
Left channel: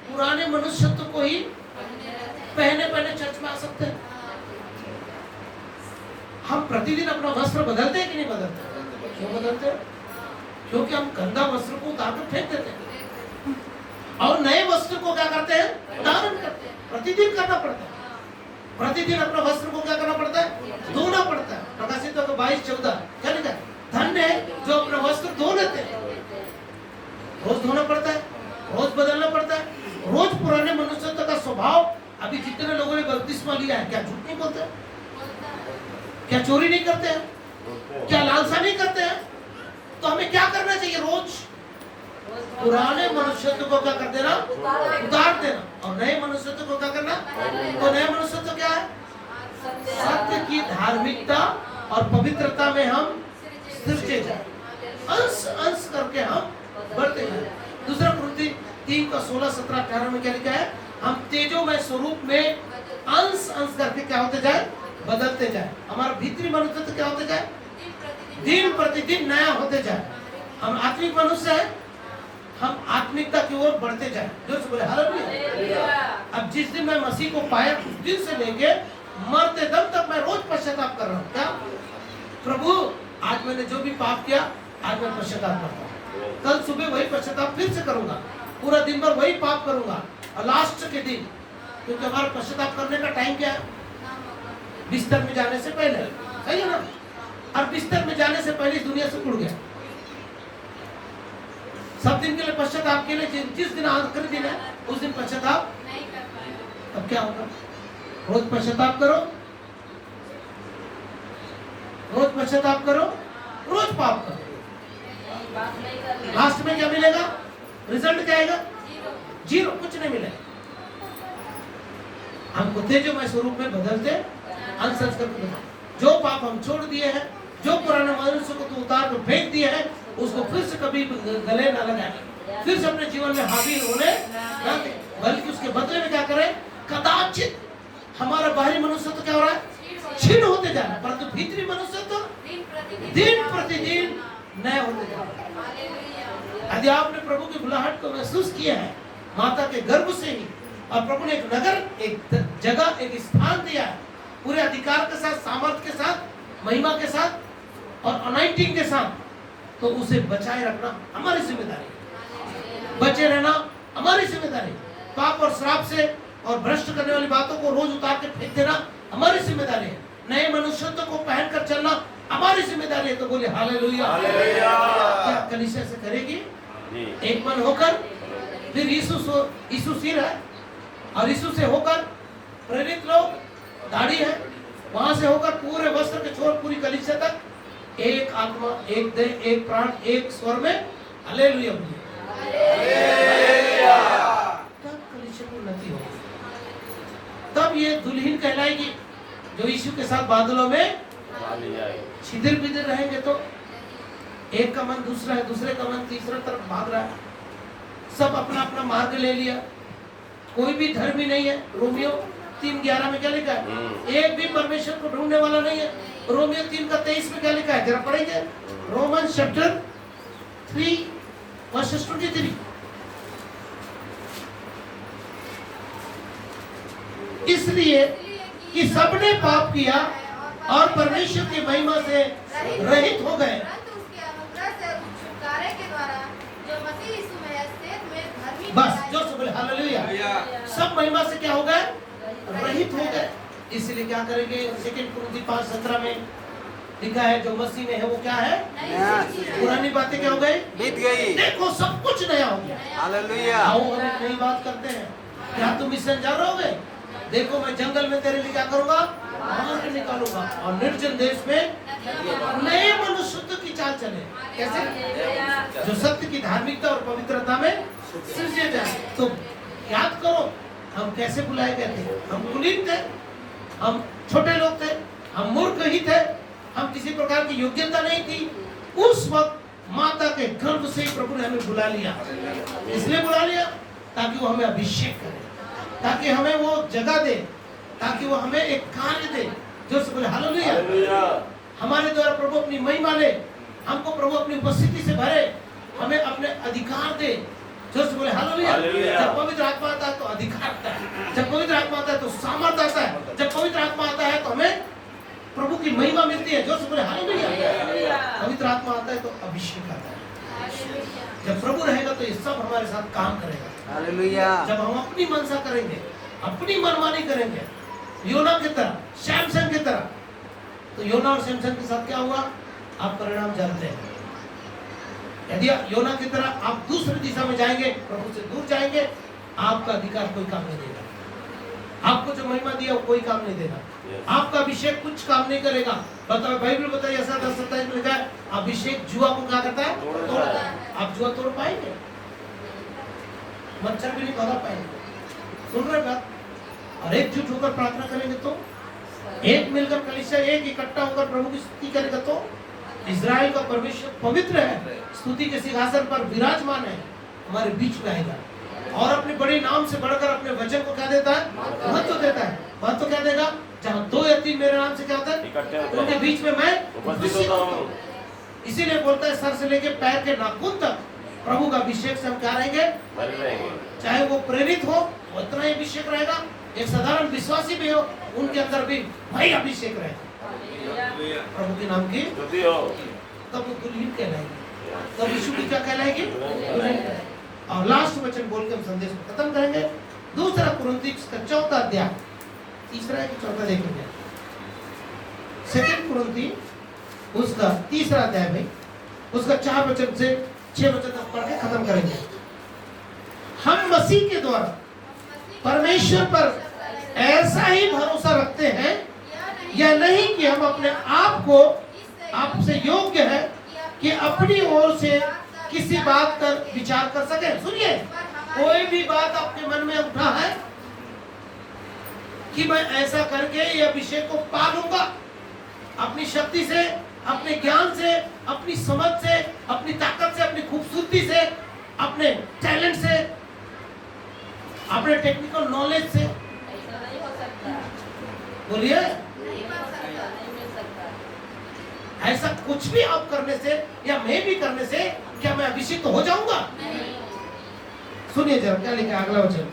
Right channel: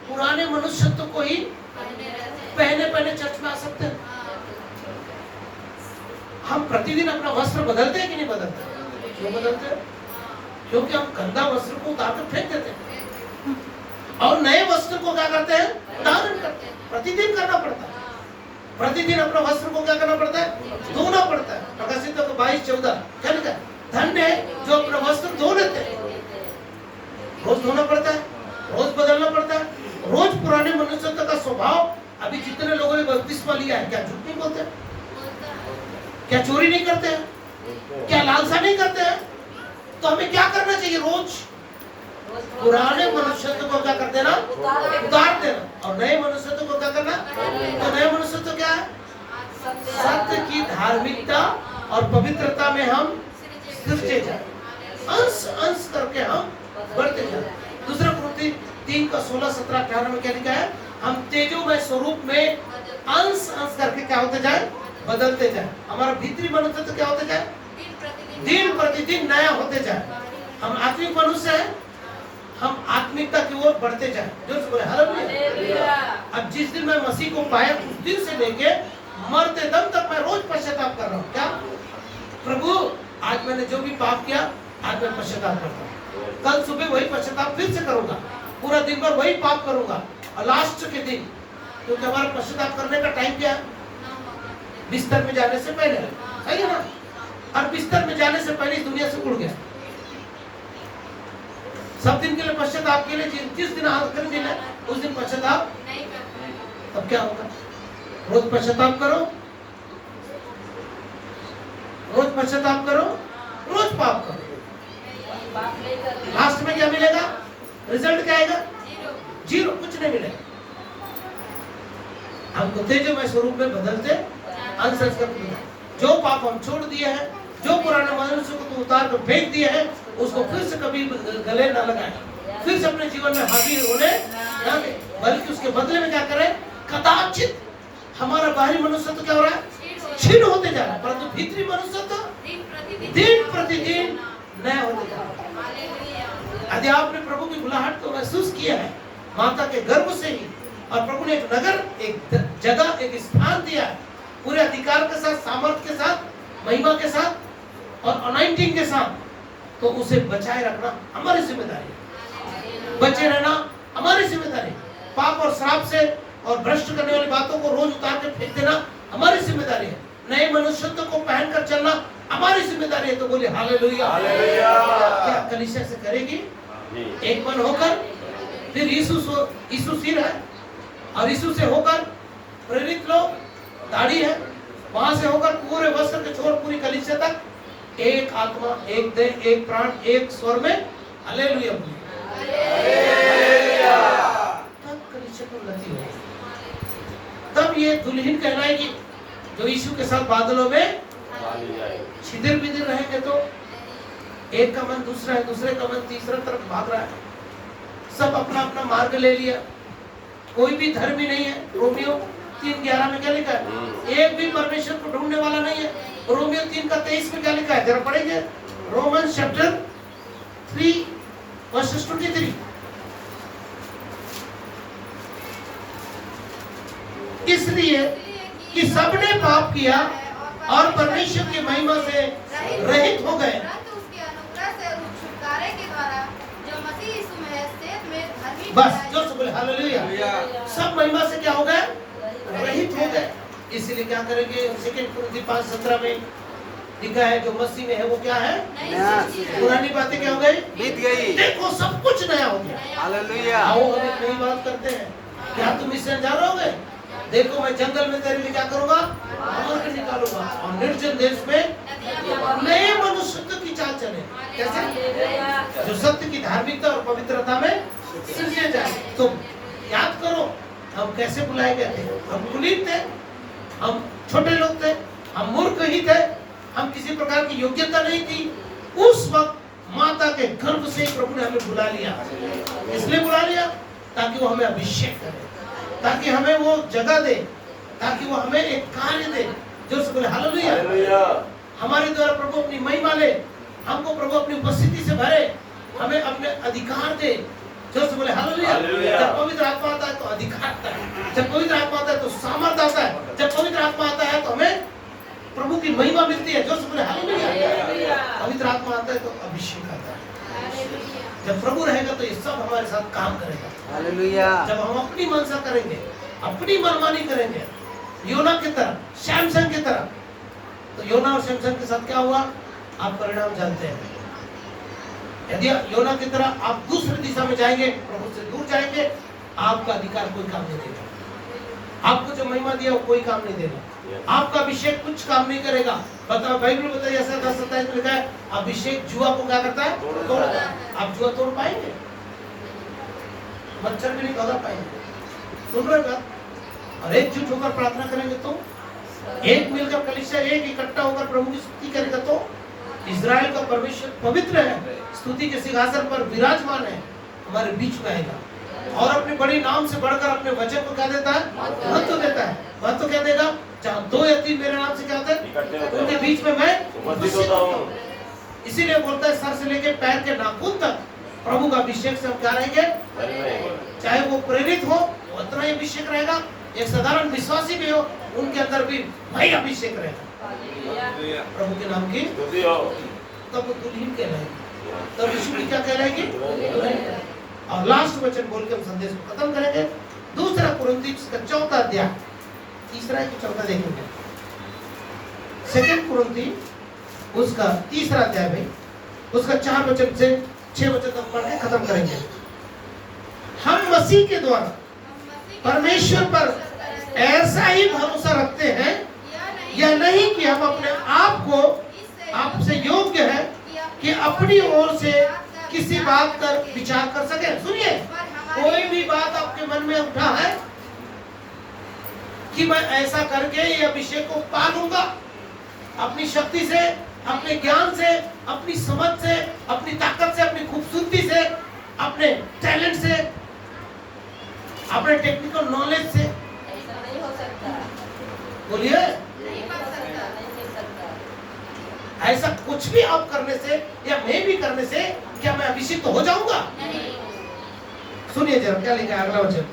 पुराने मनुष्यत्व को ही पहने चर्च में आ सकते हैं। हम प्रतिदिन अपना वस्त्र बदलते हैं कि नहीं बदलते? क्यों बदलते हैं? क्योंकि हम गंदा वस्त्र को उतार कर फेंक देते हैं और नए वस्त्र को क्या करते हैं? धारण करते हैं। प्रतिदिन करना पड़ता है। प्रतिदिन अपना वस्त्र को क्या करना पड़ता है? धोना पड़ता है। प्रकाशित 22:14 क्या लिखा है? धन्य है जो अपना वस्त्र धो लेते हैं। रोज धोना पड़ता है, रोज बदलना पड़ता है, रोज पुराने मनुष्यत्व का स्वभाव। अभी जितने लोगों ने बपतिस्मा लिया है, क्या झूठ नहीं बोलते हैं? क्या चोरी नहीं करते हैं? क्या लालसा नहीं करते हैं? तो हमें क्या करना चाहिए? रोज पुराने मनुष्यत्व को क्या कर देना? उतार देना। और नए मनुष्यत्व को क्या करना? तो नए मनुष्यत्व क्या है? सत्य की धार्मिकता और पवित्रता में हम सिरजे जाए, अंश अंश करके हम बढ़ते जाए। दूसरा कुरिन्थी 3:16-17-18 में क्या लिखा है? हम तेजोमय स्वरूप में अंश अंश करके क्या होते जाए? बदलते जाए। हमारा भीतरी मनुष्यत्व क्या होते जाए? दिन प्रतिदिन नया होते जाए। हम आत्मिक मनुष्य हैं, हम आत्मिकता की ओर बढ़ते जाए। जो बोले हालेलुया। अब जिस दिन मैं मसीह को पाया उस दिन से लेके मरते दम तक मैं रोज पश्चाताप कर रहा हूँ। क्या प्रभु आज मैंने जो भी पाप किया आज मैं पश्चाताप करता हूँ, कल सुबह वही पश्चाताप फिर से करूंगा, पूरा दिन भर वही पाप करूंगा और लास्ट के दिन, क्योंकि हमारा पश्चाताप करने का टाइम क्या है? बिस्तर में जाने से पहले, सही है ना? और बिस्तर में जाने से पहले इस दुनिया से उड़ गया। सब दिन के लिए पश्चाताप के लिए जिस दिन आखिरी दिन है उस दिन पश्चाताप नहीं करते। अब क्या होगा? रोज पश्चाताप करो, रोज पश्चाताप करो, रोज पाप करो। लास्ट में क्या मिलेगा? रिजल्ट क्या आएगा? जीरो, कुछ नहीं मिलेगा। हमको तेजोमय स्वरूप में बदलते अनसंस्कृत मिला। जो पाप हम छोड़ दिए हैं, जो पुराने मनुष्य को तू उतार कर फेंक दिए हैं, उसको फिर से कभी गले न लगाए, फिर से अपने जीवन में हावी होने न दे, बल्कि उसके बदले में क्या करें? कदाचित हमारा बाहरी मनुष्य तो क्या हो रहा है? क्षीण होते जा रहा है, परंतु भीतरी मनुष्य तो दिन प्रतिदिन नया होते जा रहा है। यदि आपने प्रभु की बुलाहट को महसूस किया है माता के गर्भ से ही, और प्रभु ने एक नगर, एक जगह, एक स्थान दिया है पूरे अधिकार के साथ, सामर्थ्य के साथ, महिमा के साथ और अनाइंटिंग के साथ, तो उसे बचाए रखना हमारी जिम्मेदारी है। बचे रहना हमारी जिम्मेदारी है। पाप और श्राप से और भ्रष्ट करने वाली बातों को रोज उतार के फेंक देना हमारी जिम्मेदारी है। नए मनुष्यत्व को पहनकर चलना हमारी जिम्मेदारी है। तो बोले हालेलुया। क्या कलीसिया से करेगी? एक मन होकर, फिर यीशु सिर है और यीशु से होकर प्रेरित लोग दाढ़ी है, वहां से होकर पूरे वस्त्र के छोर पूरी कलीसिया तक एक आत्मा, एक देह, एक प्राण, एक स्वर में हालेलुया। तब कलीसिया को उन्नति होगी, तब ये दुल्हन कहलाएगी जो यीशु के साथ बादलों में छिदिर बिदिर रहेंगे। तो एक का मन दूसरा है, दूसरे का मन तीसरा तरफ भाग रहा है, सब अपना अपना मार्ग ले लिया, कोई भी धर्मी नहीं है। रोमियो 3:11 में क्या लिखा है? एक भी परमेश्वर को ढूंढने वाला नहीं है। रोमियो 3:23 में क्या लिखा है? जरा पढ़ेंगे। Roman chapter 3 versus 23। इसलिए कि सबने पाप किया और परमेश्वर की महिमा से रहित हो गए। बस जो बोले हालेलुया। सब महिमा से क्या हो गए? रहित हो गए। इसलिए क्या करेंगे? 2 कुरिन्थी 5:17 में लिखा है जो मसीह में है वो क्या है? पुरानी बातें क्या हो गई? बीत गई। देखो सब कुछ नया हो गया। हालेलुया। आओ हम एक नई बात करते हैं। क्या तुम इससे जा रहोगे? देखो मैं जंगल में तेरे लिए क्या करूंगा? मार्ग निकालूंगा और निर्जन देश में नए मनुष्यत्व की चाल चले। कैसे? जो सत्य की धार्मिकता और पवित्रता में सिरजे जाए। तो याद करो हम कैसे बुलाए गए थे? हम कुलीन थे, हम छोटे लोग थे, हम मूर्ख ही थे, हम किसी प्रकार की योग्यता नहीं थी। उस वक्त माता के गर्भ से प्रभु ने हमें बुला लिया। इसलिए बुला लिया ताकि वो हमें अभिषेक करे, ताकि हमें वो जगह दे, ताकि वो हमें एक कार्य दे। जो से बोले हालेलुया। हमारे द्वारा प्रभु अपनी महिमा ले, हमको प्रभु अपनी उपस्थिति से भरे, हमें अपने अधिकार दे। जो से बोले हालेलुया। जब पवित्र आत्मा आता है तो अधिकार आता है, जब पवित्र आत्मा आता है तो सामर्थ्य आता है, जब पवित्र आत्मा आता है तो हमें प्रभु की महिमा मिलती है। जो से बोले हालेलुया। पवित्र आत्मा आता है तो अभिषेक आता है। जब प्रभु रहेगा तो ये सब हमारे साथ काम करेगा। हालेलुया। जब हम अपनी मनसा करेंगे, अपनी मनमानी करेंगे, योना की तरह, सैमसन की तरह, तो योना और सैमसन के साथ क्या हुआ? आप परिणाम जानते हैं। यदि योना की तरह आप दूसरी दिशा में जाएंगे, प्रभु से दूर जाएंगे, आपका अधिकार कोई काम नहीं देगा। आपको जो महिमा दिया वो कोई काम नहीं देगा। आपका अभिषेक कुछ काम नहीं करेगा। बताओ, बाइबल बताइए 27 में लिखा है अभिषेक जुआ को क्या करता है? तोड़ता है। आप जुआ तोड़ पाएंगे? मच्छर भी नहीं पकड़ पाएंगे। सुन रहे बात? और एकजुट होकर प्रार्थना करेंगे तो, एक मिलकर कलीसिया एक इकट्ठा होकर प्रभु की स्तुति करेगा तो, इज़राइल का परमेश्वर पवित्र है, स्तुति के सिंहासन पर विराजमान है, हमारे बीच में आएगा और अपने बड़े नाम से बढ़कर अपने वचन को क्या देता है? महत्व देता है। महत्व क्या देगा? जहाँ 2 या 3 मेरे नाम से क्या होता है, उनके बीच में मैं उपस्थित होता हूँ। इसीलिए बोलता है सर से लेके पैर के नाखून तक प्रभु का अभिषेक से हम क्या रहेंगे, चाहे वो प्रेरित हो उतना ही अभिषेक रहेगा, एक साधारण विश्वासी भी हो उनके अंदर भी वही अभिषेक रहेगा प्रभु के नाम की। तब वो दुल्हन कहलाएगी, तब यीशु की क्या कहलाएगी, दुल्हन। और लास्ट वचन बोल के हम संदेश को खत्म करेंगे। दूसरा कुरिन्थियों का 4वां अध्याय, तीसरा कि चौथा देखेंगे। सेकंड कुरिन्थियों उसका 3रा अध्याय भाई, उसका 4 वचन से 6 वचन तक पढ़ के खत्म करेंगे। हम मसीह के द्वारा परमेश्वर पर ऐसा ही भरोसा रखते हैं, यह नहीं कि हम अपने आप को आपसे योग्य है कि अपनी ओर से किसी बात का विचार कर सके। सुनिए, कोई भी बात आपके मन में उठा है कि मैं ऐसा करके ये अभिषेक को पा लूंगा, अपनी शक्ति से, अपने ज्ञान से, अपनी समझ से, अपनी ताकत से, अपनी खूबसूरती से, अपने टैलेंट से, अपने टेक्निकल नॉलेज से, नहीं हो सकता, बोलिए नहीं हो सकता। ऐसा कुछ भी आप करने से या मैं भी करने से क्या मैं अभिषेक तो हो जाऊंगा? सुनिए जरा क्या लिखा है अगला वचन।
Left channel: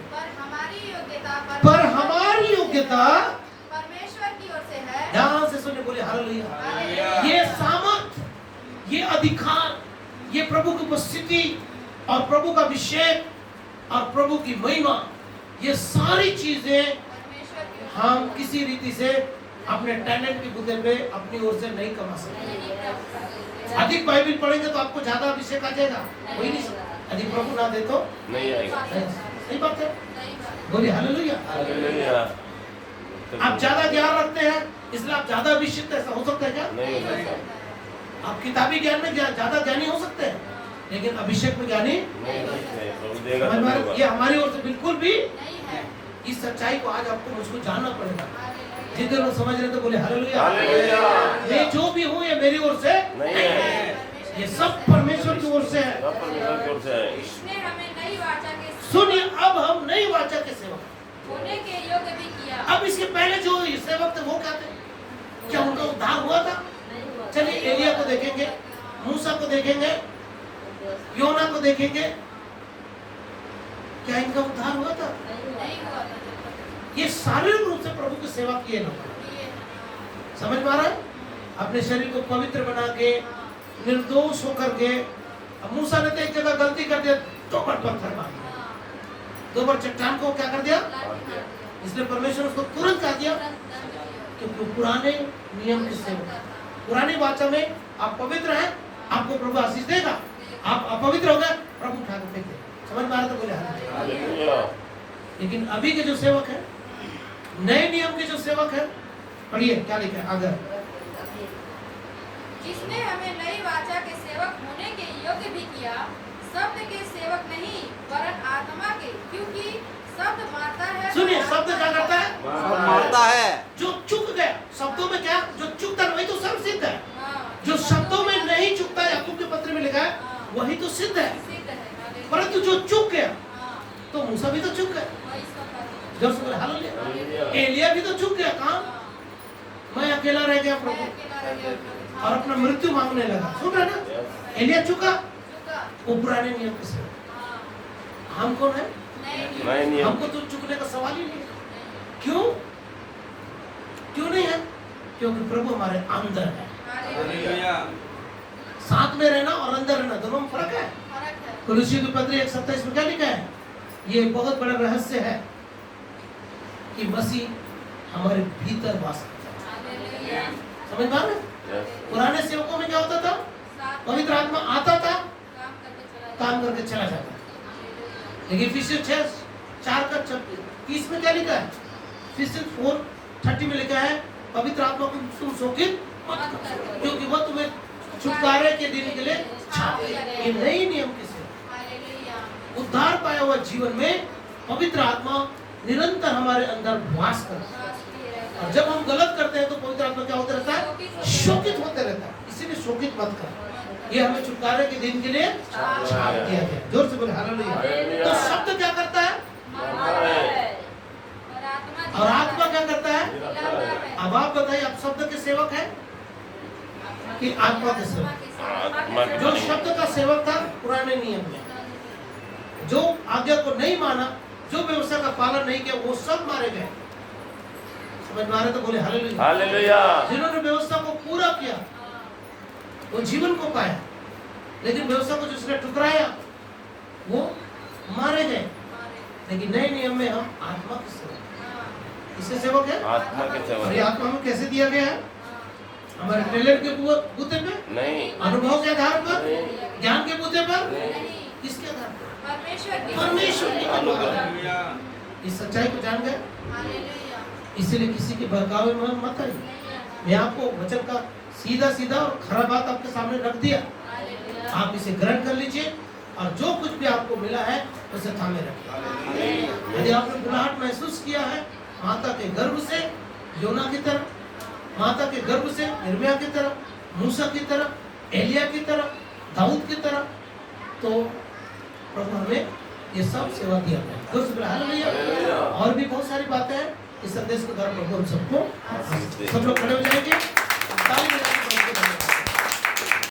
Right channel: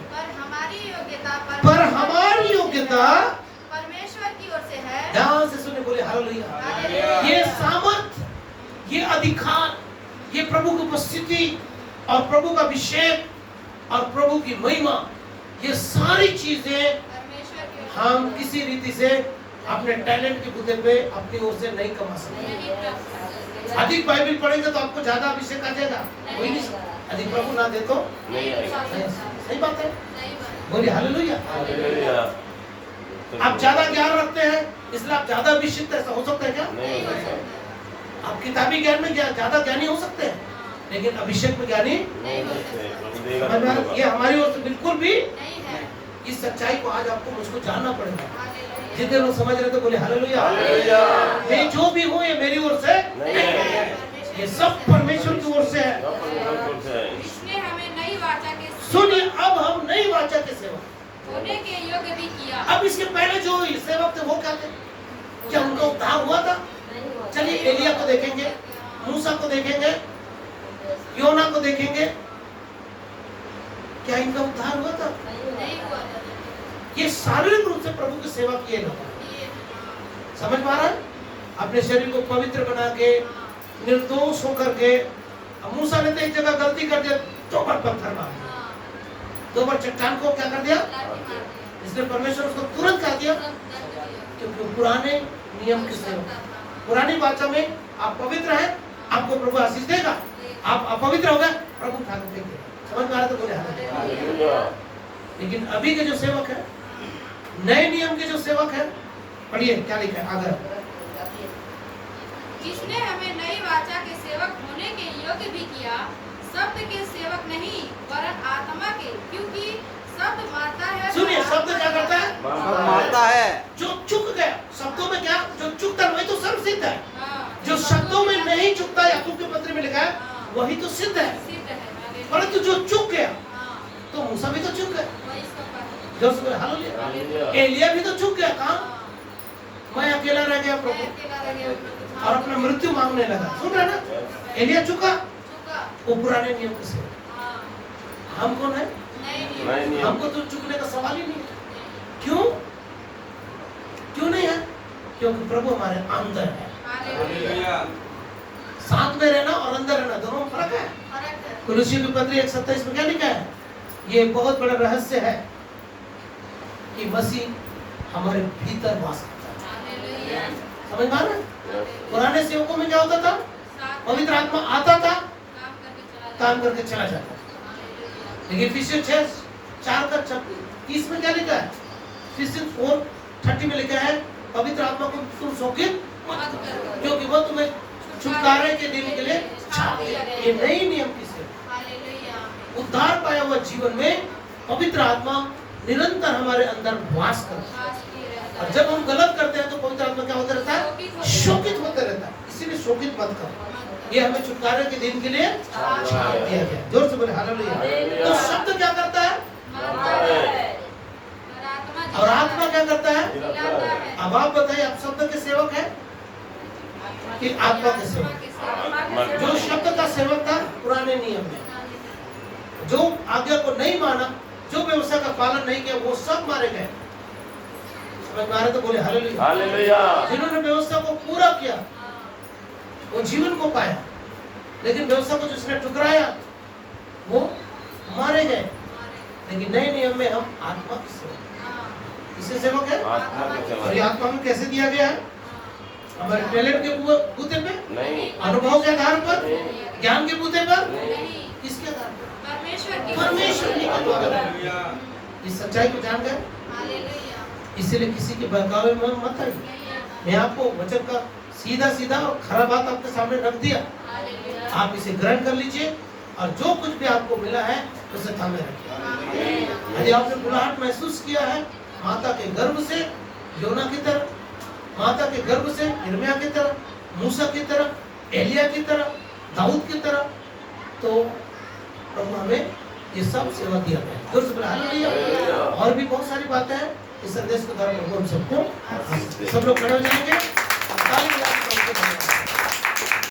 पर हमारी योग्यता परमेश्वर की ओर से है। ध्यान से सुनिए, बोले हालेलुया। ये सामर्थ, ये अधिकार, ये प्रभु की उपस्थिति और प्रभु का अभिषेक और प्रभु की महिमा, ये सारी चीजें परमेश्वर की ओर से हम किसी रीति से अपने टैलेंट के बुद्धि पे अपनी ओर से नहीं कमा सकते। नहीं प्राप्त होते। अधिक बाइबल पढ़ेंगे तो आपको ज्यादा अभिषेक आ जाएगा, वही नहीं सकता। अधिक प्रभु ना दे तो नहीं आएगा। सही बात है, नहीं बात। बोलिए हालेलुया। हालेलुया। आप ज्यादा ज्ञान रखते हैं इसलिए आप ज्यादा अभिषिक्त, ऐसा हो सकता है क्या? नहीं हो सकता। आप किताबी ज्ञान में ज्यादा ज्ञानी हो सकते हैं लेकिन अभिषेक में ज्ञानी नहीं हो सकते। प्रभु देगा समझ में आ तो रहा है? ये हमारी ओर से बिल्कुल भी नहीं है। इस सच्चाई को आज आपको मुझको जानना पड़ेगा। हालेलुया। जितने लोग समझ रहे थे बोले हालेलुया। हालेलुया। मैं जो भी हूँ ये मेरी ओर से नहीं है। ये सब परमेश्वर की ओर से है। सब परमेश्वर की ओर से है। इसने हमें नई वाचा के सुनिए, अब हम नई वाचा के सेवक। होने के योग्य भी किया। अब इसके पहले जो सेवक थे वो क्या थे? क्या उनका उद्धार हुआ था? चलिए एलिया को देखेंगे, मूसा को देखेंगे, योना को देखेंगे, क्या इनका उद्धार हुआ था? नहीं हुआ। ये शारीरिक रूप से प्रभु की सेवा किए लोग, समझ पा रहा है? अपने शरीर को पवित्र बना के, निर्दोष होकर के। मूसा ने तो एक जगह गलती कर दिया, 2 बार पत्थर मार दिया, 2 बार चट्टान को क्या कर दिया, इसलिए परमेश्वर उसको तुरंत कहा दिया कि पुराने नियम के सेवक, पुरानी वाचा में आप पवित्र हैं, आपको प्रभु आशीष देगा। आप अपवित्र हो गए, प्रभु उठा के फेंक देगा। समझ में आ रहा तो बोले हालेलुया। हालेलुया। लेकिन अभी के जो सेवक है, नए नियम के जो सेवक है, पढ़िए क्या लिखा है आगे। जिसने हमें नई वाचा के सेवक होने के योग्य भी किया, शब्द के सेवक नहीं वरन आत्मा के, क्योंकि शब्द मारता है। सुनिए, शब्द क्या करता है? सब मारता है। जो चुक गया, शब्दों में क्या, जो चुकता है वही तो सर्व सिद्ध है। हाँ। जो शब्दों में नहीं चुकता, याकूब के पत्र में लिखा है, वही तो सिद्ध है। सिद्ध है। परंतु जो चुक गया, हाँ, तो मूसा भी तो चुक गया, वही सब बात। जो सुन हालेलुया। हालेलुया। एलिया भी तो चुक गया, कहाँ? मैं अकेला रह गया मैं प्रभु, अकेला रह गया प्रभु। और अपना मृत्यु मांगने लगा। सुन रहे ना, एलिया चुका, चुका। वो पुराने नियम के सेवक। हाँ, हम कौन है? नहीं नए नियम। हमको तो चुकने का सवाल ही नहीं है। क्यों? क्यों नहीं है? क्योंकि प्रभु हमारे अंदर है। हालेलुया। साथ में रहना और अंदर रहना दोनों में फर्क है। फर्क है। कुलुसी की पत्री 1:27 में क्या लिखा है? ये बहुत बड़ा रहस्य है कि मसीह हमारे भीतर वास करता हालेलुया। है। समझ में आ रहा है? Yes. पुराने सेवकों में क्या होता था? साथ पवित्र आत्मा आता था, काम करके चला काम करके चला जाता था। लेकिन इफिसियंस 4:30 में क्या लिखा है? इफिसियंस 4:30 में लिखा है, पवित्र आत्मा को तुम शोकित मत करो, क्योंकि वह तुम्हें छुटकारे के दिन के लिए छापे। ये नई नियम की सेवा। हालेलुया। उद्धार पाया हुआ जीवन में पवित्र आत्मा निरंतर हमारे अंदर वास करता है। वास किए रहता और है। जब हम गलत करते हैं तो पवित्र आत्मा क्या होता रहता है? शोकित होते रहता है। इसीलिए शोकित मत करो। ये हमें छुटकारे के दिन के लिए छाप दिया गया। जोर से बोले हालेलुया। तो शब्द क्या करता है? और आत्मा क्या करता है? मिलाता है। अब आप बताइए, आप शब्द के सेवक हैं कि आत्मा के सेवक? आत्मा के जो शब्द का सेवक था पुराने नियम में, जो आज्ञा को नहीं माना, जो व्यवस्था का पालन नहीं किया, वो सब मारे गए। समझ में आ रहे तो बोले हालेलुया। हालेलुया। जिन्होंने व्यवस्था को पूरा किया वो जीवन को पाया, लेकिन व्यवस्था को जिसने ठुकराया वो मारे गए। लेकिन नए नियम में हम आत्मा के सेवक, किसके सेवक है? आत्मा के और सेवक। ये आत्मा हमें कैसे दिया गया है? हमारे टैलेंट के बूते पे, नहीं, अनुभव के आधार पर, ज्ञान के बूते पर, नहीं, किसके आधार पर? परमेश्वर की परमेश्वर ही के द्वारा। इस सच्चाई को जान गए, हालेलुया। इसीलिए किसी के बहकावे में मत आइए। मैं आपको वचन का सीधा सीधा और खरा बात आपके सामने रख दिया, हालेलुया। आप इसे ग्रहण कर लीजिए और जो कुछ भी आपको मिला है उसे थामे रखिए। यदि आपने बुलाहट महसूस किया है माता के गर्भ से योना की तरह, माता के गर्भ से यिर्मयाह की तरह, मूसा की तरह, एलिया की तरह, दाऊद की तरह, तो प्रभु हमें ये सब सेवा दिया गया। जोर से बोले हालेलुया। और भी बहुत सारी बातें हैं इस संदेश के द्वारा प्रभु हम सबको, सब लोग खड़े हो जाएंगे।